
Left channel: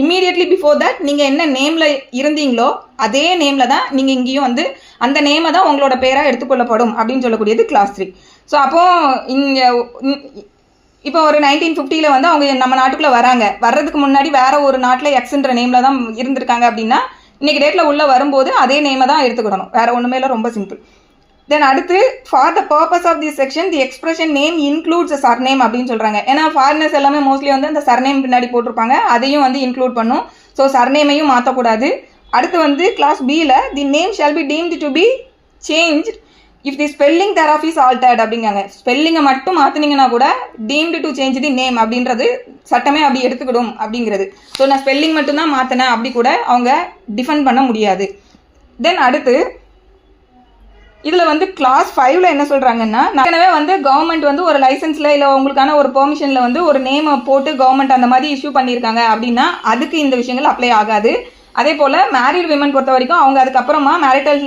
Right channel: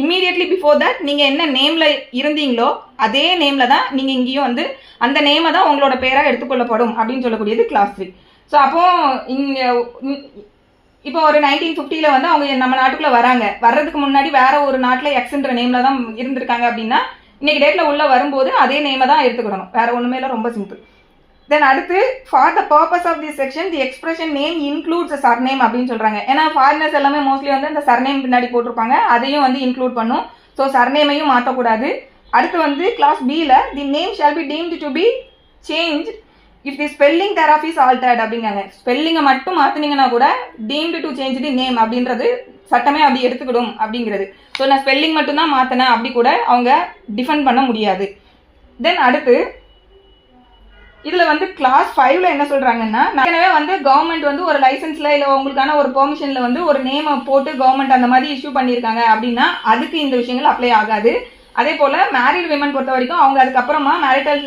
இம்மீடியட்லி பிஃபோர் தட் நீங்கள் என்ன நேமில் இருந்தீங்களோ அதே நேமில் தான் நீங்கள் இங்கேயும் வந்து அந்த நேமை தான் உங்களோட பேராக எடுத்துக்கொள்ளப்படும் அப்படின்னு சொல்லக்கூடியது கிளாஸ் 3. ஸோ அப்போது இப்போ ஒரு 1950 வந்து அவங்க நம்ம நாட்டுக்குள்ளே வராங்க, வர்றதுக்கு முன்னாடி வேற ஒரு நாட்டில் எக்ஸ்ன்ற நேமில் தான் இருந்திருக்காங்க அப்படின்னா இன்றைக்கி டேட்டில் உள்ளே வரும்போது அதே நேமை தான் எடுத்துக்கிடணும், வேறு ஒன்றுமே இல்லை, ரொம்ப சிம்பிள். தென் அடுத்து for the purpose of this section the expression name includes surname அப்படின்னு சொல்கிறாங்க. ஏன்னா ஃபாரினர்ஸ் எல்லாமே மோஸ்ட்லி வந்து அந்த சர்நேம் பின்னாடி போட்டிருப்பாங்க, அதையும் வந்து இன்க்ளூட் பண்ணும். ஸோ சர்நேமையும் மாற்றக்கூடாது. அடுத்து வந்து கிளாஸ் பியில் the name shall be deemed to be change if the spelling thereof is altered அப்படிங்காங்க. ஸ்பெல்லிங்கை மட்டும் மாற்றினீங்கன்னா கூட deemed to change the name அப்படின்றது சட்டமே அப்படி எடுத்துக்கிடும் அப்படிங்கிறது. ஸோ நான் ஸ்பெல்லிங் மட்டும்தான் மாற்றினேன் அப்படி கூட அவங்க டிஃபெண்ட் பண்ண முடியாது. தென் அடுத்து இதில் வந்து கிளாஸ் 5ல் என்ன சொல்கிறாங்கன்னா, ஏற்கனவே வந்து கவர்மெண்ட் வந்து ஒரு லைசன்ஸில் இல்லை உங்களுக்கான ஒரு பெர்மிஷனில் வந்து ஒரு நேமை போட்டு கவர்மெண்ட் அந்த மாதிரி இஷ்யூ பண்ணியிருக்காங்க அப்படின்னா அதுக்கு இந்த விஷயங்கள் அப்ளை ஆகாது. அதே போல் மேரிட் விமன் பொறுத்த வரைக்கும் அவங்க அதுக்கப்புறமா மேரிட்டல்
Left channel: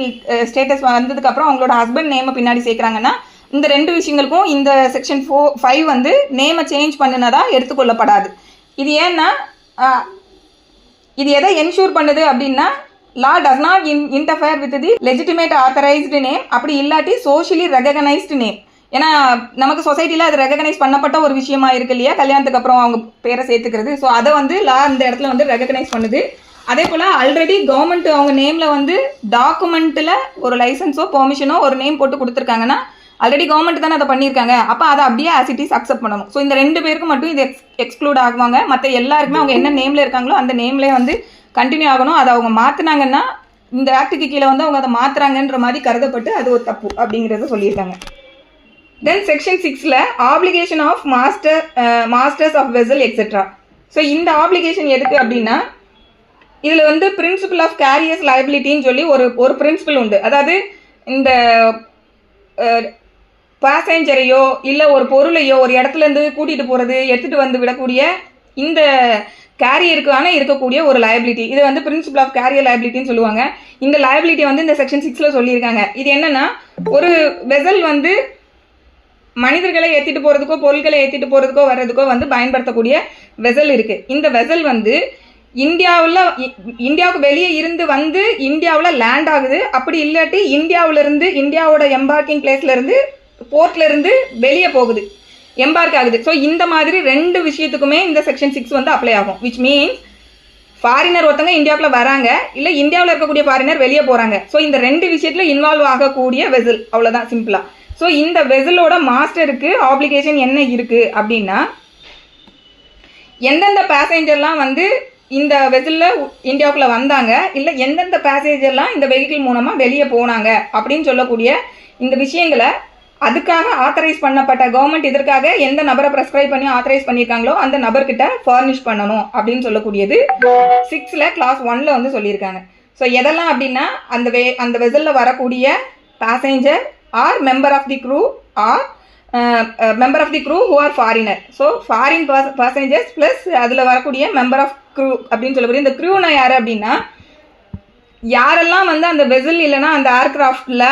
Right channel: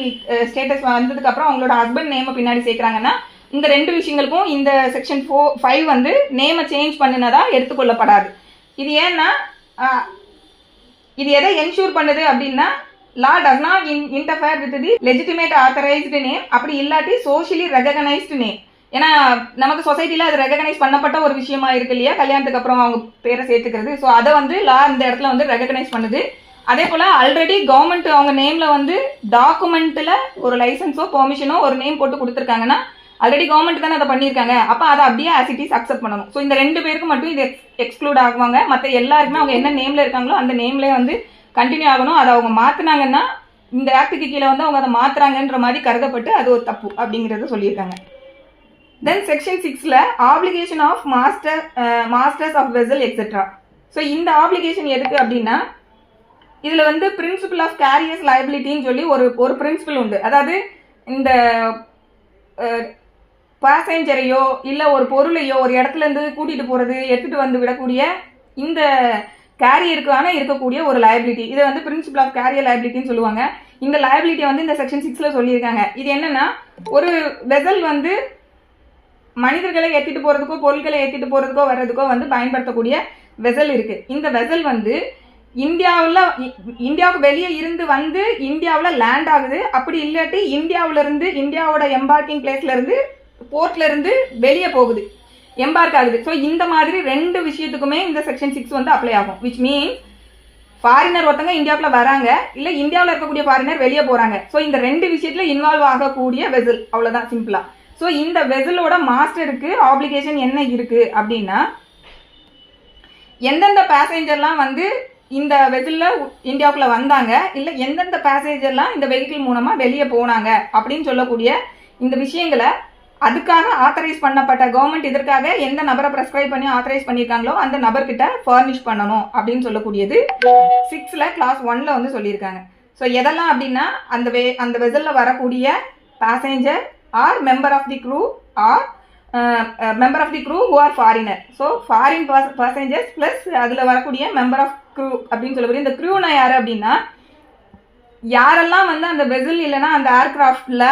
ஸ்டேட்டஸ் வந்ததுக்கப்புறம் அவங்களோட ஹஸ்பண்ட் நேமை பின்னாடி சேர்க்குறாங்கன்னா இந்த 2 விஷயங்களுக்கும் இந்த செக்ஷன் 5 வந்து நேமை சேஞ்ச் பண்ணினதா எடுத்துக்கொள்ளப்படாது. இது ஏன்னா இது எதை என்ஷூர் பண்ணுது அப்படின்னா, law does not interfere with the legitimate authorized name, அப்படி இல்லாட்டி socially recognized name. ஏன்னா நமக்கு சொசைட்டியில் அது ரெகக்னைஸ் பண்ணப்பட்ட ஒரு விஷயமா இருக்கு இல்லையா, கல்யாணத்துக்கு அப்புறம் அவங்க பேரை சேர்த்துக்கிறது. ஸோ அதை வந்து லா இந்த இடத்துல வந்து ரெகக்னைஸ் பண்ணுது. அதே போல் ஆல்ரெடி கவர்மெண்ட் அவங்க நேமில் வந்து டாக்குமெண்ட்டில் ஒரு லைசன்ஸோ பெர்மிஷனோ ஒரு நேம் போட்டு கொடுத்துருக்காங்கன்னா ஆல்ரெடி கவர்மெண்ட் தானே அதை பண்ணியிருக்காங்க. அப்போ அதை அப்படியே ஆஸ் இட் இஸ் அக்செப்ட் பண்ணணும். ஸோ இந்த 2 பேருக்கு மட்டும் இது எக்ஸ்க்ளூட் ஆகுவாங்க. மற்ற எல்லாருக்குமே அவங்க என்ன நேமில் இருக்காங்களோ அந்த நேம்லேயே வந்து கண்டினியூ ஆகணும். அதை அவங்க மாற்றினாங்கன்னா இந்த ஆக்டுக்கு கீழே வந்து அவங்க அதை மாற்றுறாங்கன்ற மாதிரி கருதப்பட்டு அது ஒரு தப்பு அப்படிங்கிறத சொல்லியிருக்காங்க. தென் செக்ஷன் 6ல் application of masters of vessel etcetera. So இந்த ஆப்ளிகேஷன் எதுக்கு அப்படின்னா இதில் வந்து பிரின்சிபல் ஆஃப் கேரியர்ஸ் லைபிலிட்டின்னு சொல்லி ஒரு பிரின்சிபல் உண்டு. அதாவது இந்த பேசஞ்சரையோ இல்லை ஒரு பொருளையோ ஒரு இடத்துலேருந்து கூட்டிகிட்டு போகிறது எடுத்துகிட்டு வந்து விடக்கூடிய இந்த கேரியருக்கான இருக்கக்கூடிய ஒரு லைபிலிட்டி, இது வந்து பிரின்சிபல் ஆஃப் கேரியர் லைபிலிட்டின்னு சொல்லுவாங்க. இந்த லைபிலிட்டியை வந்து இந்த செக்ஷன் 6ல் சொல்லியிருக்காங்க. இது என்னென்னா ஒரு வெசல் வந்து மனிதர்களை ஏற்றிட்டு போகிறதுக்கோ பொருட்களை ஏற்றிட்டு போகிறதுக்கோ வர்றதுக்கோ வந்து பயன்படுத்தக்கூடிய வெசல் இருக்குது. இந்த வெசல் வந்து இந்தியாவுக்கு வெளியே இருந்து வந்து இந்தியாவில் லேண்ட் ஆகுது. அப்படி இல்லாட்டி இந்தியாவோட எம்பார்க்கிங் பிளேஸ்லேருந்து போர்ட்லேருந்து வெளியே போகுது, எம்பார்க் ஆகுது. ஸோ இந்த மாதிரி 2 விஷயத்துக்குமே இந்த செக்ஷன் 6 வந்து அப்ளை ஆகும். விச் மீன்ஸ் ஃபாரினர் ஒருத்தங்க இந்தியாவுக்குள்ள வராங்க, இல்லை இந்தியாவில் இருக்கக்கூடிய ஃபாரினர் வெளியே போகிறாங்க. ஸோ இந்த 2 விஷயத்தில் இன்வால்வ் ஆகக்கூடிய வெசல், அவ்வளோதான் சிம்பிளாக. ஸோ இந்த வெசலோட மாஸ்டருக்கு ஆப்ளிகேஷன் என்ன இருக்குது அப்படின்னா எந்தெந்த பேசஞ்சர்லாம் வந்து இந்த வெசலில் இந்தியாவுக்குள்ளே வந்தாங்க, இல்லை எந்தெந்த பேசஞ்சர்லாம் இந்த வெஹிக்கிள் மூலமாக வெளியே போனாங்க அப்படின்னு சொல்லக்கூடிய இந்த விஷயங்களை அதுக்காக ஆத்தரைஸ் பண்ணப்பட்ட கவர்மெண்ட் இதற்காக எந்த நபரை ப்ரெஸ்கிரைப் பண்ணி ஆத்தரைஸ் பண்ணியிருக்காங்களோ அந்த நபர்கிட்ட ஃபர்னிஷ் பண்ணணும் அப்படின்னு சொல்லக்கூடியது 6ல் கிளாஸ் 1ல் வந்து சொல்லியிருக்காங்க. ஸோ எதெல்லாம் அப்படின்னா அந்த வெசலில் வரக்கூடிய passenger or member of the crew or member of the crew who are foreigner. So foreign passengers plus அதில் வரக்கூடிய மெம்பர் ஆஃப் க்ரூ அப்படின்னு சொல்லக்கூடிய இந்த க்ரூனா யார் அப்படின்னா யாரெல்லாம் வந்து அந்த வெசல் இல்லைன்னா அந்த ஏர்கிராஃப்டில்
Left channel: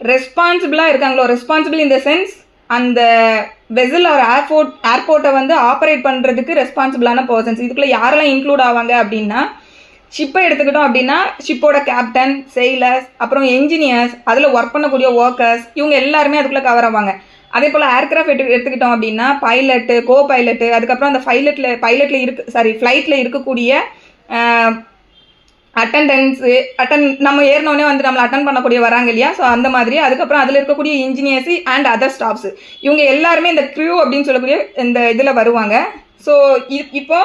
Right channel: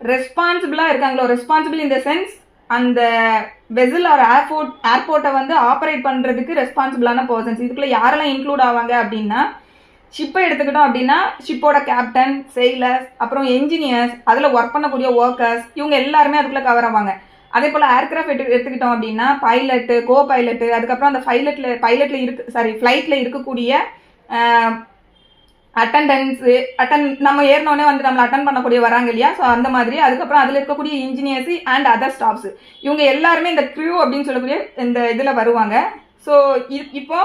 ரெஸ்பான்சிபிளாக இருக்காங்களோ, ரெஸ்பான்சிபிள் இன் த சென்ஸ் அந்த வெசல் ஒரு ஏர்போர்ட்டை வந்து ஆப்ரேட் பண்ணுறதுக்கு ரெஸ்பான்சிபிளான பர்சன்ஸ். இதுக்குள்ளே யாரெல்லாம் இன்க்ளூட் ஆவாங்க அப்படின்னா ஷிப்பை எடுத்துக்கிட்டோம் அப்படின்னா ஷிப்போட கேப்டன், செயிலர்ஸ், அப்புறம் என்ஜினியர்ஸ், அதில் ஒர்க் பண்ணக்கூடிய ஒர்க்கர்ஸ், இவங்க எல்லாருமே அதுக்குள்ளே கவர் ஆவாங்க. அதே போல் ஏர்கிராஃப்ட் எடுத்துக்கிட்டோம் அப்படின்னா பைலட்டு, கோ பைலட்டு, அதுக்கப்புறம் அந்த ஃப்ளைட்டில் இருக்கக்கூடிய அட்டண்டன்ஸு நம்ம ஏறினோடனே வந்து நம்மளை அட்டன் பண்ணக்கூடிய வராங்க இல்லையா. ஸோ அந்த மாதிரி அதுக்கப்புறம் அதில் இருக்கக்கூடிய இன்ஜினியர்ஸு அண்ட் அதர் ஸ்டாஃப்ஸு, இவங்க எல்லாருமே இந்த க்ரூ அப்படின்னு சொல்லக்கூடிய இந்த இதில் வருவாங்க. ஸோ இப்போ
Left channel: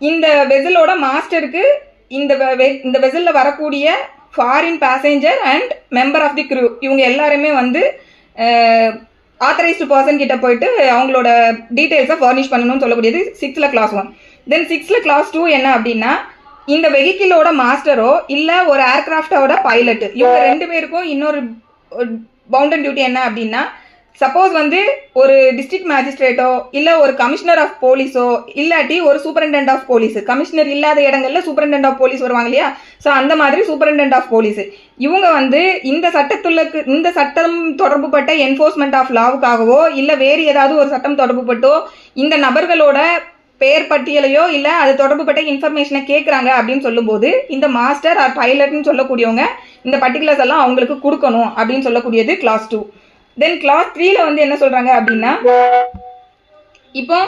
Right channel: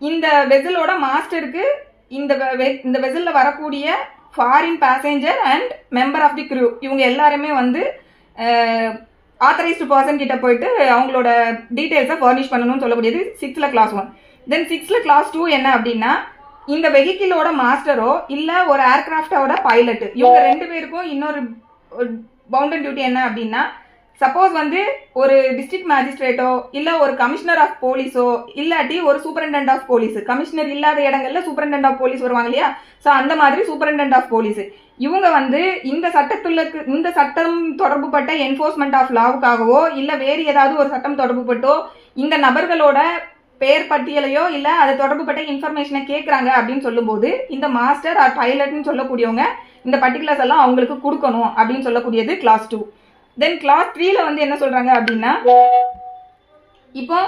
இந்த வெசலோட மாஸ்டருக்கு இந்த வெசலில் வரக்கூடிய foreign passenger and member of the crew இவங்க எல்லாருமே வந்து ஆத்தரைஸ்டு பர்சன் கிட்ட போயிட்டு அவங்களோட டீட்டெயில்ஸை ஃபர்னிஷ் பண்ணணும்னு சொல்லக்கூடியது 6ல் கிளாஸ் 1. தென் 6ல் கிளாஸ் 2 என்ன அப்படின்னா இந்த வெஹிக்கிளோட மாஸ்டரோ இல்லை ஒரு ஏர்கிராஃப்டோட பைலட்டு, இவங்க 2 பேருக்கும் இன்னொரு பவுண்டட் டியூட்டி என்ன அப்படின்னா சப்போஸ் வந்து ஒரு டிஸ்ட்ரிக்ட் மேஜிஸ்ட்ரேட்டோ இல்லை ஒரு கமிஷனர் ஆஃப் போலீஸோ இல்லாட்டி ஒரு சூப்பரண்டென்ட் ஆஃப் போலீஸ், கமிஷனர் இல்லாத இடங்களில் சூப்பரண்டென்ட் ஆஃப் போலீஸ் வருவாங்க இல்லையா. ஸோ அந்த மாதிரி சூப்பரண்டென்ட் ஆஃப் போலீஸ் இவங்க வந்து இந்த சட்டம் தொடர்புபட்ட என்ஃபோர்ஸ்மெண்ட் ஆஃப் லாவுக்காகவோ இல்லை வேறு ஏதாவது ஒரு சட்டம் தொடர்புபட்டோ இந்த நபர்களோட பேர் பட்டியலையோ இல்லை அது தொடர்புபட்ட இன்ஃபர்மேஷனை கேட்குறாங்க அப்படின்னு சொல்லும்போது இந்த மாஸ்டர் ஆர் பைலட்னு சொல்லக்கூடியவங்க இந்த பர்டிகுலர்ஸ் எல்லாம் அவங்களுக்கு கொடுக்கணும் அப்படின்னு சொல்லக்கூடியது கிளாஸ் 2. தென் கிளாஸ் 3ல் வந்து என்ன சொல்கிறாங்க அப்படின்னா இப்போ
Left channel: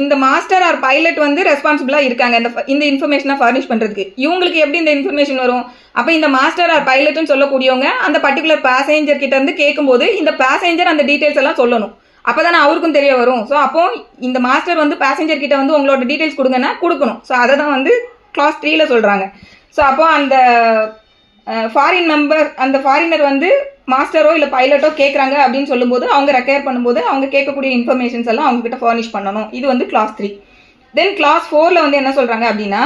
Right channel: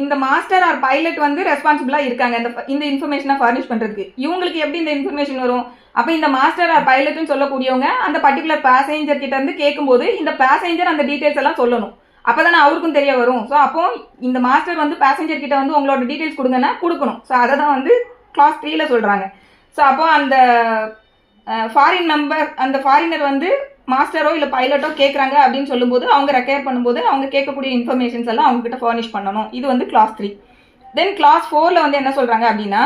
இந்த மாஸ்டர் ஆர் பைலட் வந்து ரெஸ்பான்சிபிளாக இருக்காங்க இந்த இன்ஃபர்மேஷனை ஃபர்னிஷ் பண்ணுறதுக்கு. இவங்களுக்கு எப்படி இந்த இன்ஃபர்மேஷன் வரும்? அப்போ இந்த மாஸ்டர் ஆர் பைலட்னு சொல்லக்கூடியவங்க அந்த பர்டிகுலர் பேசஞ்சர் கிட்ட வந்து கேட்கும்போது இந்த பேசஞ்சர் அந்த டீட்டெயில்ஸ் எல்லாம் சொல்லணும். அப்போ தானே அவருக்கும் தெரிய வரும். ஸோ அப்போ இந்த மாஸ்டர் வந்து பேசஞ்சர் கிட்ட வந்து உங்களோட டீட்டெயில்ஸ் கொடுங்கன்னா கொடுக்கணும். ஸோ அதை தான் வந்து கிளாஸ் 3ல் சொல்கிறாங்க. ஸோ அப்போ அந்த ஃபாரினர் வந்து மாஸ்டரோ இல்லை பைலட்டோ கேட்குறாங்க அப்படின்னு சொல்லும்போது அவங்க ரெக்கையர் பண்ணும்போது அவங்க கேட்கக்கூடிய இன்ஃபர்மேஷன்ஸ் எல்லாம் அவங்ககிட்ட ஃபர்னிஷ் பண்ணணும். இது வந்து கிளாஸ் 3. தென் கிளாஸ் 4ல் வந்து என்ன சொல்கிறாங்க அப்படின்னா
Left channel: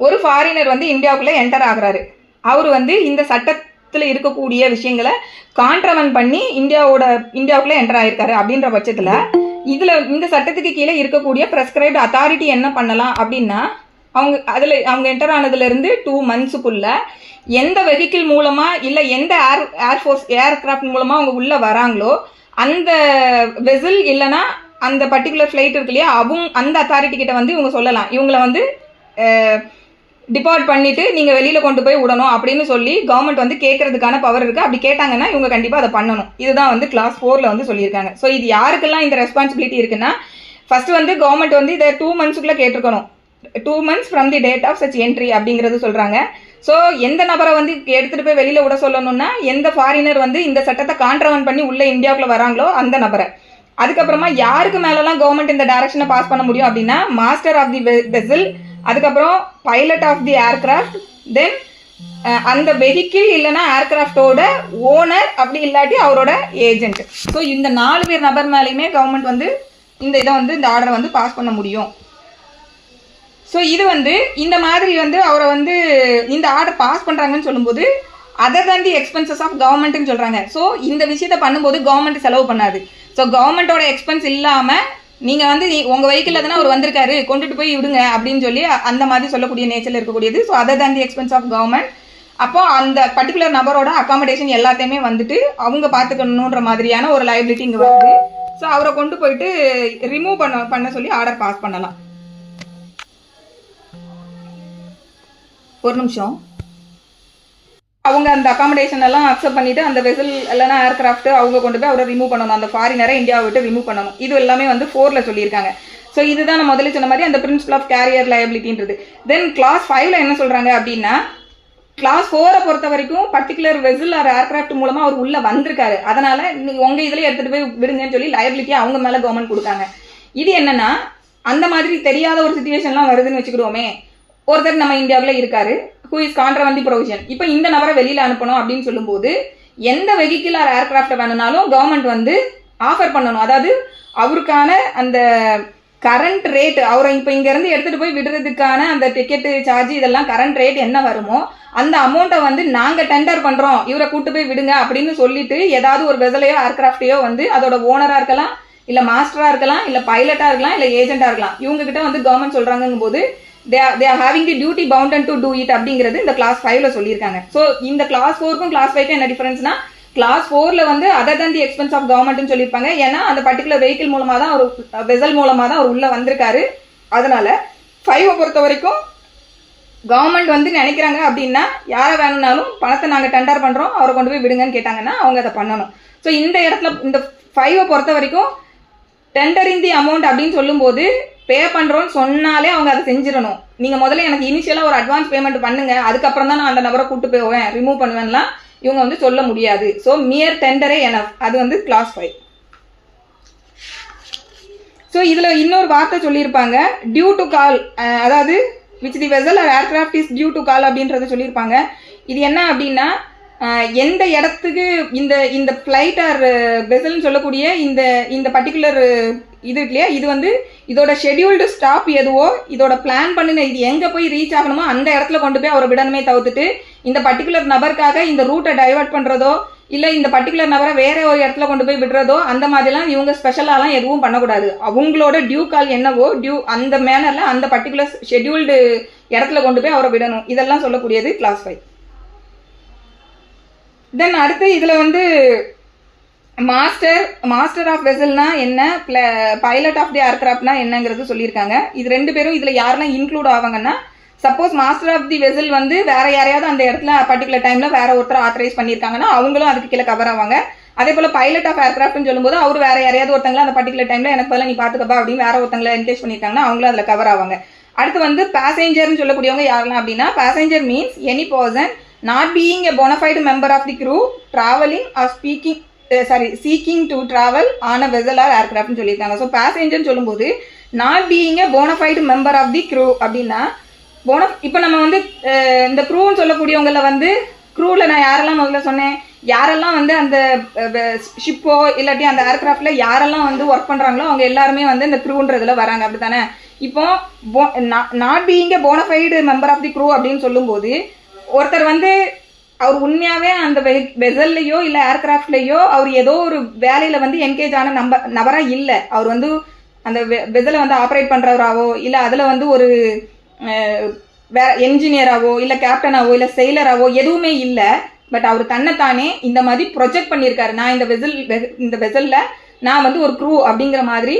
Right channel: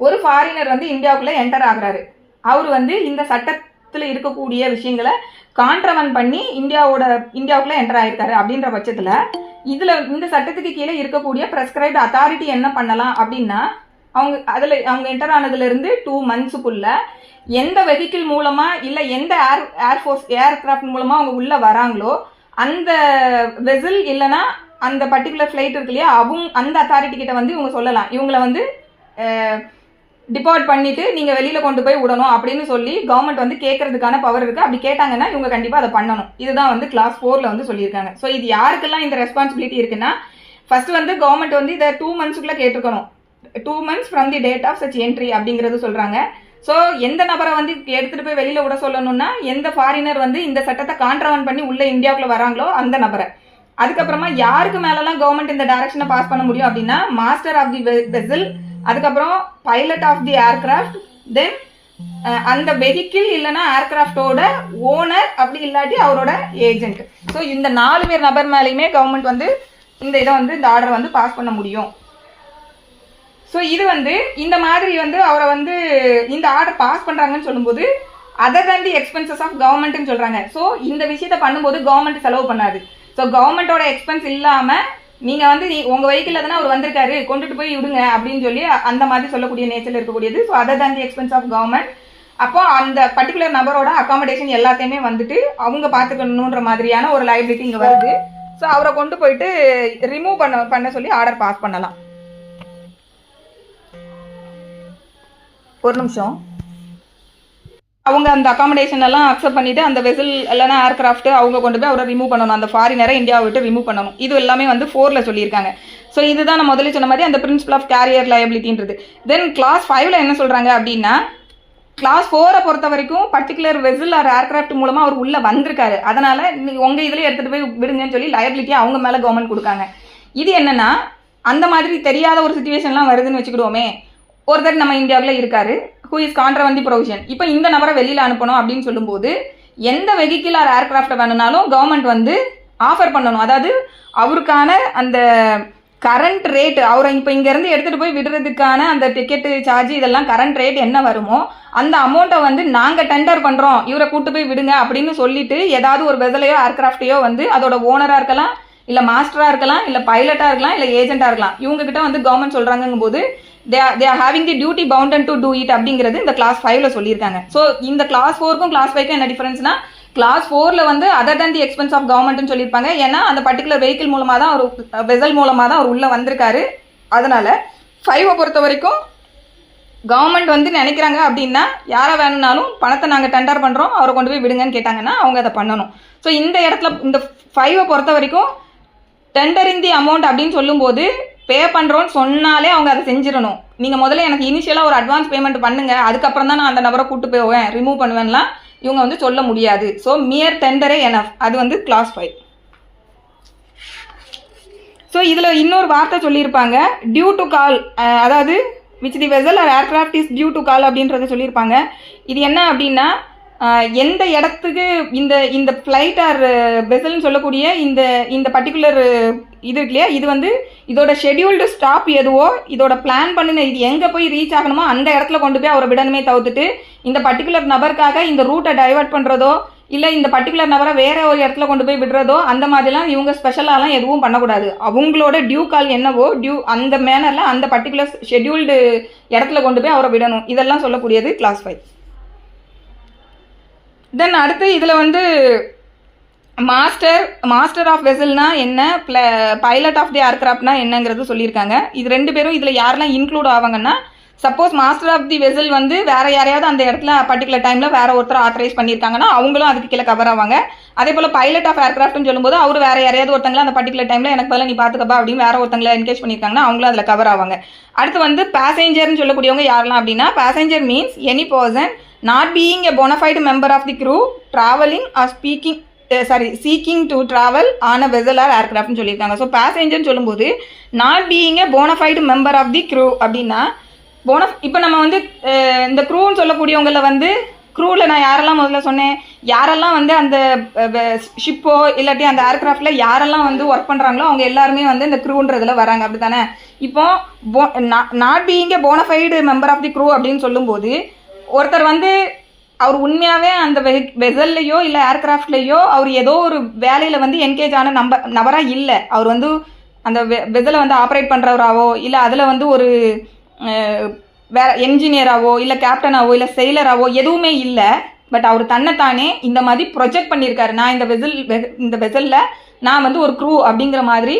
ஒரு ஃபாரினர் வந்து இந்தியாவுக்குள்ளே என்டர் ஆகுறாரு. அவர் வந்து இந்த சட்டத்தில் இருக்கக்கூடிய விஷயங்களை கான்ட்ரவென்ட் பண்ணி இந்தியாவுக்குள்ளே என்டர் ஆகிருக்காரு அப்படின்ற பட்சத்தில் இந்த சட்டத்துக்கு கீழே இருக்கக்கூடிய ப்ரெஸ்கிரைப்டு அத்தாரிட்டி என்ன பண்ணலாம் அப்படின்னா அவங்க என்டர் ஆனதுலேருந்து 2 மந்த்ஸுக்குள்ளே எந்த வெஹிக்கிள் மூலமாக இல்லை எந்த ஏர்கிராஃப்ட் மூலமாக அவங்க உள்ளே வராங்களோ அந்த வெசல் இல்லைன்னா அந்த பர்டிகுலர் ஃப்ளைட் இருக்கு இல்லையா அந்த அத்தாரிட்டி கிட்ட வந்து இவங்க சொல்லலாம். இவங்களை வந்து டிபார்ட் பண்ணிவிட்டு நீங்கள் வெளியில் கொண்டு போய் விடணும் அப்படின்னு சொல்லி கவர்மெண்ட் வந்து கேட்கறதுக்கான பவர் இருக்குது. அப்படி கேட்டாங்கன்னா இவங்க கண்டிப்பாக அதை பண்ணணும். இதுதான் வந்து கிளாஸ் 4ல் வந்து சொல்லியிருக்காங்க. ஸோ இது யாருக்கெல்லாம் இந்த ரெஸ்பான்சிபிலிட்டி இருக்குன்னா, ஃபஸ்ட்டு வந்து கவர்மெண்ட் வந்து இதை 2 monthsக்குள்ளே கேட்டிருக்கணும். 2 months from the date of such entry அப்படிங்கிறது சொல்கிறாங்க. ஸோ எந்த நபரை வந்து எடுத்துகிட்டு போய் வெளியில் விட சொல்லணும்னா, எந்த ஃபாரினர் வந்து இந்த சட்டத்தை கான்ட்ரவன் பண்ணி உள்ளே இந்தியாவுக்குள்ளே வராங்களோ அந்த நபரை. அதுக்கப்புறமா யாருக்கு மேலெலாம் கவர்மெண்ட் இந்த டைரக்ஷனை பாஸ் பண்ண முடியும் அப்படின்னா, மாஸ்டர் ஆஃப் தி வெசல், அதுக்கப்புறம் பைலட் ஆஃப் தி ஏர்கிராஃப்ட், தென் அந்த வெஹிக்கிள் இல்லைனா ஏர்கிராஃப்டோட ஓனர், அப்படி இல்லாட்டி அவரோட ஏஜென்ட். ஸோ இந்த 4 பேர் நபர் மேலேயுமே கவர்மெண்ட் வந்து இந்த ஆர்டரை வந்து பாஸ் பண்ண முடியும். ஸோ இது வந்து இந்த மாதிரி வந்து அவரை வந்து இந்த ஆர்டர் பாஸ் பண்ணுறாங்கன்னு சொல்லும்போது other than the expenses of கவர்மெண்ட்னு சொல்கிறாங்க. ஸோ இந்த விஷயத்தை பண்ணும்போது கவர்மெண்ட் செலவு பண்ணாது. ஸோ கவர்மெண்ட்டோட எக்ஸ்பென்ஸ் இல்லாமல் நீங்கள் வந்து உங்கள் வெஹிக்கிளில் தானே அவர் வந்திருக்காரு, கொண்டுட்டு போய் விடுங்க அப்படின்னு சொல்லி அந்த மாதிரி சொல்லக்கூடிய நேச்சரில் இருக்கக்கூடியது. So other than the expense of government. அப்போ அந்த பர்டிகுலர் நபரோட அகாமடேஷன் எல்லாத்தையுமே வந்துட்டு அவங்க பார்த்துக்கணுன்ற மாதிரியான ஒரு லைபிலிட்டி இங்கே வருது. ஸோ அவரை கொண்டு போயிட்டு ரிமூவ் பண்ண சொல்லி ஆர்டர் பாஸ் பண்ணலாம். ஒரு நிமிஷம். அவங்க அந்த அகாமடேஷன் எல்லாம் அக்செப்ட் பண்ணிவிட்டு அந்த வெசல் இல்லைனா ஏர்கிராஃப்ட் அவங்க கொண்டு போய் அவரை ரிமூவ் பண்ணணும். அந்த ஃபாரினரை இந்தியாவை விட்டு ரிமூவ் பண்ணணும். இது எல்லாமே வந்து 4ல் சொல்லியிருக்காங்க. ஸோ இதுதான் நான் முதல்ல சொன்ன மாதிரி அந்த பிரின்சிபல் ஆஃப் கேரியர் லயபிலிட்டின்றது. தென் கிளாஸ் 5ல் என்ன சொல்கிறாங்க அப்படின்னா, கிளாஸ் 4 பொறுத்த வரைக்கும் பர்டிகுலர் வெசல் ஆர் ஏர்கிராஃப்ட் மூலமாக அவர் உள்ளே வந்திருக்காரு, அதனால் உங்கள் இதில் எடுத்துகிட்டு போய் விடுங்கன்னு சொல்லி லயபிலிட்டியை அவங்க மேலே கவர்மெண்ட் கொடுக்காங்க. இது என்னென்னா, அந்த மாதிரி தெரியாத ஒரு சுச்சுவேஷன்லாம் வருதுன்னு வச்சுக்கிடுவோமே. ஒருத்தர் நம்ம இந்தியாவில் இருக்காரு, who is contravened the provision. இப்போ இந்த நபரை வெளியில் அனுப்பணும் அப்படின்னு சொல்லும்போது எந்த வெஹிக்கிள் ஆர் ஏர்கிராஃப்டை வேணும்னாலும் கவர்மெண்ட் வந்து ஆஃபர் பண்ணணும். அதாவது அவருக்கான அந்த கரண்ட் ரேட்டு, அவரை இப்போ இங்கேருந்து எடுத்துகிட்டு போய் விடுறதுக்கான அந்த டிக்கெட்டு சார்ஜ் இதெல்லாம் கரண்ட் ரேட் என்ன வருமோ அந்த அமௌண்ட்டை வந்து நாங்கள் டெண்டர் பண்ணுறோம், இவரை கூட்டு போய் விடுங்க அப்படின்னு சொல்லிட்டு ஏதாவது ஒரு வெசலையோ ஏர்கிராஃப்டையோ வந்து அதோட ஓனராக இருக்கலாம், இல்லை மாஸ்டராக இருக்கலாம், இல்லை பைலட்டாக இருக்கலாம், இல்லை ஏஜென்ட்டாக இருக்கலாம், இவங்ககிட்ட வந்து கவர்மெண்ட் சொல்கிறாங்கும் போது they are having the duty bound to do it அப்படிங்கிறது இந்த கிளாஸ் 5ல் சொல்லியிருக்காங்க. ஸோ இந்த கிளாஸ் 4க்கும் கிளாஸ் 5க்கும் என்ன டிஃபரன்ஸ்னா, கிளாஸ் 4ல் வந்து other than the expense of கவர்மெண்ட்னு சொல்லியிருப்பாங்க. ஏன்னா அந்த பர்டிகுலர் வெஹிக்கிள் மூலமாக தான் ஒரு வெசல் மூலமாக தான் அவர் உள்ளே வந்திருக்காரு. அதனால 5 பொறுத்த வரைக்கும் கவர்மெண்ட் வந்து நினைக்கிறாங்க அப்படின்னா யாரை வேணும்னாலும் பணத்தை நாங்கள் டெண்டர் பண்ணுறோம், அவரை கொண்டு போய் விடுங்கன்னு கேட்டாங்கன்னா அவங்க அதை பண்ணணும். ஸோ இந்த இடத்துல இந்த 5 பொறுத்த வரைக்கும் டெண்டரிங் தி அமௌண்ட் அப்படின்னு சொல்லும்போது பே பண்ணுறோன்னு சொன்னாலே அவங்க அதை செஞ்சிடணும். நீங்கள் முதல்ல எனக்கு இனிஷியலாக ஒரு அட்வான்ஸ் பேமெண்ட் பண்ணுங்கள், அதுக்கப்புறம் தான் நான் அந்த நபரை கூட்டு போவேன், ரிமூவ் பண்ணுவேன்லாம் இவங்க வந்து சொல்ல முடியாது. ஸோ மியர் டெண்டரே எனஃப். அது வந்து கிளாஸ் 5. ஸோ இதில் இன்னொரு வார்த்தை சொல்லியிருப்பாங்க, டியூ டு கால், அதாவது which the vessel or aircraft is due to call அப்படின்றத சொல்லியிருப்பாங்க. இது என்ன அப்படின்னா, எந்த இடத்துக்கு இந்த ஃப்ளைட் ஆர் வெசல்னு சொல்லக்கூடிய இந்த பர்டிகுலர் இது இருக்கு இல்லையா, இது வந்து இதோட ஷெடியூல்டு ஸ்டாப் எதுவோ, இதோட பிளான் பண்ணின இது எங்கே போய் ரீச் ஆகணுமோ அந்த இடத்துல கொண்டு போய் அவரை விடணுமே தவிர்த்துட்டு இந்த பர்டிகுலர் நபருக்காக இந்த ரூட்டை டைவர்ட் பண்ணுறதோ இல்லை இந்த பர்டிகுலர் நபரை வேற ஒரு இடத்துல கொண்டு போய் விடுறதோ அந்த மாதிரிலாம் இவங்க ஸ்பெஷலாலாம் எதுவும் பண்ணக்கூடாது. அவங்களோட டியூ கால் என்னவோ அந்த மேனரில் அந்த பர்டிகுலர் ஷெடியூல்டு இடத்துல கொண்டு போய் அவரை விடணும். இதெல்லாம் சொல்லக்கூடியது கிளாஸ் 5. தென் அடுத்து இதில் வந்து மாஸ்டர் ஆஃப் வெசல்னா என்ன, பைலட் ஆஃப் தி ஏர்கிராஃப்ட்னா என்னங்கிறது சொல்லியிருக்காங்க. இது 2 பேரும் இதில் யாரெல்லாம் இன்க்ளூட் ஆவாங்கன்னா, suppose master of the vessel வந்து வேற யாரையாவது அந்த இடத்துல பர்டிகுலர் டைமில் வேற ஒருத்தர் ஆத்தரைஸ் பண்ணியிருக்காங்கன்னா அவங்களும் அதுக்கு கீழே கவர் ஆவாங்க. அதே போல் பைலட் ஆஃப் ஏர்கிராஃப்ட்னு சொல்லும்போது அவர் வேற யாரையாவது ஒருத்தங்களை அந்த பர்டிகுலர் டைமில் எனக்கு பதில் நீ பார்த்துக்கப்பா அப்படின்னு வேற ஒருத்தங்களை என்கேஜ் பண்ணியிருக்காங்கன்னா அவங்களும் அதில் கவர் ஆவாங்க. அடுத்து வந்து பேசஞ்சர்னு சொல்லக்கூடியவங்க யாரெல்லாம் அப்படின்னா, passenger means any person not being a bona fide member of the crew traveling or seeking to travel on a vessel or aircraft னு சொல்லியிருக்காங்க. ஸோ பேசஞ்சர்னு சொல்லும்போது not being a bona fide member of the crew அப்படின்னா இப்போ நம்ம வந்து இந்த க்ரூன்னு சொல்லக்கூடியவங்கள வந்து க்ரூவில் நான் யாரெல்லாம் முதல்ல சொன்னேன், யாரெல்லாம் வந்து அந்த ஷிப்போ இல்லாட்டி அந்த ஏர்கிராஃப்டில் யாரெல்லாம் வந்து ஒர்க் பண்ணுறாங்களோ அவங்க எல்லாருமே வந்து இந்த க்ரூன்றதில் வராங்க, அப்படி தானே. இப்போ not being a bona fide member of the crew அப்படின்னு சொல்லும்போது ஒருத்தர் வந்து அவர் உண்மையாகவே அந்த வெசல்லையோ இல்லை ஏர்கிராஃப்ட்லேயோ அவர் ஏதோ ஒரு வேலையில் வந்து என்கேஜ் ஆன நபராக இல்லை. அவர் வந்து அந்த வெசலை வந்து ஆப்ரேட் பண்ணுறவராவோ இல்லை அதில் வந்து ஒரு வேற என்ஜினியராகவோ இல்லை கேப்டனாவோ இல்லை செயலராகவோ எதுவுமே இல்லை. பட் அவர் தன்னைத்தானே இந்த மாதிரி ப்ரொஜெக்ட் பண்ணியிருக்காரு, நான் இந்த வெசலில் நான் வந்து ஒரு க்ரூ அப்படிங்கிற மாதிரி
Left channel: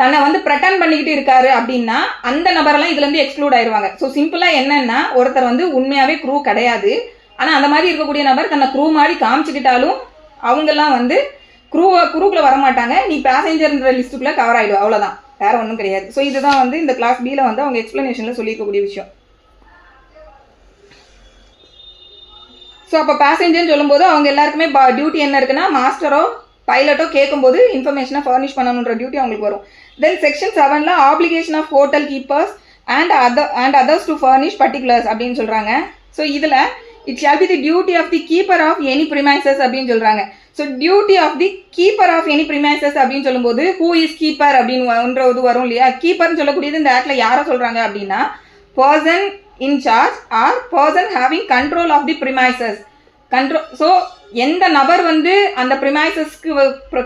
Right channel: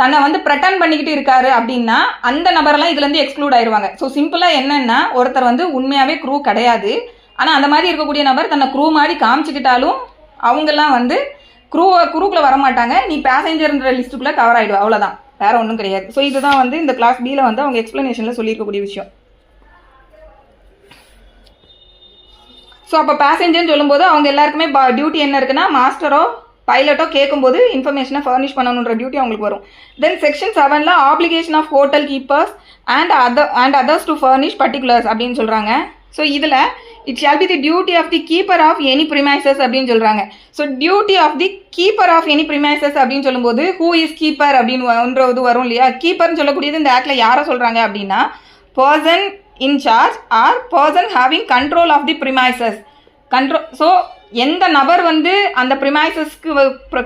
தன்னை வந்து ப்ரெட்டன் பண்ணிக்கிட்டு இருக்காரு அப்படின்னா அந்த நபரெல்லாம் இதுலேருந்து எக்ஸ்க்ளூட் ஆயிடுவாங்க. ஸோ சிம்பிளாக என்னன்னா, ஒருத்தர் வந்து உண்மையாகவே க்ரூ கிடையாது, ஆனால் அந்த மாதிரி இருக்கக்கூடிய நபர் தன்னை க்ரூ மாதிரி காமிச்சிக்கிட்டாலும் அவங்கெல்லாம் வந்து க்ரூக்குள்ளே வரமாட்டாங்க, நீ பேசஞ்சர்ன்ற லிஸ்ட்டுக்குள்ளே கவர் ஆகிடும், அவ்வளோதான், வேற ஒன்றும் கிடையாது. ஸோ இதுதான் வந்து இந்த கிளாஸ் பியில் வந்து அவங்க எக்ஸ்ப்ளனேஷனில் சொல்லியிருக்கக்கூடிய விஷயம். ஸோ அப்போ பேசஞ்சர்னு சொல்லும்போது அவங்க எல்லாருக்குமே டியூட்டி என்ன இருக்குன்னா, மாஸ்டரோ பைலட்டோ கேட்கும்போது இன்ஃபர்மேஷனை ஃபர்னிஷ் பண்ணணுன்ற டியூட்டி அவங்களுக்கு வரும். தென் செக்ஷன் 7ல் application of hotel keepers and others to furnish particulars அப்படின்னு சொல்கிறாங்க. ஸோ இதில் it shall be the duty of the keeper of any premises அப்படின்னு சொல்கிறாங்க. So duty of the keeper of any premises அப்படின்னு சொல்லும்போது who is keeper அப்படின்றது வரும் இல்லையா. கீப்பர்னு சொல்லக்கூடியது இந்த ஆக்டில் யாரை சொல்கிறாங்க அப்படின்னா, person in charge or person having control of the premises. So எந்த நபர் வந்து அந்த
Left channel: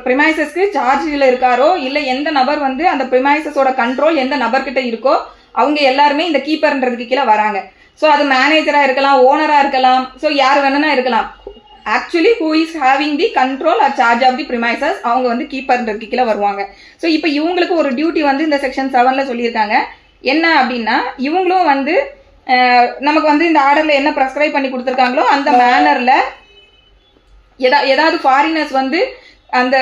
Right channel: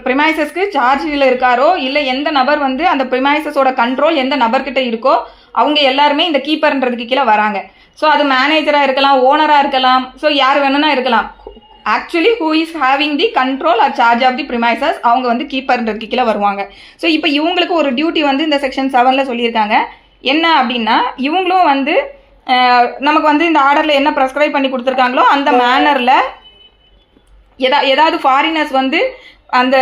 ப்ரிமைசஸ்க்கு சார்ஜில் இருக்காரோ, இல்லை எந்த நபர் வந்து அந்த ப்ரிமைசஸோட கண்ட்ரோல் எந்த நபர்கிட்ட இருக்கோ அவங்க எல்லாருமே இந்த கீப்பர்ன்றதுக்கு கீழே வராங்க. ஸோ அது மேனேஜராக இருக்கலாம், ஓனராக இருக்கலாம், ஸோ யார் வேணும்னா இருக்கலாம். Actually who is having the control or charge of the premises அவங்க வந்து கீப்பர்ன்றதுக்கு கீழே வருவாங்க. ஸோ இப்போ இவங்களுக்கு ஒரு டியூட்டி வந்து இந்த செக்ஷன் 7ல் சொல்லியிருக்காங்க. என்ன அப்படின்னா, இவங்களும் வந்து நமக்கு வந்து இந்த ஆர்டரில் என்ன ப்ரெஸ்கிரைப் பண்ணி கொடுத்துருக்காங்களோ அந்த மேனரில் ஏதாவது ஃபாரினர்ஸ் வந்து அந்த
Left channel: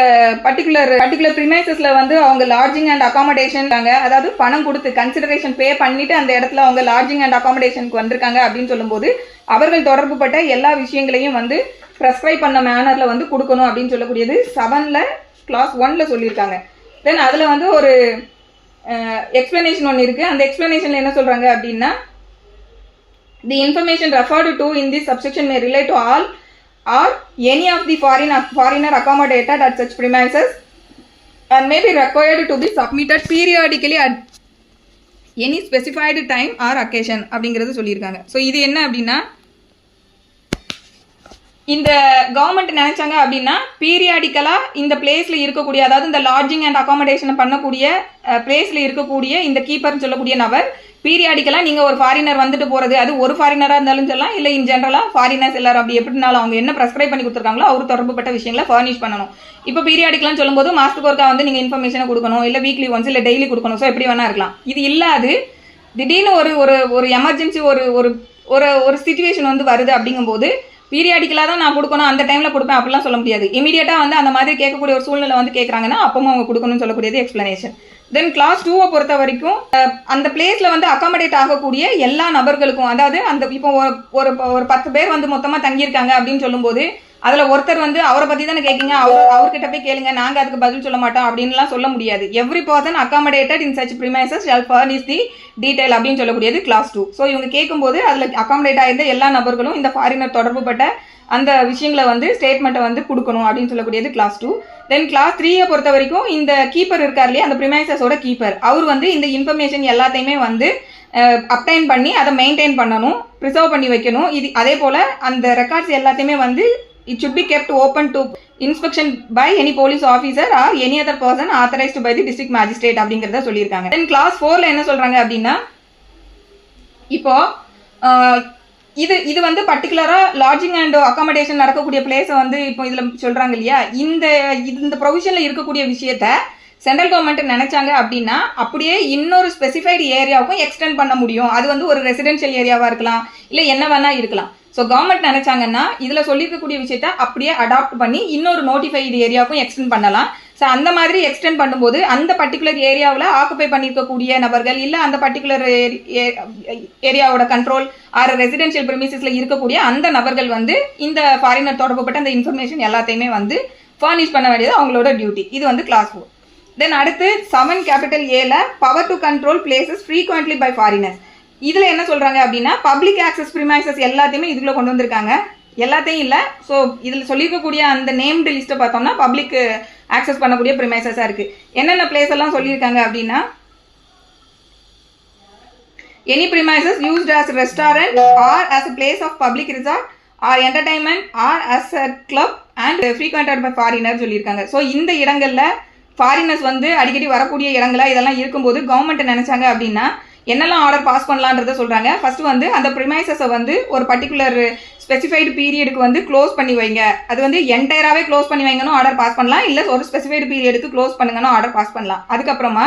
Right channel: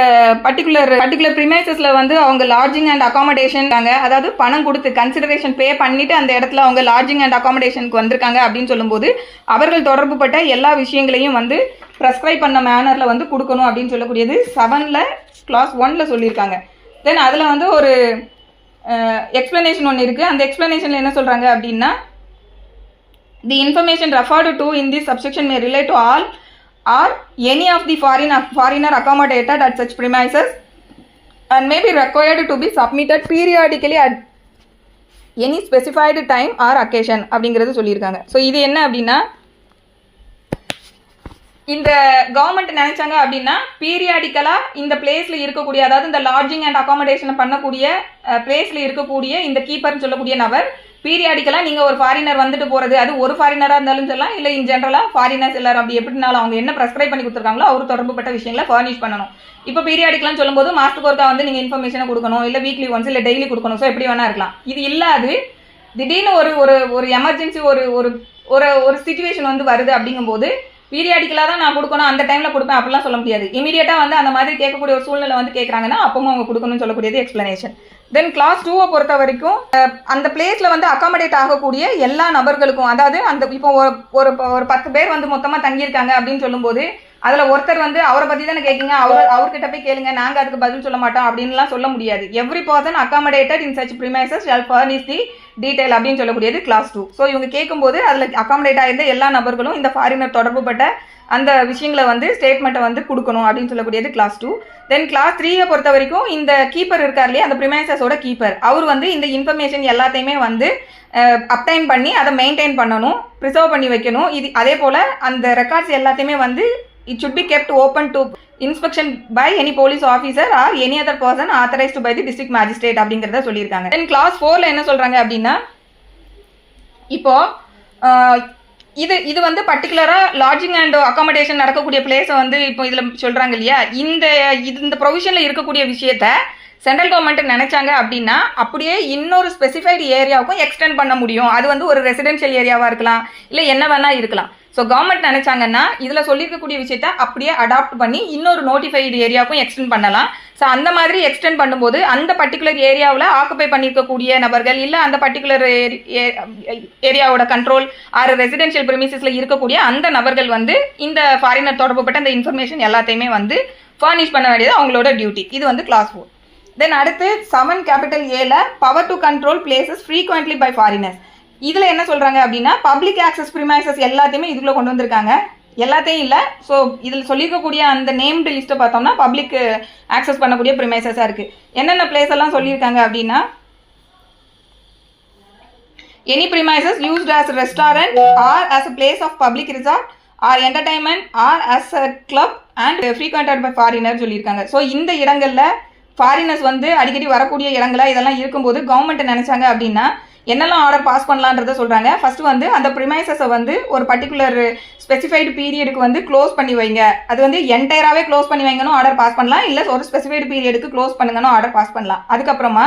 பர்டிகுலர் ப்ரிமைசஸில் வந்து அவங்க லாட்ஜிங் அண்ட் அகாமடேஷன், அதாவது பணம் கொடுத்து கன்சிடரேஷன் பே பண்ணிவிட்டு அந்த இடத்துல அவங்க லாட்ஜிங் அண்ட் அகாமடேஷனுக்கு வந்திருக்காங்க அப்படின்னு சொல்லும்போது அவர்கள் தொடர்புப்பட்ட எல்லா விஷயங்களையும் வந்து ப்ரெஸ்கிரைப் பண்ண மேனரில் வந்து கொடுக்கணும் அப்படின்னு சொல்லக்கூடியது 7ல் கிளாஸ் 1ல் சொல்லியிருக்காங்க. தென் அதில் வந்து ஒரு எக்ஸ்ப்ளனேஷன் ஒன்று இருக்குது. அந்த எக்ஸ்ப்ளனேஷனில் என்ன சொல்கிறாங்க அப்படின்னா, the information referred to in this subsection may relate to all or any of the foreigner accommodated at such premises and may be required to be submitted periodically at any specified time or occasion அப்படிங்கிறது சொல்லியிருக்காங்க. So இது என்ன அப்படின்னா, இந்த government நினைச்சாங்க அப்படின்னா பீரியாடிக்கலாக இந்த பிளேஸில் இருக்கக்கூடிய, அதாவது இந்த லாட்ஜிங் அண்ட் அகாமடேஷன் பண்ணக்கூடிய பிளேஸில் இருக்கக்கூடிய இந்த கீப்பர்னு சொல்லக்கூடிய நபர் பீரியாடிக்கலாக நீங்கள் ஒரு ஃபாரினர் வந்துட்டு போகிறது, அது ஒரு ஃபாரினராக இருந்தாலும் சொல்லலாம், இல்லை இன் ஜென்ரலாக ஃபாரினர்ஸ் எல்லாரும் அப்படி எப்படினாலும் அவங்க என்ன ப்ரெஸ்கிரைப் பண்ணி கொடுத்துருக்காங்களோ அவர் தொடர்புப்பட்ட விஷயங்களை ஃபர்னிஷ் பண்ணணும். இப்போ பீரியாடிக்கலான்னு சொல்லும்போது மாஸ்டருக்கு ஒருக்கா வந்து நீங்கள் இன்ஃபர்மேஷனை கொடுக்கணும், இல்லை வீக்லி ஒன்ஸ் இல்லை டெய்லி கொடுக்கணும். ஸோ எப்படி வேணா இருக்கலாம். இது இல்லாது திடீர்னு ஒரு எமர்ஜென்சி ஒரு சிச்சுவேஷன் வந்து வருது அப்படிங்கும்போது பீரியாடிக்கலாக தான் நான் கொடுக்கணும், அந்த டைமில் கொடுப்பேன் அப்படிலாம் சொல்ல முடியாது. இமீடியட்டாக வந்து அந்த மாதிரி கேட்கக்கூடிய ஒரு சூழ்நிலை வந்து கேட்குறாங்கன்னா அப்பவும் அவங்க கொடுக்கணும்னு சொல்லக்கூடியது எக்ஸ்ப்ளனேஷன். தென் கிளாஸ் 2 பொறுத்த வரைக்கும் அந்த பிளேஸில் வந்து அகாமடேட் ஆகக்கூடிய எல்லா நபர்களுக்கும், அதாவது அந்த இப்போ ஒரு 10 பேர் வந்து மொத்தமாக தங்கியிருக்காங்க அப்படின்னு சொல்லும்போது அதில் ஒருத்தர் வந்து அவரை பற்றி தானே கேட்குங்க, அவர்கிட்ட போய் கேளுங்க, நாங்கள் அதுக்கு பதில் சொல்ல மாட்டோம் அப்படின்லாம் சொல்ல முடியாது. Every person accommodated in such premises shall furnish the detail அப்படின்னு சொல்லக்கூடியது கிளாஸ் 2. ஸோ இவங்க கேட்கும்போது அதில் அகாமடேட் ஆகிருந்த எல்லா நபர்களும் இந்த ஃபாரினர் தொடர்புப்பட்ட அந்த விஷயங்களை வந்து ஸ்டேட்மெண்ட்டை வந்து கொடுக்கணும் அப்படின்னு சொல்லக்கூடியது கிளாஸ் 2. தென் கிளாஸ் 3 பொறுத்த வரைக்கும் இந்த கீப்பர் இருக்கார் இல்லையா, அந்த ப்ரிமைசஸோட கீப்பர், அவர் வந்து இந்த இன்ஃபர்மேஷன் எல்லாத்தையுமே வந்து அப்டைன் பண்ணி அதை மெயின்டைன் பண்ணணும், ப்ரிசர்வ் பண்ணி வைக்கணும். இது அதே போல் அந்த ரெக்கார்ட்ஸ் எல்லாத்தையுமே வந்து it should be kept open to inspection by any police officer or any other person authorized by the district magistrate அப்படிங்கறத சொல்லியிருக்காங்க. தென் கிளாஸ் 4ல என்ன சொல்றாங்க அப்படின்னா, இப்போ இது வந்து பர்டிகுலரா லாட்ஜிங் அண்ட் அகாமடேஷன் நடக்கக்கூடிய பிளேஸை வந்து இப்போ இதுல சொல்றாங்க இல்லையா, இந்த ப்ரொவிஷன்ல இருக்கக்கூடிய விஷயத்த சென்ட்ரல் கவர்மெண்ட் நினைச்சாங்க அப்படின்னா அப்படியே இன்னொரு ஸ்பெசிஃபைடு ஏரியாவுக்கும் எக்ஸ்டெண்ட் பண்ண முடியும். அது வந்து ஒரு ரெசிடென்ஷியல் ஏரியாவா இருக்கலாம், இல்லை என்ன வேணா இருக்கலாம். ஸோ கவர்மெண்ட் நினைச்சாங்கன்னா இதில் சொல்லியிருக்கக்கூடிய விஷயத்த அப்படியே அடாப்ட் பண்ணி இன்னொரு நோட்டிஃபைடு ஏரியாவுக்கும் எக்ஸ்டெண்ட் பண்ணலாம். ஸோ அந்த மாதிரி எக்ஸ்டெண்ட் பண்ணும்போது அந்த பர்டிகுலர் ஏரியாவில் ஆக்குபை பண்ணியிருக்கக்கூடிய நபர்கள், இல்லை அந்த பர்டிகுலர் ஏரியாவோட கண்ட்ரோல் ஆர் ரெசிடென்ஷியல் ப்ரிமிசஸில் இருக்கக்கூடிய அந்த நபர்கள் வந்து இந்த ஃபாரினர் தொடர்புப்பட்ட அந்த இன்ஃபர்மேஷன் எல்லாத்தையுமே வந்து ஃபர்னிஷ் பண்ண வேண்டியது அவங்களோட டியூட்டி. இது வந்து கிளாஸ் 4. தென் அடுத்து 7A power to control places frequently by foreigners. இதில் என்ன சொல்கிறாங்க அப்படின்னா, பப்ளிக் ஆக்சஸ் ப்ரிமைசஸ் எல்லாத்தையுமே இதுக்குள்ளே கொண்டு வந்திருக்காங்க. எல்லாத்தையும் இல்லை, ஸோ இதில் சொல்லியிருக்கக்கூடிய அந்த நேம்டு லிஸ்ட்டை பார்த்தோம்னா பப்ளிக் ஆக்சஸ் பண்ணக்கூடிய ப்ரிமைசஸாக இருக்குது. என்னென்ன பிளேஸ் எல்லாம் சொல்லியிருக்காங்க அப்படின்னா, any premises used as restaurant or as a place of public resort or entertainment or as a club and frequented by foreigner சொல்லியிருக்காங்க. ஸோ இந்த இடங்களில் ஃபாரினர்ஸ் வந்து அடிக்கடி வரக்கூடிய இடங்களா இதெல்லாம் இருக்கும்போது கவர்மெண்ட் நினைச்சாங்க அப்படின்னா என்னெல்லாம் ஆர்டர் பாஸ் பண்ணலான்றதை சொல்கிறாங்க. ஃபர்ஸ்ட் வந்து அந்த ப்ரிமைசஸை வந்து ஒரு பர்டிகுலர் ஸ்பெசிஃபைடு பீரியடுக்கு வந்து க்ளோஸ் பண்ணி வைங்க. அது வந்து என்டையராகவே க்ளோஸ் பண்ணி வைங்கன்னு ஆர்டர் பாஸ் பண்ணலாம், இல்லை ஒரு ஸ்பெசிஃபைடு பீரியடுக்கு க்ளோஸ் பண்ணுங்கன்னு ஆர்டர் பாஸ் பண்ணலாம். அதுக்கப்புறமா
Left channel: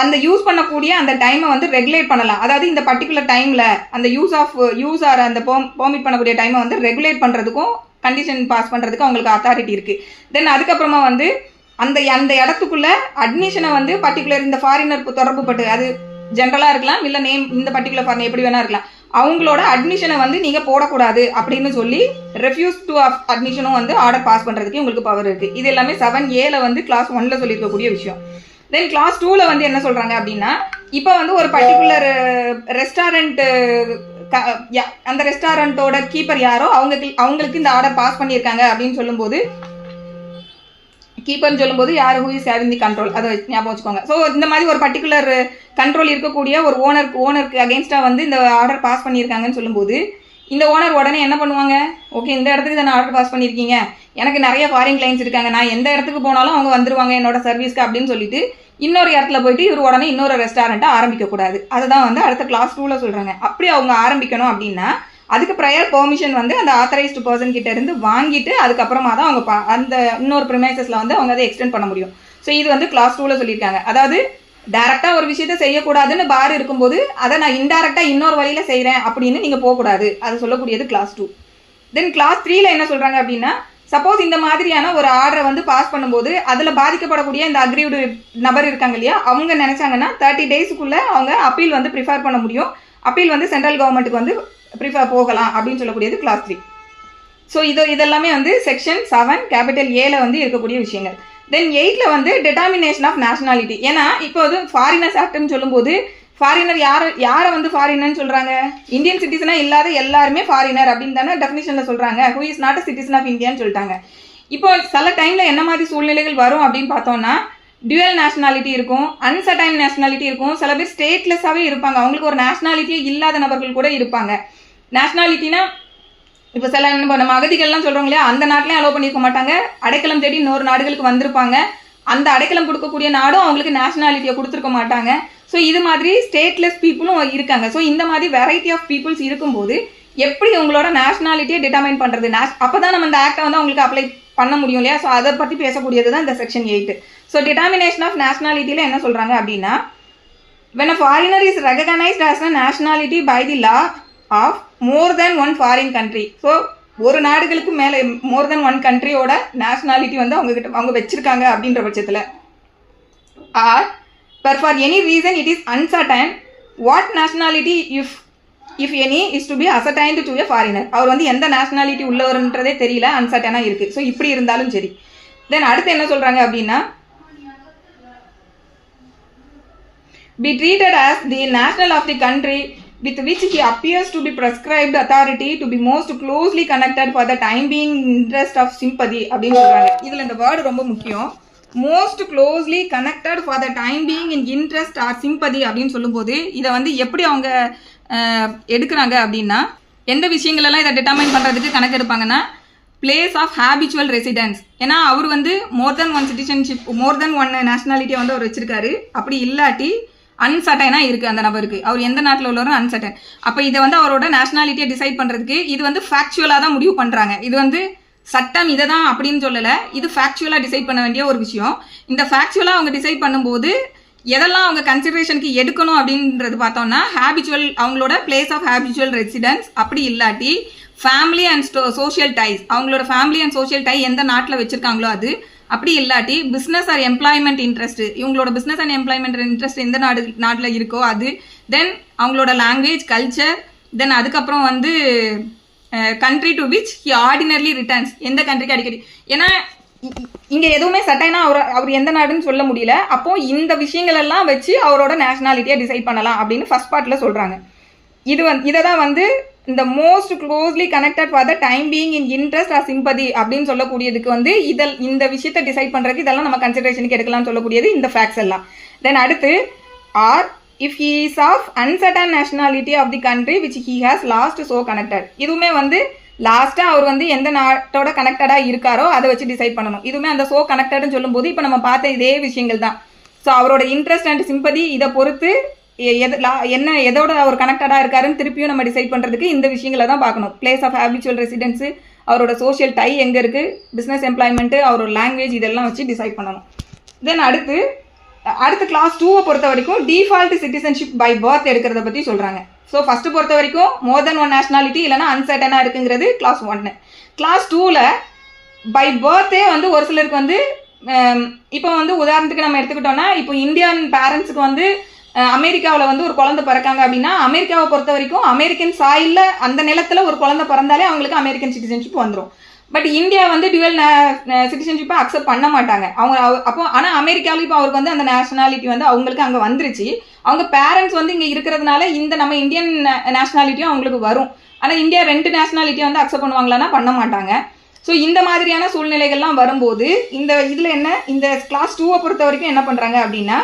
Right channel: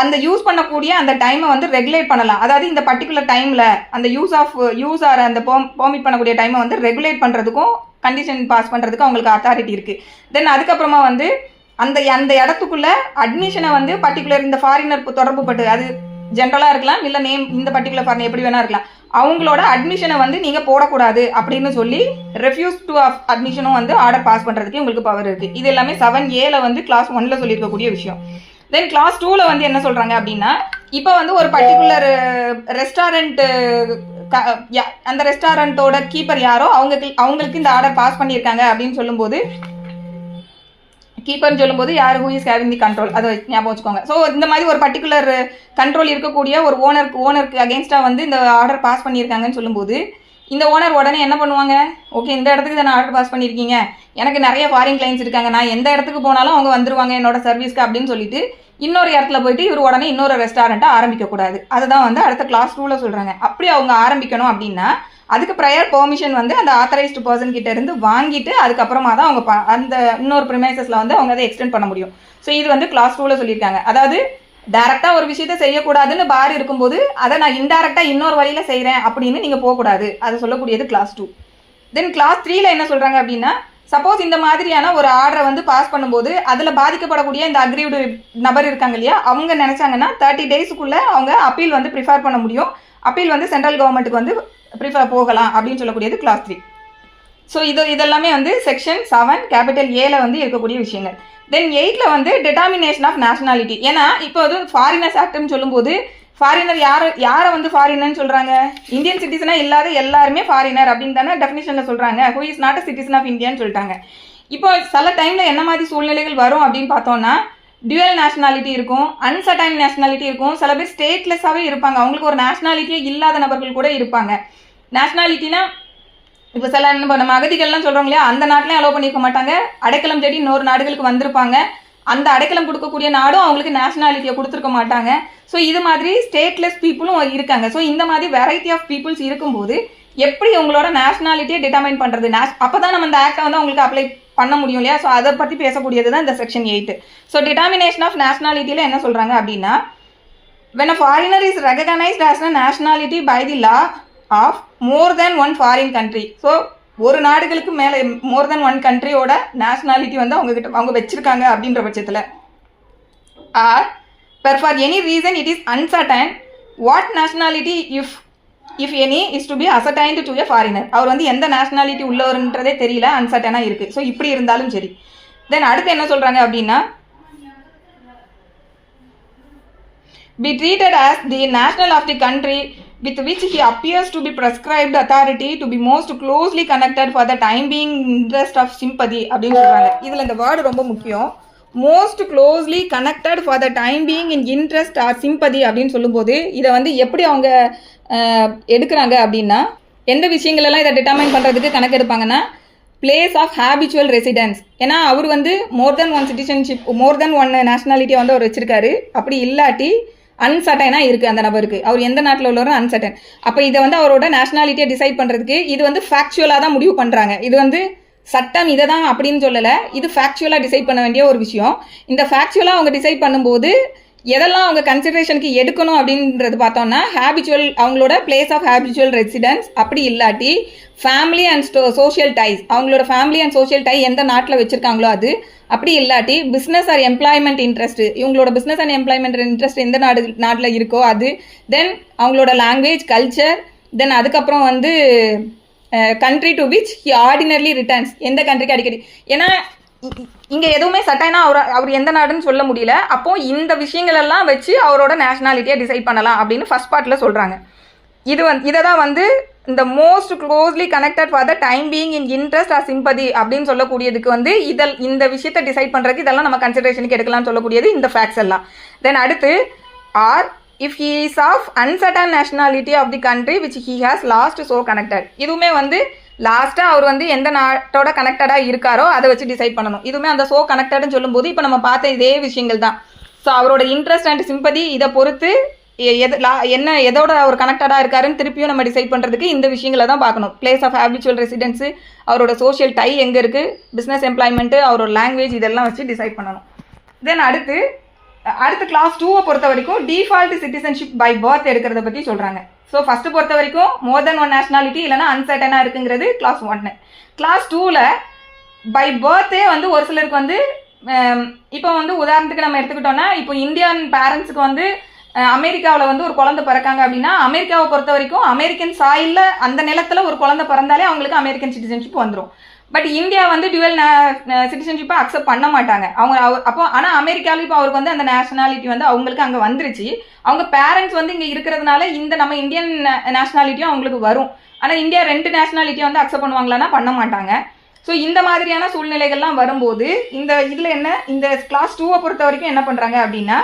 அந்த யூஸ் பண்ணக்கூடிய அந்த டைமை வந்து ரெகுலேட் பண்ணலாம். அதாவது இந்த பர்டிகுலர் டைமில் அந்த யூஸ் ஆர் அந்த பெர்மிட் பண்ணக்கூடிய டைமை வந்து ரெகுலேட் பண்ணுறதுக்கும் கண்டிஷன் பாஸ் பண்ணுறதுக்கு அவங்களுக்கு அத்தாரிட்டி இருக்குது. தென் அதுக்கப்புறமா வந்து அந்த இடத்துக்குள்ள அட்மிஷனை வந்து பர்டிகுலர் இந்த ஃபாரினர் தொடர்பு பட்டு, அது ஜென்ரலாக இருக்கலாம், இல்லை நேம் இந்த பர்டிகுலர் ஃபாரினர் எப்படி வேணா இருக்கலாம், அவங்களோட அட்மிஷனை வந்து நீங்கள் போடக்கூடாது அப்படின்னு சொல்லி ரெஃப்யூஸ் டு அட்மிஷனும் வந்து ஆர்டர் பாஸ் பண்ணுறதுக்கு உங்களுக்கு பவர் இருக்குது. இது எல்லாமே 7A வந்து கிளாஸ் 1ல் சொல்லியிருக்கக்கூடிய விஷயம். தென் கிளாஸ் 2ல் வந்து என்ன சொல்கிறாங்க அப்படின்னா, இப்போ வந்து ஒரு பர்டிகுலர் ரெஸ்டாரண்ட்டு அந்த ரெஸ்டாரண்ட்டோட கீப்பர் யாரோ அவங்களுக்கு இந்த ஆர்டர் பாஸ் பண்ணியிருக்காங்க அப்படின்னு சொல்லும்போது, கீப்பர்னு சொல்லும்போது யார் who is having the control, அதை ஞாபகம் வச்சுக்கோங்க. ஸோ இந்த மாதிரி ஒரு பர்டிகுலர் கண்ட்ரோல் இருக்கக்கூடிய ஒரு ஓனருக்கு அகேன்ஸ்டாக வந்து இந்த ஆர்டர் பாஸ் பண்ணியிருக்காங்கன்னு சொல்லும்போது, இந்த ஓனர் உடனே என்ன பண்ணுவாங்க, ஓகே இந்த இடத்துக்கு இதை நான் ஆர்டர் பாஸ் பண்ணியிருக்கீங்க, எனக்கு நிறைய ஃபாரின் கிளைண்ட்ஸ் இருக்காங்க, நான் எந்த இடத்துக்கு போனாலும் அவங்க வந்துருவாங்க என்னோட சர்வீஸ்க்கு அப்படின்னு சொல்லிட்டு இன்னொரு இடத்துல போயிட்டு இவர் உடனே இன்னொரு ரெஸ்டாரண்ட்டை ஆரம்பிக்கக்கூடாது. அதுதான் வந்து அடுத்த கிளாஸ் 2ல் சொல்கிறாங்க. அப்படி அவங்க ஆரம்பிக்கணும் அப்படின்னா அதுக்கு ப்ரையர் பெர்மிஷன் வந்து அந்த ஆத்தரைஸ்டு பர்சன் கிட்ட இருந்து வாங்கிட்டு அதுக்கப்புறமா தான் அவங்க அந்த இன்னொரு ப்ரிமைசஸில் வந்து அவங்க அதை எக்ஸ்டெண்ட் பண்ண முடியும். ஸோ இது வந்து கிளாஸ் 2ல் சொல்லியிருக்காங்க. அதாவது டைரெக்டாக ஒரு விஷயத்த செய்யக்கூடாதுன்னு பார் இருக்கும்போது அதை நான் இன்டைரக்டாக இன்னொரு வழியில் செய்கிறேன் அப்படின்னு நீங்கள் போகக்கூடாது, அது சொல்லக்கூடியது கிளாஸ் 2. தென் கிளாஸ் 3ல் என்ன சொல்கிறாங்க அப்படின்னா, சப்போஸ் இந்த மாதிரியான ஒரு ஆர்டரை வந்து பாஸ் பண்ணும்போது அதில் பாதிக்கப்படக்கூடிய இந்த அக்ரீவ்டு நபர் இருக்காங்க இல்லையா, அவங்க நினச்சாங்கன்னா 30 டேஸுக்குள்ளே அவங்க அப்பீல் வந்து ப்ரிஃபர் பண்ண முடியும். அப்பீல் வந்து சென்ட்ரல் கவர்மெண்ட்டுக்கு வந்து ப்ரிஃபர் போகலாம் அப்படின்னு சொல்லக்கூடியது கிளாஸ் 3. ஸோ இதெல்லாமே வந்து செக்ஷன் 7A வந்து இருக்கக்கூடிய விஷயங்கள். தென் 8ல் வந்து டிட்டர்மினேஷன் ஆஃப் நேஷனாலிட்டி. ஏன்னா இப்போ வந்து ஃபாரினர்ஸ் ஆக்ட்னு சொல்லும்போது ஃபாரினர் யாரை வந்து ஃபாரினர்னு சொல்கிறாங்க, இந்தியன் சிட்டிசனாக இல்லாத எல்லாருமே ஃபாரினர் அப்படின்னு தானே டெஃபினிஷனில் சொல்கிறாங்க. Who is not a citizen of இந்தியான்னு சொல்லிட்டாங்க. இப்போ சில டைமில் என்ன மாதிரி சூழ்நிலைகள் வரும் அப்படின்னு பார்த்தோம்னா, டியூவல் நேஷனாலிட்டி இருக்கும், அன்சர்டைன் நேஷனாலிட்டி இருக்கும், சில பேர் ஸ்டேட்லெஸ்ஸாகவே இருப்பாங்க, அவங்களுக்கு ஒரு நேஷனாலிட்டியே இல்லாத நபர்கள் கூட இருப்பாங்க. நேஷனாலிட்டினா இப்போ சில நம்ம அகதிகள்லாம் சொல்கிறோம் இல்லையா, அந்த நாட்டிலையும் அலோவ் பண்ணியிருக்க மாட்டாங்க, அடைக்கலம் தேடி இன்னொரு நாடுகளுக்கு வந்திருப்பாங்க, அந்த அடைக்கலம் கொடுக்கக்கூடிய நாடும் அவங்களுக்கு நேஷனாலிட்டியை கொடுத்துருக்க மாட்டாங்க. ஸோ இது மாதிரி ஸ்டேட்லெஸ் பீப்புளும் இருக்காங்க. ஸோ இந்த மாதிரி வெரைட்டி ஆஃப் பீப்புள்ஸ் இருக்கும்போது எப்படி உங்களோட நேஷனாலிட்டியை டிட்டர்மைன் பண்ணுறது, அப்போ தான் நம்ம இந்த ஆக்டை வந்து அவங்களுக்கு அப்ளை பண்ண முடியும் இல்லையா. ஸோ அதை பற்றி பேசக்கூடியது தான் இந்த செக்ஷன் 8. ஸோ டிட்டர்மினேஷன் ஆஃப் நேஷனாலிட்டியில் என்ன சொல்கிறாங்க அப்படின்னா, when a foreigner is recognized as a nationality by the law of more than one foreign country. So ஒரு நாடுகளுக்கு மேலே மோர் தென் ஒன் கண்ட்ரியோட நேஷனாலிட்டி வந்து அவங்க வச்சிருக்காங்க அப்படின்ற பட்சத்தில், R per for any reason it is uncertain what nationality if any is to be ascertained to a foreigner. அவர் வந்து எந்த நேஷனாலிட்டி உள்ளவர்ன்றதே தெரியல, அன்சர்டனாக இருக்குது. ஸோ இப்படி இருந்தாலும் சரி. தென் அடுத்து என்ன சொல்கிறாங்க அப்படின்னா, be treated as the national of the country with which he appears to be prescribed authority to be most closely connected for the time being interest of sympathy அப்படின்னு சொல்கிறாங்க. இதில் இந்த வேர்டு ரொம்ப முக்கியம். Most closely connected for the time being in interest or sympathy அப்படின்னு சொல்லும்போது இதை வந்து எப்படி அவங்க எடுக்கிறாங்க அப்படின்னா, எந்த விஷயங்களெல்லாம் இதை டிட்டர்மைன் பண்ணுறதுக்கு கணக்கு எடுப்பாங்கன்னா, பிளேஸ் ஆஃப் ஹேபிச்சுவல் ரெசிடென்ஸ். ஏன்னா அவர் வந்து மோர் தென் ஒன் சிட்டிசன்ஷிப், மோர் தென் ஒன் நேஷனாலிட்டியை வந்து அவர் வச்சிருக்காரு. அப்படி இல்லாட்டி அன்சர்டைனாக இருக்குது அந்த நபருக்கு, அவர் எந்த நாட்டில் உள்ளவரும் அன்சர்டன். அப்போ இதை வந்து அவரோட நேஷனாலிட்டியை டிசைட் பண்ணுறதுக்கு இது வந்து ஃபேக்சுவலாக தான் முடிவு பண்ணுறாங்க. இது வந்து சட்டம் இதை தான் அப்படின்னு சொல்லலை, இது ஃபேக்சுவலாக டிசைட் பண்ண வேண்டிய ஒரு விஷயம். இந்த ஃபேக்சுவலாக அவங்க டிசைட் பண்ணும்போது எதெல்லாம் அவங்க கன்சிடரேஷனுக்கு எடுக்கணும் அப்படின்றது பார்த்தோம்னா, ஹேபிச்சுவல், அவங்களோட பிளேஸ் ஆஃப் ஹேபிச்சுவல் ரெசிடென்ஸ், அப்படி இல்லாட்டி ஃபேமிலி அண்ட் சோஷியல் டைஸ், அவங்களோட ஃபேமிலி அண்ட் சோஷியல் டை எந்த நாட்டில் வச்சுருக்காங்களோ அது, அப்படி இல்லாட்டி பிஸ்னஸ் ஆர் எம்ப்ளாய்மெண்ட் இன்ட்ரெஸ்ட், இவங்களோட பிஸ்னஸ் அண்ட் எம்ப்ளாய்மெண்ட் இன்ட்ரெஸ்ட் எந்த நாட்டில் இருக்கோ அது, தென் அவங்களோட லாங்குவேஜ், கல்ச்சர், தென் அதுக்கப்புறம் வந்து country to which he ordinarily returns, எந்த கண்ட்ரிக்கு அடிக்கடி. ஏன்னா இங்கே எதுவுமே சட்டைனா அவர் எந்த நாடுன்னு சொல்ல முடியல. அப்போது இந்த விஷயங்கள் எல்லாம் வச்சு அவரோட நேஷனாலிட்டியை டிசைட் பண்ணலாம் அப்படின்னு ஃபர்ஸ்ட் பார்ட்டில் சொல்கிறாங்க. இதை தான் வந்து இந்த most closely connected for the time being in interest or sympathy அப்படின்னு சொல்லக்கூடியதுக்கு வந்து இந்த விஷயத்தை டிசைட் பண்ணுறதுக்கு இதெல்லாம் நம்ம கன்சிடரேஷனுக்கு எடுக்கலாம்னு சொல்லக்கூடியது இந்த ஃபேக்ட்ஸ் எல்லாம். தென் அடுத்து or if he is of uncertain nationality of the country which he has last so connected. இதுவுமே வந்து லாஸ்ட்டாக அவர் வந்து எந்த நாட்டோட கனெக்டடாக இருக்காரோ அதை வச்சு டிசைட் பண்ணணும். இதுவுமே அந்த ஸோ கனெக்டட்னு சொல்லும்போது இப்போ நம்ம பார்த்த இதே விஷயங்கள் தான். ஸோ அவரோட இன்ட்ரெஸ்ட் அண்ட் சிம்பதி இதை பொறுத்து என்ன எதோட ஒரு கனெக்டடாக இருக்காருன்னு திருப்பியும் நம்ம டிசைட் பண்ணுறதுக்கு இந்த விஷயங்களை தான் பார்க்கணும். பிளேஸ் ஆஃப் ஹேபிச்சுவல் ரெசிடென்ஸு, அவரோட சோஷியல் டை எங்கே இருக்குது, பிஸ்னஸ் எம்ப்ளாய்மெண்ட்டு, அவரோட லாங்குவேஜ், இதெல்லாம் வச்சு டிசைட் பண்ணணும். தென் அடுத்து கிளாஸ் 2 பொறுத்த வரைக்கும் டிஃபால்ட் சிட்டிசன்ஷிப் பை பர்த் எடுக்கிறத பற்றி சொல்கிறாங்க. ஸோ ஃபஸ்ட்டு பொறுத்த வரைக்கும் மோர் தென் 1 நேஷனாலிட்டி இல்லைனா அன்சர்டனாக இருக்குங்கிறது கிளாஸ் 1. கிளாஸ் 2ல் பை பர்த்தே வந்து ஒரு சிலருக்கு வந்து இப்போ வந்து உதாரணத்துக்கு நம்ம எடுத்துக்கிட்டோம்னா, இப்போ இந்தியன் பேரண்ட்ஸுக்கு வந்து அமெரிக்காவில் வந்து ஒரு குழந்தை பிறக்காங்க அப்படின்னா, அமெரிக்காவை பொறுத்த வரைக்கும் அமெரிக்கன் சாயிலில் அந்த நிலத்தில் ஒரு குழந்தை பிறந்தாலே அவங்களுக்கு அமெரிக்கன் சிட்டிசன்ஷிப் வந்துடும். பட் இந்தியா வந்து டியூவல் சிட்டிசன்ஷிப்பை அக்செப்ட் பண்ண மாட்டாங்க அவங்க. அப்போ ஆனால் அமெரிக்காவில் இப்போ அவருக்கு வந்து அந்த நேஷனாலிட்டி வந்து அவங்களுக்கு அங்கே வந்துருச்சு. அவங்க பேரண்ட்ஸ் வந்து இங்கே இருக்கிறதுனால இந்த நம்ம இந்தியன் நேஷனாலிட்டியும் அவங்களுக்கு வரும். ஆனால் இந்தியா 2 நேஷனாலிட்டியை வந்து அக்செப்ட் பண்ணுவாங்களான்னா பண்ண மாட்டாங்க. ஸோ இந்த மாதிரியான சூழ்நிலைகள்லாம் வரும்போது இந்த இதில் என்ன, இந்த கிளாஸ் 2 பொறுத்த வரைக்கும் என்ன பண்ணுறாங்க அப்படின்னா,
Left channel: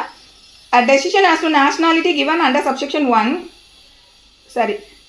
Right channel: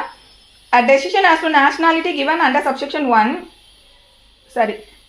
a decision as to nationality given under subsection 1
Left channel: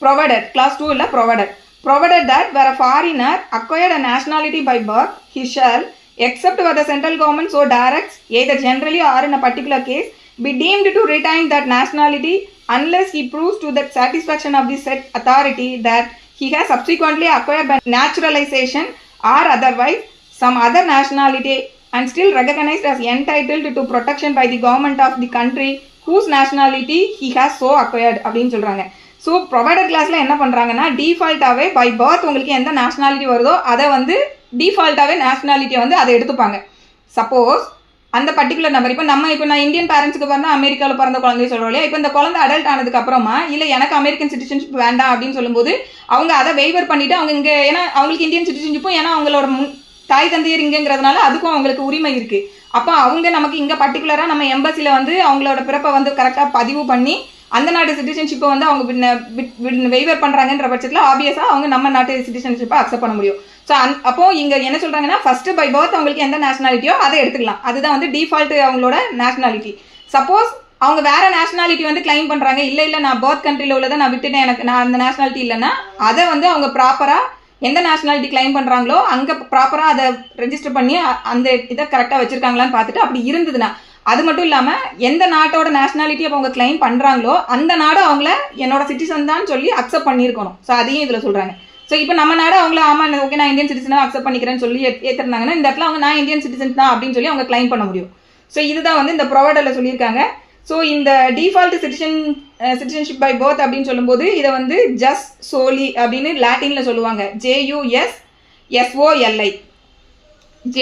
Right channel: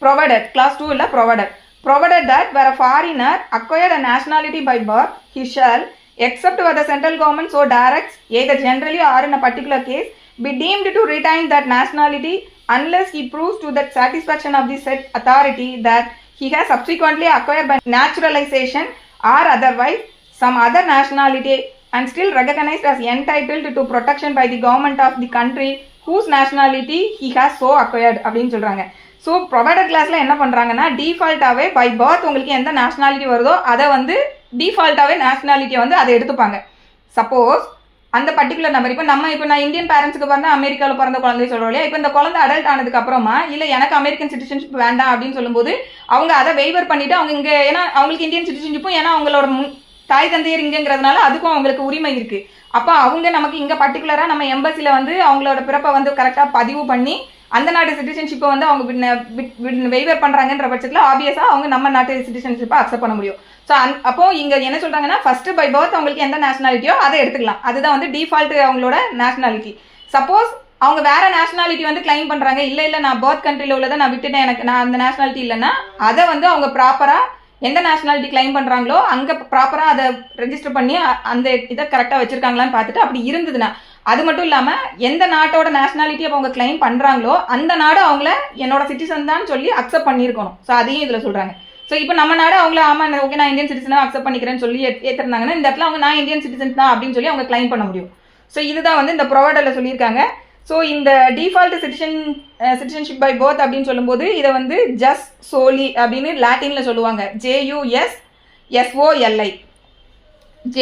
provided, class 2 illa provided that where a foreigner acquired a nationality by birth, he shall, except where the central government so directs, either generally or in a particular case, be deemed to retain that nationality unless he proves to the satisfaction of the said authority that he has subsequently acquired by naturalization or otherwise some other nationality and still recognized as entitled to protection by the government of the country whose nationality he has so acquired அப்படின்னு சொல்கிறாங்க. So provided கிளாஸில் என்ன பண்ணுறாங்கன்னா, டிஃபால்ட்டாகவே by birth உங்களுக்கு எந்த nationality வருதோ அதை வந்து டிஃபால்ட்டாகவே நேஷனாலிட்டியை வந்து அதை எடுத்துப்பாங்க. சப்போஸ் அந்த பர்டிகுலர் நம்பர் இப்போ நான் இந்தியன் பேரண்ட்ஸுக்கு பிறந்த அமெரிக்காவில் பிறந்த குழந்தைய சொல்கிறோம் இல்லையா, இப்போ இந்த குழந்தை அடல்ட் ஆனதுக்கு அப்புறமா இல்லை எனக்கு அமெரிக்கன் சிட்டிசன்ஷிப் வேண்டாம் அப்படின்னு சொல்லும்போது அவங்க அதை வெய்வர் பண்ணிவிட்டு அவங்க இங்கே, ஏன்னா அவங்களுக்கு இந்தியன் சிட்டிசன்ஷிப்பும் ஏன்னா அவங்களோட தாய் தந்தையர் இங்கேங்கிறதுனால அதுக்கும் அவங்களுக்கு உரிமை இருக்குது. அப்போ அவங்க நமக்கு இங்கே பர்டிகுலராக நம்ம எம்பசியில் வந்து அவங்களோட பிறப்பை வந்து கரெக்டாக பதிவு பண்ணி அந்த நாட்டு சிட்டிசன்ஷிப்பை வந்து அவங்க வெய்வர் பண்ணுறாங்கன்ற பட்சத்தில் ஆப்வியஸாக அவங்க நம்ம நாட்டு சிட்டிசன்ஷிப்பை அக்செப்ட் பண்ண முடியும். ஸோ அப்போ இங்கே என்ன சொல்கிறாங்கன்னா, ஃபஸ்ட்டு பை பர்த் அவங்களுக்கு எந்த நேஷனாலிட்டியோ அதை எடுத்துக்கலாம். அதுதான் வந்து டிஃபால்ட் அவங்களோட நேஷனாலிட்டி. சப்போஸ் அவங்க வேறு நேஷனாலிட்டி வந்து கிளைம் பண்ணுறாங்க, இல்லை நான் பர்த் கண்ட்ரியில் உள்ளதை நான் விட்டுட்டேன், நான் அந்த நேஷனாலிட்டி இல்லைன்னா அதை வந்து அவங்க ப்ராப்பராக எந்த நேஷனாலிட்டி கிளைம் பண்ணுறாங்களோ அங்கே ப்ராப்பராக அதை ரெஜிஸ்டர் பண்ணி அந்த இதை கரெக்டாக வச்சுருக்காங்களான்னு பார்த்துட்டு அப்படி இருந்ததுன்னா, அது மட்டும் இல்லாமல் எந்த நாட்டோட நேஷனாலிட்டி அப்போ அவங்க கிளைம் பண்ணுறாங்களோ அந்த நாடு அவங்கள என்னோட சிட்டிசன் தான் சொல்லி அக்செப்ட் பண்ணியிருக்கணும். ஸோ அதையும் இதில் சொல்கிறாங்க. ஸோ இப்போ நம்ம நாடு அவங்கள ஆமாம் ஓகே நான் இந்தியன் சிட்டிசனாக அக்செப்ட் பண்ணிக்கிறேன்னு சொல்லி ஏற்றுறாங்கன்னா இந்த இடத்துல அவங்க நான் இந்தியன் சிட்டிசன் தான் அப்படின்னு சொல்லி அவங்க கிளைம் பண்ண முடியும். ஸோ இதுதான் வந்து இந்த ப்ரொவைடரில் சொல்லியிருக்காங்க. ஸோ இந்த டிஃபால்ட் சிட்டிசன்ஷிப் பை பர்த் அப்படின்னு சொல்லும்போது இதை வந்து ஜஸ் சோலி அப்படின்னு லாட்டினில் சொல்லுவாங்க.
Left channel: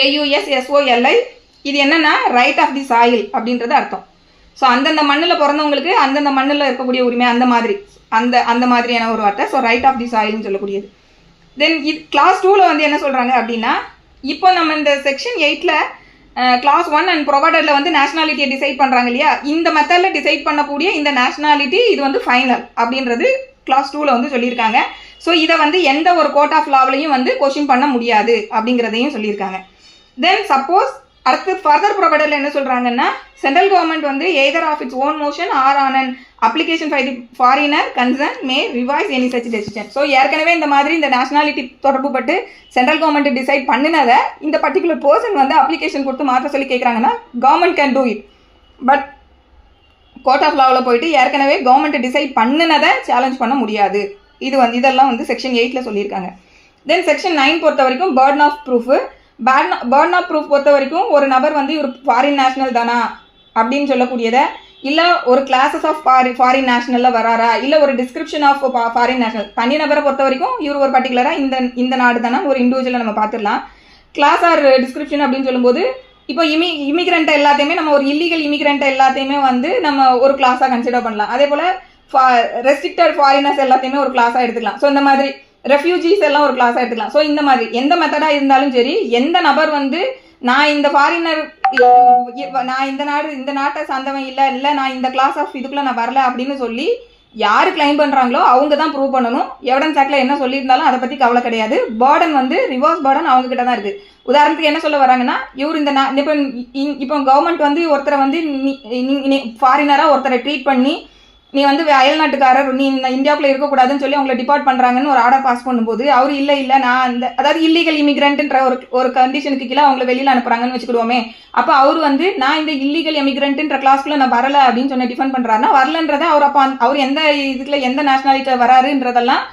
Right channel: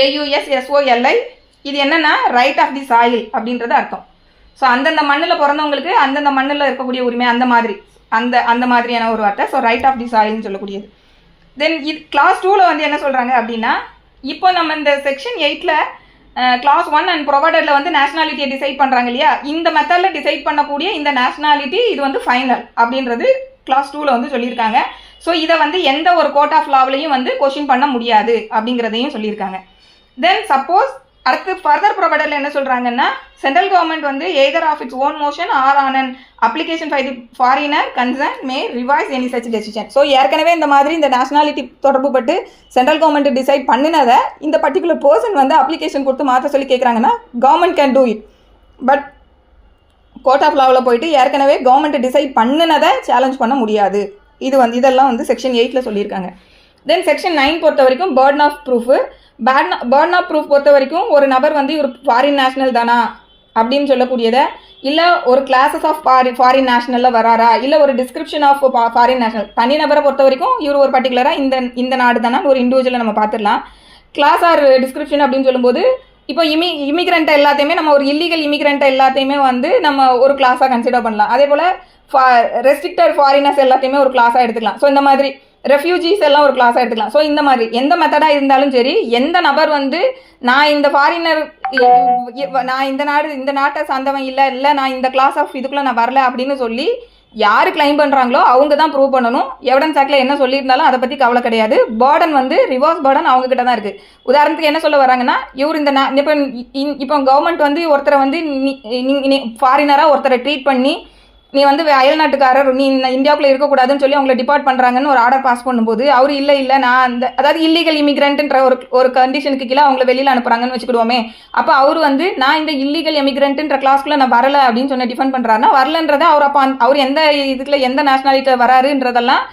JUSSOLI இது என்னன்னா ரைட் ஆஃப் தி சாயில் அப்படின்றது அர்த்தம். ஸோ அந்தந்த மண்ணில் பிறந்தவங்களுக்கு அந்தந்த மண்ணில் இருக்கக்கூடிய உரிமை அந்த மாதிரியான ஒரு வார்த்தை. ஸோ ரைட் ஆஃப் தி சாயில்னு சொல்லக்கூடியது. தென் இது கிளாஸ் 2ல் வந்து என்ன சொல்கிறாங்க அப்படின்னா, இப்போ நம்ம இந்த செக்ஷன் 8ல் கிளாஸ் 1 அண்ட் ப்ரொவைடரில் வந்து நேஷனாலிட்டியை டிசைட் பண்ணுறாங்க இல்லையா, இந்த மெத்தடில் டிசைட் பண்ணக்கூடிய இந்த நேஷனாலிட்டி இது வந்து ஃபைனல் அப்படின்றது கிளாஸ் 2ல் வந்து சொல்லியிருக்காங்க. ஸோ இதை வந்து எந்த ஒரு கோர்ட் ஆஃப் லாவிலையும் வந்து கொஸ்டின் பண்ண முடியாது அப்படிங்கிறதையும் சொல்லியிருக்காங்க. தென் சப்போஸ் அடுத்து ஃபர்தர் ப்ரொவைடரில் என்ன சொல்கிறாங்கன்னா, சென்ட்ரல் கவர்மெண்ட் வந்து either of its own motion or on an application by the foreigner concerned may revise any such decision. So ஏற்கனவே இந்த மாதிரி இந்த நேஷனாலிட்டி தொடர்பு பட்டு சென்ட்ரல் கவர்மெண்ட் டிசைட் பண்ணினதை இந்த பர்டிகுலர் பர்சன் வந்து அப்ளிகேஷன் கொடுத்து மாற்ற சொல்லி கேட்குறாங்கன்னா government can do it. But court of லாவில் போயிட்டு ஏற்கனவே கவர்மெண்ட் டிசைட் பண்ணினதை சேலஞ்ச் பண்ண முடியாது. இதெல்லாம் வந்து செக்ஷன் 8ல் சொல்லியிருக்காங்க. தென் செக்ஷன் 9 பொறுத்த வரைக்கும் burden of proof. Burden of proof பொறுத்த வரைக்கும் ஒரு நபர் வந்து ஒரு ஃபாரின் நேஷனல் தானா அப்படின்னு சொல்லக்கூடியதை, இல்லை ஒரு கிளாஸஸ் ஆஃப் ஃபாரின் நேஷனலில் வராரா, இல்லை ஒரு டிஸ்கிரிப்ஷன் ஆஃப் ஃபாரின் நேஷனல். தனி நபரை பொறுத்த வரைக்கும் இவர் ஒரு பர்டிகுலராக இந்த நாடு தானே ஒரு இண்டிவிஜுவலை நம்ம பார்த்துடலாம். கிளாஸ் ஆர் டிஸ்கிரிப்ஷன் அப்படின்னு சொல்லும்போது இப்போ இமிகிரண்ட்டை எல்லாத்தையுமே நம்ம ஒரு இல்லீகல் இமிகிரண்ட்டை எல்லாத்தையுமே வந்து நம்ம ஒரு கிளாஸாக கன்சிடர் பண்ணலாம். அதே போல் ரெஸ்ட்ரிக்டட் ஃபாரினர்ஸ் எல்லாத்தையுமே ஒரு கிளாஸாக எடுத்துக்கலாம். ஸோ இந்த மாதிரி ரெஃப்யூஜிஸ் எல்லாம் ஒரு கிளாஸாக எடுத்துக்கலாம். ஸோ இந்த மாதிரி எந்த மெத்தடாக இருந்தாலும் சரி, எந்த நபர் வந்து நான் இந்த ஃபாரினர் நான் இந்த நாட்டை சார்ந்தவன் இல்லை நான் இந்த கிளாஸ் ஆஃப் இதுக்குள்ளே நான் வரல அப்படின்னு சொல்லி யார் கிளைம் பண்ணுறாங்களோ அவங்க தான் ப்ரூவ் பண்ணணும். எவிடன்ஸ் ஆக்டில் என்ன சொல்லியிருந்தாலும் அதை பற்றி கவலை கிடையாது. பேர்டன் வந்து ரிவர்ஸ் பேர்டன் அவங்ககிட்ட தான் இருக்குது. உதாரணத்துக்கு என்ன சொல்ல வராங்கன்னா, இவர் இப்போ கவர்மெண்ட் வந்து ஒருத்தரை வந்து ஃபாரினராக ஒருத்தரை ட்ரீட் பண்ணி நீ வந்து அயல்நாட்டுக்காரர், நீ இந்தியாவுக்குள்ள இருக்கக்கூடாதுன்னு சொல்லி அவங்களை டிபார்ட் பண்ணுறாங்கன்னு ஒரு ஆர்டர் பாஸ் பண்ணும்போது அவர் இல்லை நான் அந்த அதாவது இல்லீகல் இமிகிரண்ட்ன்ற ஒரு கண்டிஷனுக்கு கீழே அவங்கள வெளியில் அனுப்புறாங்கன்னு வச்சுக்கிடுவோமே. அப்போ அவர் வந்து நான் இந்த இல்லீகல் இமிகிரண்ட்ன்ற கிளாஸ்க்குள்ள நான் வரல அப்படின்னு சொன்ன டிஃபெண்ட் பண்ணுறாருன்னா வரலன்றதை அவர் எந்த இதுக்குள்ள எந்த நேஷனாலிட்டியில் வராருன்றதெல்லாம்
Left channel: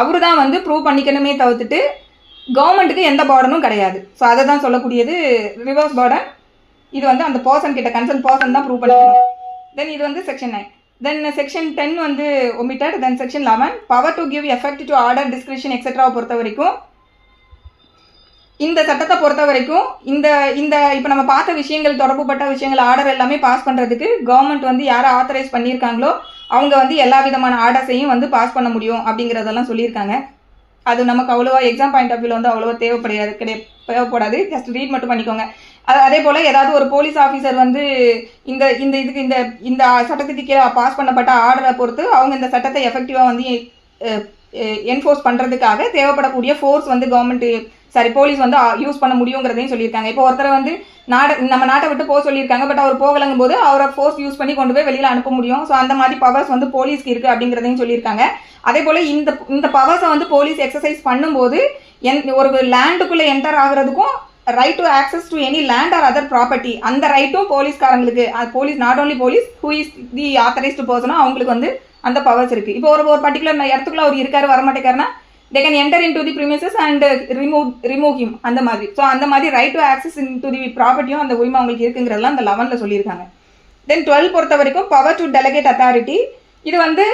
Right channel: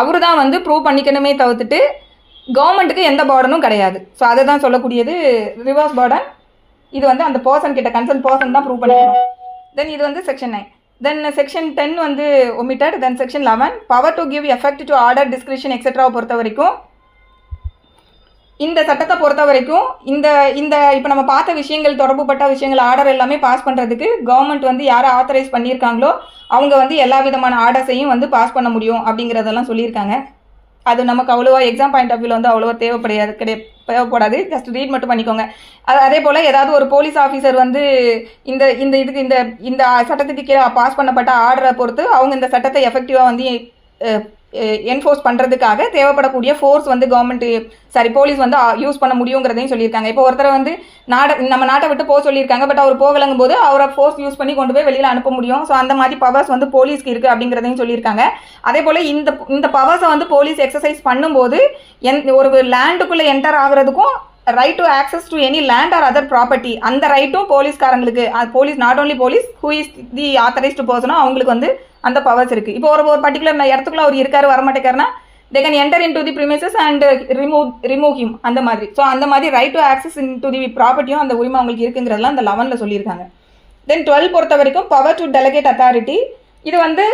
அவரு தான் வந்து ப்ரூவ் பண்ணிக்கணுமே தவிர்த்துட்டு கவர்மெண்ட்டுக்கு எந்த பார்டனும் கிடையாது. ஸோ அதை தான் சொல்லக்கூடியது ரிவர்ஸ் பார்டன். இது வந்து அந்த பர்சன் கிட்ட கன்சர்ன் பர்சன் தான் ப்ரூவ் பண்ணிக்கணும். தென் இது வந்து செக்ஷன் 9. தென் செக்ஷன் 10 வந்து omitted. Then section 11 power to give effect to order description எக்ஸெட்ராவை பொறுத்த வரைக்கும் இந்த சட்டத்தை பொறுத்த வரைக்கும் இந்த இந்த இப்போ நம்ம பார்த்த விஷயங்கள் தொடர்புப்பட்ட விஷயங்கள் ஆர்டர் எல்லாமே பாஸ் பண்ணுறதுக்கு கவர்மெண்ட் வந்து யாரை ஆத்தரைஸ் பண்ணியிருக்காங்களோ அவங்க வந்து எல்லா விதமான ஆர்டர்ஸையும் வந்து பாஸ் பண்ண முடியும் அப்படிங்கிறதெல்லாம் சொல்லியிருக்காங்க. அது நமக்கு அவ்வளோவா எக்ஸாம் பாயிண்ட் ஆஃப் வியூவில் வந்து அவ்வளோவா தேவைப்படாது. ஜஸ்ட் ரீட் மட்டும் பண்ணிக்கோங்க. அதே போல் ஏதாவது ஒரு போலீஸ் ஆஃபீஸர் வந்து இந்த இந்த இதுக்கு இந்த இந்த சட்டத்துக்கு கீழே பாஸ் பண்ணப்பட்ட ஆர்டரை பொறுத்து அவங்க இந்த சட்டத்தை எஃபெக்டிவாக வந்து என்ஃபோர்ஸ் பண்ணுறதுக்காக தேவைப்படக்கூடிய ஃபோர்ஸ் வந்து போலீஸ் வந்து யூஸ் பண்ண முடியுங்கிறதையும் சொல்லியிருக்காங்க. இப்போ ஒருத்தரை வந்து நம்ம நாட்டை விட்டு போக சொல்லியிருக்காங்க, பட் அவர் போகலங்கும் போது அவரை ஃபோர்ஸ் யூஸ் பண்ணி கொண்டு போய் வெளியில் அனுப்ப முடியும். ஸோ அந்த மாதிரி பவர்ஸ் வந்து போலீஸ்க்கு இருக்குது அப்படிங்கிறதையும் சொல்லியிருக்காங்க. அதே போல் இந்த பவர்ஸை வந்து போலீஸ் எக்ஸசைஸ் பண்ணும்போது ஒரு லேண்டுக்குள்ளே என்டர் ஆகுறதுக்கும் right to access to any land or other property அந்த ரைட்டும் போலீஸ்காரங்களுக்கு, police not only police who is the authorised பர்சனோ அவங்களுக்கு வந்து அந்த பவர்ஸ் இருக்குது. இப்போ ஒரு பர்டிகுலர் இடத்துக்குள்ள அவர் இருக்காரு வரமாட்டேக்காருன்னா they can enter into the premises and remove him அந்த மாதிரி. ஸோ அந்த மாதிரி right to access into the ப்ராப்பர்ட்டியும் அந்த உரிமை அவங்களுக்கு இருக்குங்கிறதெல்லாம் அந்த 11ல் சொல்லியிருக்காங்க. தென் 12 பொறுத்த வரைக்கும் பவர் டு டெலிகேட் அத்தாரிட்டி. இது வந்து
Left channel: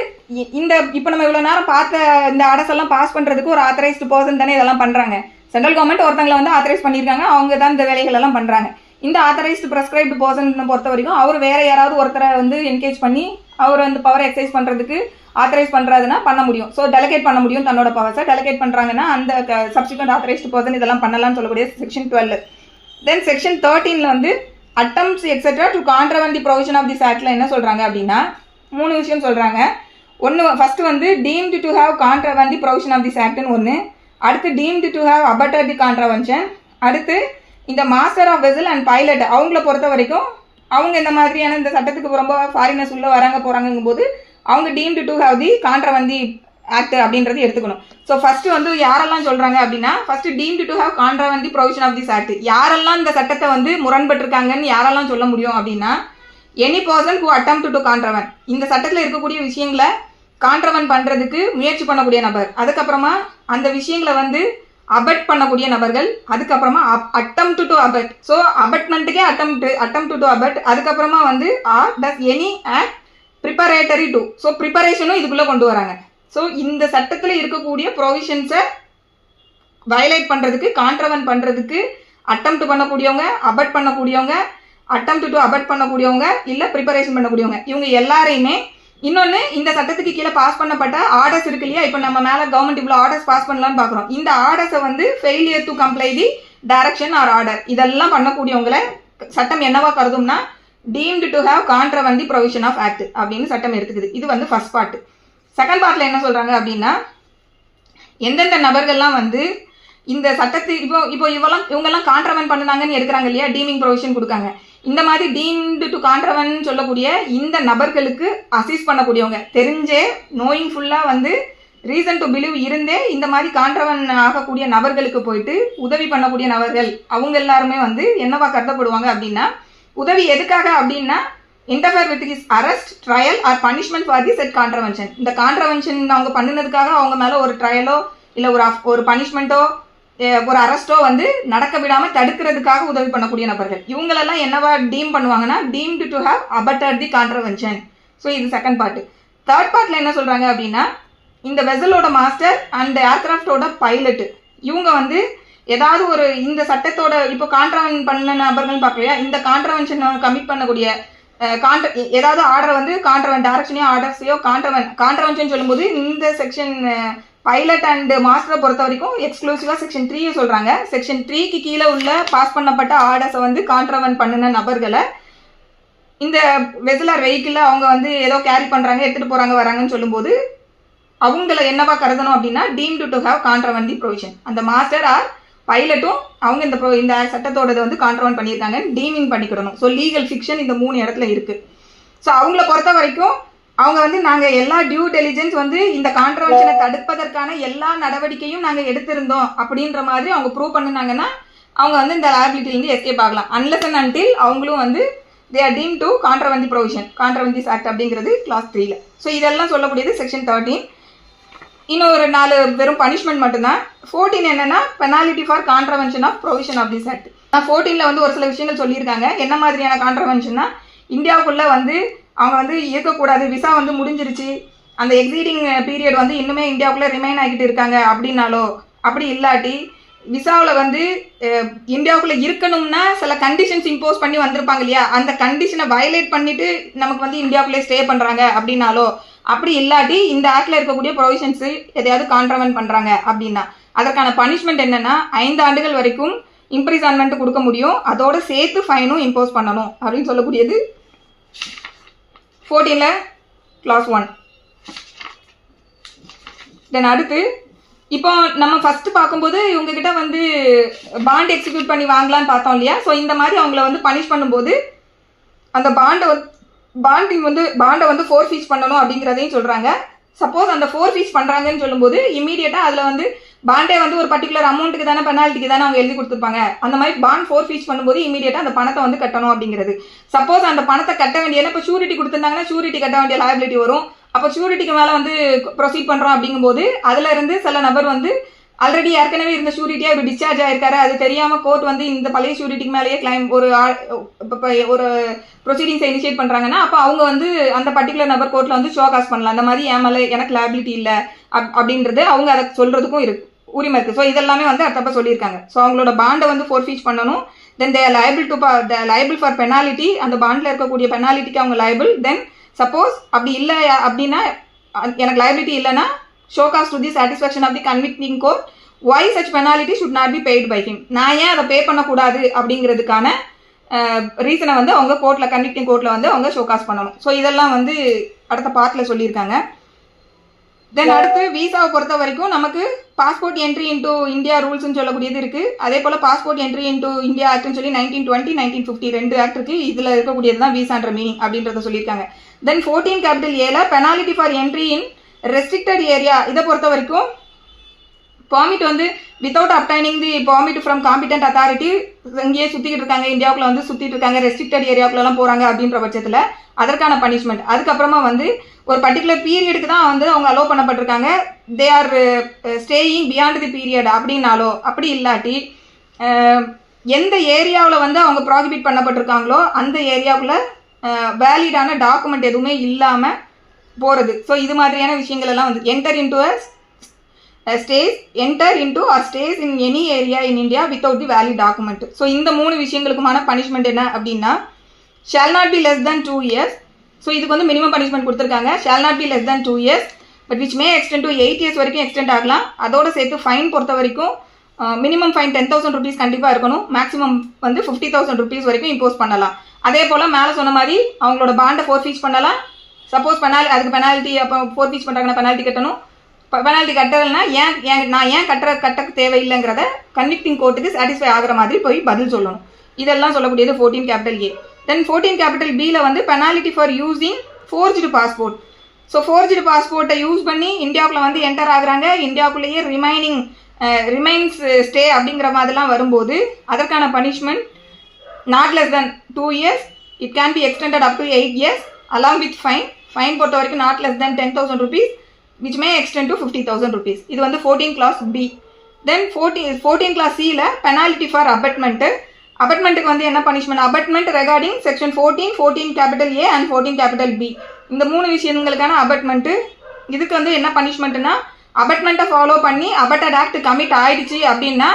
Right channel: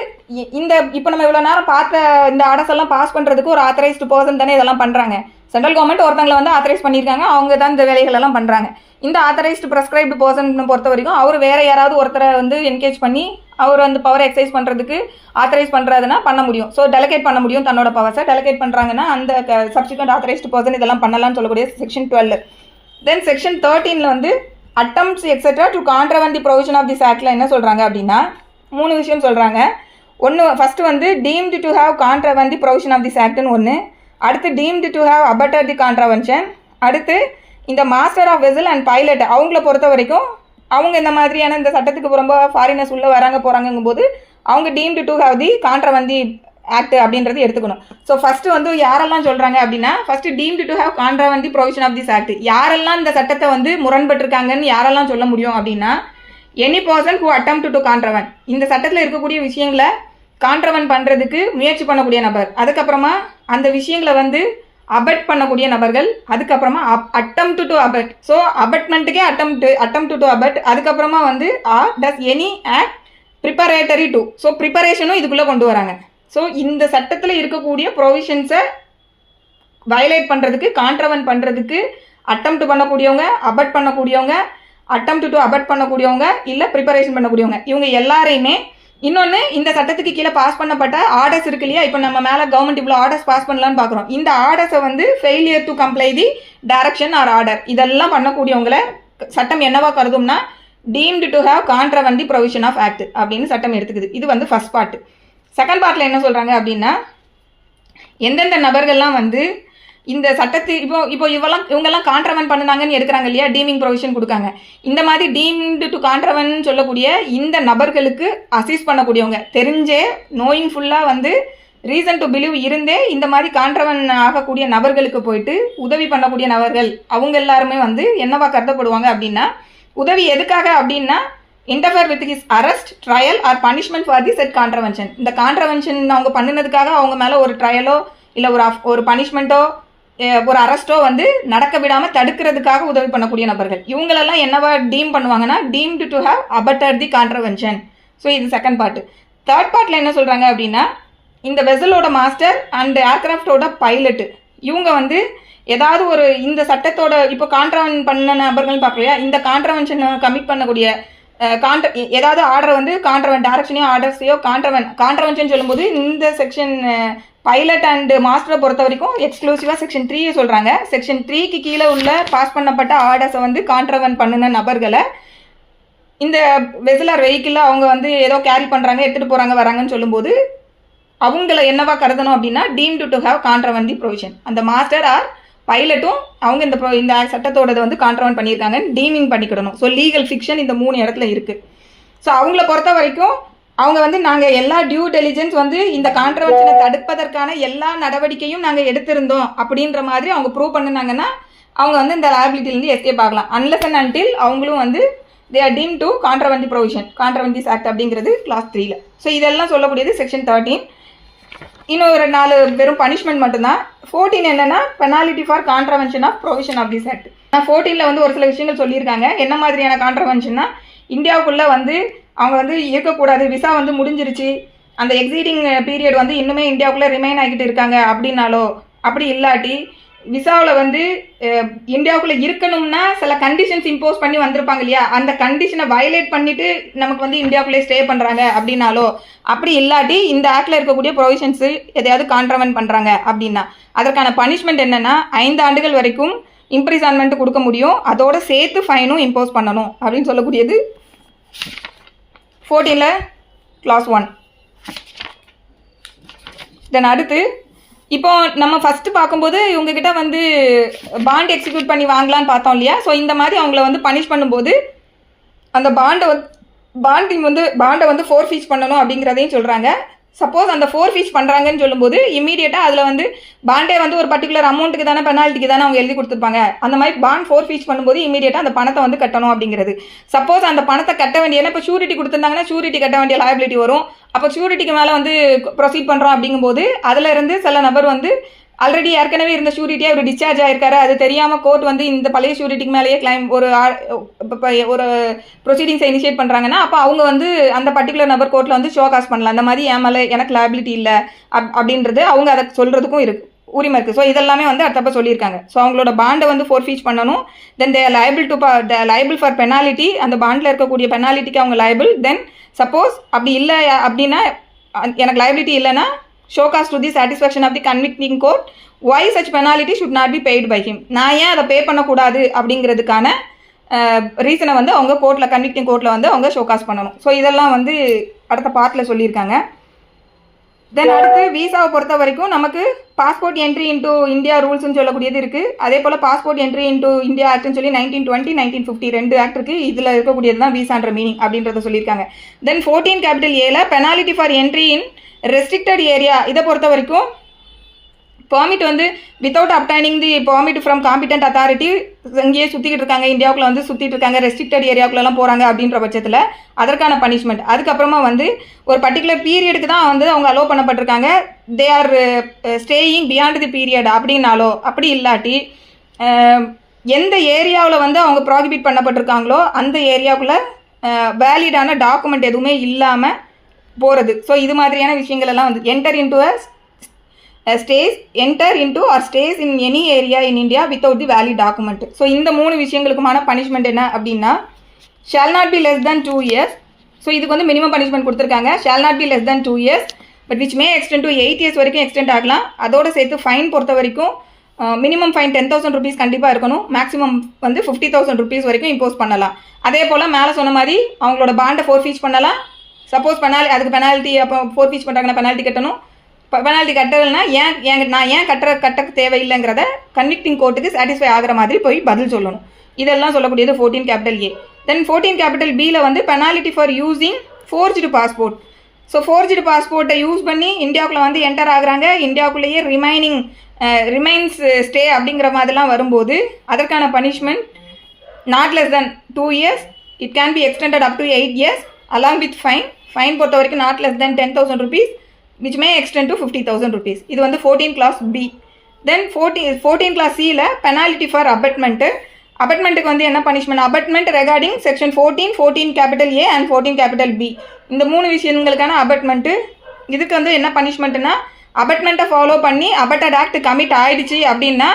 இந்த இப்போ நம்ம இவ்வளோ நேரம் பார்த்த இந்த ஆர்டர்ஸ் எல்லாம் பாஸ் பண்ணுறதுக்கு ஒரு ஆத்தரைஸ்டு பர்சன் தானே இதெல்லாம் பண்ணுறாங்க. சென்ட்ரல் கவர்மெண்ட் ஒருத்தங்களை வந்து ஆத்தரைஸ் பண்ணியிருக்காங்க, அவங்க தான் இந்த வேலைகள் எல்லாம் பண்ணுறாங்க. இந்த ஆத்தரைஸ்டு ப்ரெஸ்கிரைப்டு பர்சன் பொறுத்த வரைக்கும் அவர் வேற யாராவது ஒருத்தரை வந்து என்கேஜ் பண்ணி அவர் வந்து பவர் எக்ஸசைஸ் பண்ணுறதுக்கு ஆத்தரைஸ் பண்ணுறதுனா பண்ண முடியும். ஸோ டெலிகேட் பண்ண முடியும், தன்னோட பவர்ஸை டெலிகேட் பண்ணுறாங்கன்னா அந்த சப்ஸ்டிக்வெண்ட் ஆத்தரைஸ்டு பர்சன் இதெல்லாம் பண்ணலாம்னு சொல்லக்கூடிய செக்ஷன் 12. தென் செக்ஷன் 13ல் வந்து attempts etcetera to contravene the provision of this ஆக்டில் என்ன சொல்கிறாங்க அப்படின்னா 3 விஷயம் சொல்கிறாங்க. ஃபஸ்ட்டு வந்து deemed to have கான்ட்ராவெண்ட் the provision of this ஆக்ட்னு ஒன்று, அடுத்து deemed to have abetted the contravention, அடுத்து இந்த master of vessel and pilot அவங்கள பொறுத்த வரைக்கும் அவங்க இந்த மாதிரியான இந்த சட்டத்துக்கு ரொம்ப ஃபாரினர்ஸ் உள்ளே வராங்க போகிறாங்கும் போது அவங்க deemed to have the contravene the act அப்படின்றது எடுத்துக்கணும். ஸோ ஃபஸ்ட்டு வந்து யாரெல்லாம் சொல்கிறாங்க அப்படின்னா first deemed to have கான்ட்ராவெண்ட் the provision of this act. யாரெல்லாம் இந்த சட்டத்தை வந்து முரண்பட்டிருக்காங்கன்னு யாரெல்லாம் சொல்ல முடியும் அப்படின்னா any person who attempt to contravene, இந்த சட்டத்தில் இருக்கக்கூடிய விஷயங்களை கான்ட்ராவெண்ட் பண்ணுறதுக்கு முயற்சி பண்ணக்கூடிய நபர், அதுக்கப்புறமா அந்த விஷயங்களை வந்து அபட் பண்ணக்கூடிய நபர்கள், அதுக்கப்புறமா அட்டெம்ப்ட் டு அபட், ஸோ அபட்மெண்ட்டுக்கே அட்டெம்ப்ட் டு அபட், அதுக்கப்புறமா வந்து does any act preparatory to, so ப்ரிப்பரேஷனும் இதுக்குள்ளே கொண்டு வராங்க. ஸோ இந்த சட்டத்தில் இருக்கக்கூடிய ப்ரொவிஷன்ஸை வயலேட் பண்ணுறதுக்கு கான்ட்ராவெண்ட் பண்ணுறதுக்கு அட்டெம்ப்ட் பண்ணக்கூடியவங்க, அபட் பண்ணக்கூடியவங்க, அட்டெம்ப்ட் டு அபட் பண்ணக்கூடியவங்க, இல்லை ப்ரிப்பரேஷன் பண்ணக்கூடியவங்க, இவங்க எல்லாரையுமே இன்னொன்று இந்த சட்டத்துக்கு கீழே பாஸ் பண்ணப்பட்ட ஆர்டர்ஸ் இருக்கு இல்லையா. இப்போ நம்ம மேலே கவர்மெண்ட் இவ்வளோ ஆர்டர்ஸ் பாஸ் பண்ணலான்னு பார்க்குறோம். இந்த ஆர்டர்ஸை வந்து failure to comply the direction or order இதெல்லாம் பண்ணக்கூடியவங்களை சட்டம் என்னவா கருதும்னா deemed to have கான்ட்ராவெண்ட் the provision of act அப்படின்னு சட்டம் எடுத்துக்குது. இது வந்து ஃபர்ஸ்ட் பார்ட். செகண்ட் பார்ட்டில் என்ன சொல்கிறாங்க அப்படின்னா எந்தெந்த நபர்கள்லாம் வந்து இந்த சட்டத்து இப்போ இவங்கெல்லாம் கான்ட்ராவெண்ட் பண்ணுனாங்கன்னு எடுக்கிறாங்க இல்லையா, டீமிங் ப்ரொவிஷன் கொடுக்காங்க. இந்த மாதிரி டீம்டு டு கான்ட்ராவெண்ட் சொல்லக்கூடிய இந்த நபர்களுக்கு அசிஸ்ட் பண்ணக்கூடியவங்க, தெரிஞ்சே நோயிங் ஃபுல்லாக வந்து ரீசன் டு பிலீவ் இருந்தே இந்த மாதிரி கான்ட்ராவெண்ட் ஆகக்கூடிய நபர்களுக்கு போயிட்டு உதவி பண்ணக்கூடிய நபர்கள் அவங்க எல்லாருமே வந்து என்னவா கருதப்படுவாங்க அப்படின்னா உதவி எதுக்காக அப்படின்னா interfere with his arrest, trial or punishment for the said contravention. இந்த கான்ட்ராவென்ஷன் அவங்க பண்ணினதுக்காக அவங்க மேலே ஒரு ட்ரையலோ இல்லை ஒரு பனிஷ்மெண்ட்டோ ஒரு அரெஸ்ட்டோ வந்து நடக்க விடாமல் தடுக்கிறதுக்காக உதவி பண்ணக்கூடிய நபர்கள் இவங்களெல்லாம் என்னவா டீம் பண்ணுவாங்கன்னா deemed to have abetted the contravention. So இது செகண்ட் பார்ட்டு. தேர்ட் பார்ட்டில் என்ன சொல்கிறாங்க அப்படின்னா இந்த வெசலோட மாஸ்டர் அண்ட் ஏர்கிராஃப்டோட பைலட்டு இவங்க வந்து ஏதாவது ஒரு இந்த சட்டத்தோட இப்போ கான்ட்ராவென்ட் பண்ண நபர்கள் பார்க்கலையா, இந்த கான்ட்ராவென்ஷன் கமிட் பண்ணக்கூடிய ஏதாவது ஆர்டர் வந்து கான்ட்ராவென்ட் டைரக்ஷனையோ ஆர்டர்ஸையோ கான்ட்ராவென்ஷன் சொல்லும்போது இந்த செக்ஷன் பைலட் அண்ட் மாஸ்டரை பொறுத்த வரைக்கும் எக்ஸ்க்ளூசிவாக செக்ஷன் 3 சொல்கிறாங்க. செக்ஷன் 3க்கு கீழே உள்ள பாஸ் பண்ணப்பட்ட ஆர்டர்ஸை வந்து கான்ட்ராவென்ட் பண்ணின நபர்களை இந்த வெசலர் வெஹிக்கிளில் அவங்க வந்து ஏதோ கேரி பண்ணுறாங்க, எடுத்துகிட்டு போகிறாங்க வராங்கன்னு சொல்லும்போது அவங்கள என்னவா கருதணும் அப்படின்னா deemed to have கான்ட்ராவெண்ட் the provision. அந்த மாஸ்டர் ஆர் பைலட்டும் அவங்க இந்த சட்டத்தோடது வந்து கான்ட்ராவெண்ட் பண்ணியிருக்காங்க டீமிங் பண்ணிக்கிடணும். ஸோ லீகல் ஃபிக்ஷன் இந்த 3 இடத்துல இருக்குது. ஸோ அவங்கள பொறுத்த வரைக்கும் அவங்க வந்து நாங்கள் எல்லா டியூ டெலிஜென்ஸ் வந்து இந்த கான்ட்ரவென்ஷனை தடுப்பதற்கான எல்லா நடவடிக்கையும் நாங்கள் எடுத்திருந்தோம் அப்படின்ற மாதிரி அவங்க ப்ரூவ் பண்ணினாங்கன்னா அவங்க வந்து இந்த லைபிலிட்டிலேருந்து எஸ்கேப் ஆகலாம். அன்லெஸ் அண்ட் அன்டில் அவங்களும் வந்து they are deemed to contravene the provision, contravene this act அப்படிங்கிறது கிளாஸ் 3ல. ஸோ இதெல்லாம் சொல்லக்கூடியது செக்ஷன் 13. இன்னும் ஒரு 4 வெறும் பனிஷ்மெண்ட் மட்டும்தான். 14 என்னன்னா penalty for contravention of provision of this act. 14ல் வந்து ஒரு சில விஷயங்கள் சொல்லியிருக்காங்க. என்ன மாதிரியான கான்ட்ரவென்ஷன்னா, இந்தியாவுக்குள்ளே வந்து அவங்க வந்து இருக்கக்கூடாது, விசா வந்து முடிஞ்சிருச்சு, அந்த எக்ஸீடிங் பீரியட் வந்து இன்னுமே இந்தியாவுக்குள்ளே ரிமைன் ஆகிட்டு இருக்காங்க அப்படின்னாலோ, அப்படி இல்லாட்டி விசாவில் வந்து இந்தியாவுக்குள்ளே இருக்கணும்னா சில கண்டிஷன்ஸ் இம்போஸ் பண்ணி வந்திருப்பாங்க இல்லையா, அந்த கண்டிஷனை வயலேட் பண்ணிவிட்டு நமக்கு வந்து இந்தியாவுக்குள்ளே ஸ்டே பண்ணுறாங்க அப்படின்னாலோ, அப்படி இல்லாட்டி இந்த ஆக்டில் இருக்கக்கூடிய ப்ரொவிஷன்ஸு எதையாவது கான்ட்ரவென்ட் பண்ணுறாங்க அப்படின்னா அதற்கான பனிஷ்மெண்ட் என்னென்னா 5 ஆண்டுகள் வரைக்கும் இம்ப்ரிசன்மெண்ட் கொடுக்க முடியும், அதோடு சேர்த்து ஃபைனும் இம்போஸ் பண்ணணும் அப்படின்னு சொல்லக்கூடியது 14ல் கிளாஸ் 1. தென் அடுத்து இப்போ நம்ம ஃபஸ்ட்டு பார்க்கும்போது இவங்ககிட்ட வந்து பாண்ட் எக்ஸிக்யூட் பண்ணி வாங்கலான்னு பார்த்தோம் இல்லையா. ஸோ இந்த மாதிரி அவங்கள வந்து பனிஷ் பண்ணும்போது அந்த பாண்டை வந்து ஃபோர்ஃபீச் பண்ணணும் அப்படிங்கிறதையும் சொல்கிறாங்க. சப்போஸ் அந்த ஃபோர்ஃபீச் பண்ணுறாங்கன்னு சொல்லும்போது இமீடியட்டாக அதில் வந்து பாண்டே வந்து ஒரு பர்டிகுலர் அமௌண்ட்டுக்கு தானே பெனால்ட்டிக்கு தானே அவங்க எழுதி கொடுத்துருப்பாங்க. அந்த மாதிரி பாண்ட் ஃபோர்ஃபீச் பண்ணும்போது இமீடியட்டாக அந்த பணத்தை வந்து கட்டணும் அப்படிங்கிறது. சப்போஸ் அந்த பணத்தை கட்ட வேண்டிய இப்போ ஷூரிட்டி கொடுத்துருந்தாங்கன்னா ஷூரிட்டி கட்ட வேண்டிய லைபிலிட்டி வரும். அப்போ ஷூரிட்டிக்கு மேலே வந்து ப்ரொசீட் பண்ணுறோம் அப்படிங்கும்போது அதில் இருந்து சில நபர் வந்து ஆல்ரெடி ஏற்கனவே இருந்த ஷூரிட்டியாக ஒரு டிஸ்சார்ஜ் ஆகிருக்காரு, அது தெரியாமல் கோர்ட் வந்து இந்த பழைய ஷூரிட்டிக்கு மேலேயே கிளைம் ஒரு ப்ரொசீடிங்ஸை இனிஷியேட் பண்ணுறாங்கன்னா அப்போ அவங்க வந்து அந்த பர்டிகுலர் நபர் கோர்ட்டில் வந்து ஷோ காஸ் பண்ணலாம். அந்த மாதிரி என் மேலே எனக்கு லைபிலிட்டி இல்லை அப்படின்றது அவங்க அதை சொல்கிறதுக்கும் உரிமை இருக்குது. ஸோ இதெல்லாமே வந்து அடுத்தப்போ சொல்லியிருக்காங்க. ஸோ அவங்களோட பாண்டை வந்து ஃபோர்ஃபீச் பண்ணணும். தென் தே லைபிள் ஃபார் பெனாலிட்டி, அந்த பாண்டில் இருக்கக்கூடிய பெனாலிட்டிக்கு அவங்க லைபிள். தென் சப்போஸ் அப்படி இல்லை அப்படின்னா எனக்கு லைபிலிட்டி இல்லைன்னா show cause to the satisfaction of the convicting court why such penalty should not be paid by him. நான் ஏன் அதை பே பண்ணக்கூடாது அப்படிங்கிறதுக்கான ரீசனை வந்து அவங்க கோர்ட்டில் கன்விக்டிங் கோர்ட்டில் வந்து அவங்க ஷோ காஸ் பண்ணணும். ஸோ இதெல்லாம் வந்து அடுத்த பார்ட்டில் சொல்லியிருக்காங்க. தென் அடுத்து விசாவை பொறுத்த வரைக்கும் நமக்கு பாஸ்போர்ட் என்ட்ரி இன்டூ இந்தியா ரூல்ஸ்னு சொல்லக்கூடியது இருக்குது. அதே போல் பாஸ்போர்ட் என்ட்ரி இன்டூ இந்தியா ஆக்ட்னு சொல்லி 1920 1950 2 ஆக்ட் இருக்குது. இதில் இருக்கக்கூடியது தான் விசான்ற மீனிங் அப்படின்றத சொல்லியிருக்காங்க. தென் 14(a) penalty for entry in restricted area. இதை பொறுத்த வரைக்கும் பெர்மிட் வந்து without obtaining the permit from competent authority இங்கேயே சுற்றிக்கிட்டு இருக்காங்க, இந்தியாவுக்குள்ள வந்து சுற்றிட்டு இருக்காங்க, ரெஸ்ட்ரிக்டட் ஏரியாவுக்குள்ளலாம் போகிறாங்க அப்படின்ற பட்சத்தில் அதற்கான பனிஷ்மெண்ட். அதுக்கப்புறமா வந்து ஒரு பர்டிகுலர் பீரியடுக்கு தான் வந்து அவங்க அலோவ் பண்ணப்பட்டிருக்காங்க, they are staying beyond the period அப்படின்னாலோ, அப்படி இல்லாட்டி எந்த ஏரியாவில் வந்து அவங்க ப்ராகிபிட் பண்ணப்பட்டிருக்காங்களோ அந்த ஏரியாவுக்குள்ளே வேலிடான டாக்குமெண்ட் எதுவுமே இல்லாமல் போகிறது. ஸோ இது மாதிரியான விஷயங்கள் எல்லாம் வந்து enter into or stays in any area in India without the valid document. So இந்த 3 விஷயங்களுக்குமான பனிஷ்மெண்ட் என்ன அப்படின்னா shall not be less than 2 years. So இதுக்கு வந்து மினிமம் பனிஷ்மெண்ட் கொடுத்துருக்காங்க. Shall not be less than 2 years but which may extend to 8 years வரைக்கும் extend ஆகலாம். அதோடு சேர்த்து ஃபைன் பொறுத்த வரைக்கும் மினிமம் ஃபைன் 10,000 rupees கண்டிப்பாக இருக்கணும், மேக்ஸிமம் வந்து 50,000 rupees வரைக்கும் இம்போஸ் பண்ணலாம். அதே போல் மேலே சொன்ன மாதிரி அவங்களோட பாண்டை ஃபோர்ஃபீச் பண்ணலாம். சப்போஸ் அதுக்கு பெனால்ட்டி அப்போ ஃபோர்ஃபீச் பண்ணுறாங்கன்னா பெனால்ட்டி கட்டணும். பெனால்ட்டி கட்டலைன்னா நான் ஏன் கட்ட தேவையில்லைங்கிறத கன்விக்டிங் கோர்ட்டுக்கு சாட்டிஸ்ஃபை ஆகிற மாதிரி போய் பதில் சொல்லணும். இதெல்லாம் சொல்லக்கூடியது 14(a). தென் 14(b)ல வந்து penalty for using forged passport. So forged பாஸ்போர்ட்டை யூஸ் பண்ணி இந்தியாவுக்குள்ளே வந்து என்டர் ஆகுறாங்க, இந்தியாவுக்குள்ளேயே ரிமைன்ஸ் ஸ்டே அப்படிங்கிற மாதிரிலாம் வரும்போது அதற்கான punishment not less than 2 years, it can be extended up to 8 years along with fine பொறுத்த வரைக்கும் not less than 10,000 rupees which may extend to 50,000 rupees. இது வந்து 14 கிளாஸ் பி. தென் 14 கிளாஸ் சியில் பெனாலிட்டி ஃபார் அபட்மெண்ட்டு. அபட்மெண்ட்டுக்கு வந்து என்ன punishment, abetment regarding section 14(a) and 14(b). இந்த 3 விஷயங்களுக்கான அபட்மெண்ட்டு. இதுக்கு வந்து என்ன பனிஷ்மெண்ட்டுன்னா அபட்மெண்ட்டை ஃபாலோ பண்ணி அபட்டட் ஆக்ட் கமிட் ஆகிடுச்சு அப்படின்னா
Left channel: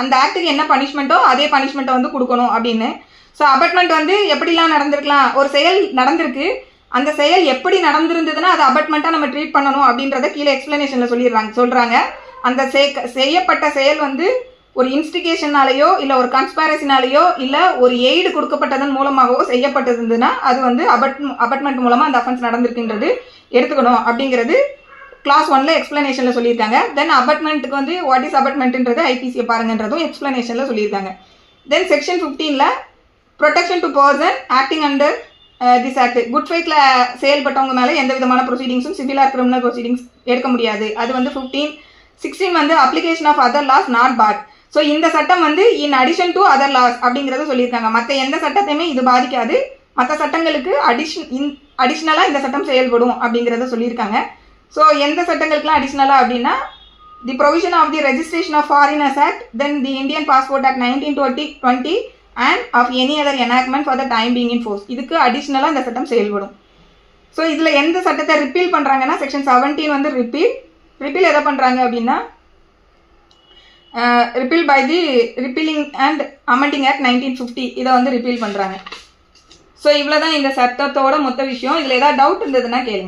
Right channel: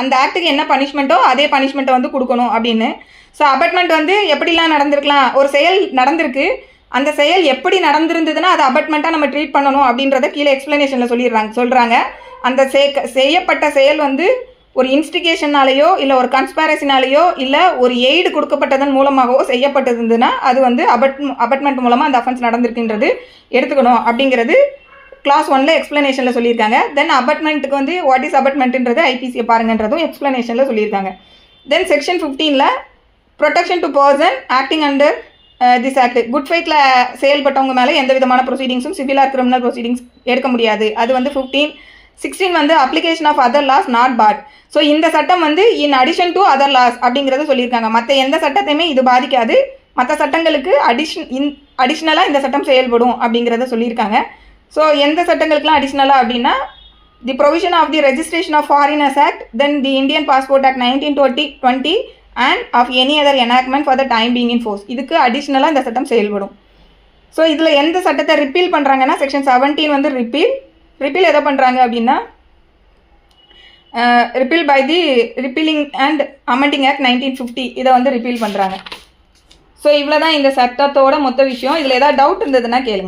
அந்த ஆக்ட்டுக்கு என்ன பனிஷ்மெண்ட்டோ அதே பனிஷ்மெண்ட்டை வந்து கொடுக்கணும் அப்படின்னு. ஸோ அபட்மெண்ட் வந்து எப்படிலாம் நடந்திருக்கலாம், ஒரு செயல் நடந்திருக்கு, அந்த செயல் எப்படி நடந்திருந்ததுன்னா அது அபட்மெண்ட்டாக நம்ம ட்ரீட் பண்ணணும் அப்படின்றத கீழே எக்ஸ்ப்ளனேஷனில் சொல்கிறாங்க. அந்த செய்யப்பட்ட செயல் வந்து ஒரு இன்ஸ்டிகேஷனாலேயோ இல்லை ஒரு கன்ஸ்பைரசினாலேயோ இல்லை ஒரு எய்டு கொடுக்கப்பட்டதன் மூலமாகவோ செய்யப்பட்டிருந்ததுன்னா அது வந்து அபட்மெண்ட் மூலமாக அந்த அஃபென்ஸ் நடந்திருக்குன்றது எடுத்துக்கணும் அப்படிங்கிறது கிளாஸ் 1ல் எக்ஸ்ப்ளனேஷனில் சொல்லியிருக்காங்க. தென் அபட்மெண்ட்டுக்கு வந்து வாட் இஸ் அபட்மெண்ட்டுன்றது ஐபிசியை பாருங்கன்றதும் எக்ஸ்ப்ளனேஷனில் சொல்லியிருக்காங்க. தென் செக்ஷன் 15ல் protection to person acting under this act good ஃபைட்டில் செயல்பட்டவங்க மேலே எந்த விதமான ப்ரொசீடிங்ஸும் சிவில் ஆர் கிரிமினல் ப்ரொசீடிங்ஸ் எடுக்க முடியாது. அது வந்து 16 வந்து application of other laws not barred. So இந்த சட்டம் வந்து in addition to other laws அப்படிங்கிறத சொல்லியிருக்காங்க. மற்ற எந்த சட்டத்தையுமே இது பாதிக்காது, மற்ற சட்டங்களுக்கு அடிஷ்னலாக இந்த சட்டம் செயல்படும் அப்படிங்கிறத சொல்லியிருக்காங்க. ஸோ எந்த சட்டங்களுக்குலாம் அடிஷ்னலாக அப்படின்னா the provision of the registration of foreigners act, then the Indian passport act 1920 and of any other enactment for the time being in force. இதுக்கு அடிஷ்னலாக இந்த சட்டம் செயல்படும். ஸோ இதில் எந்த சட்டத்தை ரிப்பீல் பண்ணுறாங்கன்னா செக்ஷன் 17 வந்து ரிப்பீல் எதை பண்ணுறாங்க அப்படின்னா repeal by the repealing and amending act 1950 இதை வந்து ரிப்பீல் பண்ணுறாங்க. ஸோ இவ்வளோ தான் இந்த சட்டத்தோட மொத்த விஷயம். இதில் ஏதாவது டவுட் இருந்ததுன்னா கேளுங்க.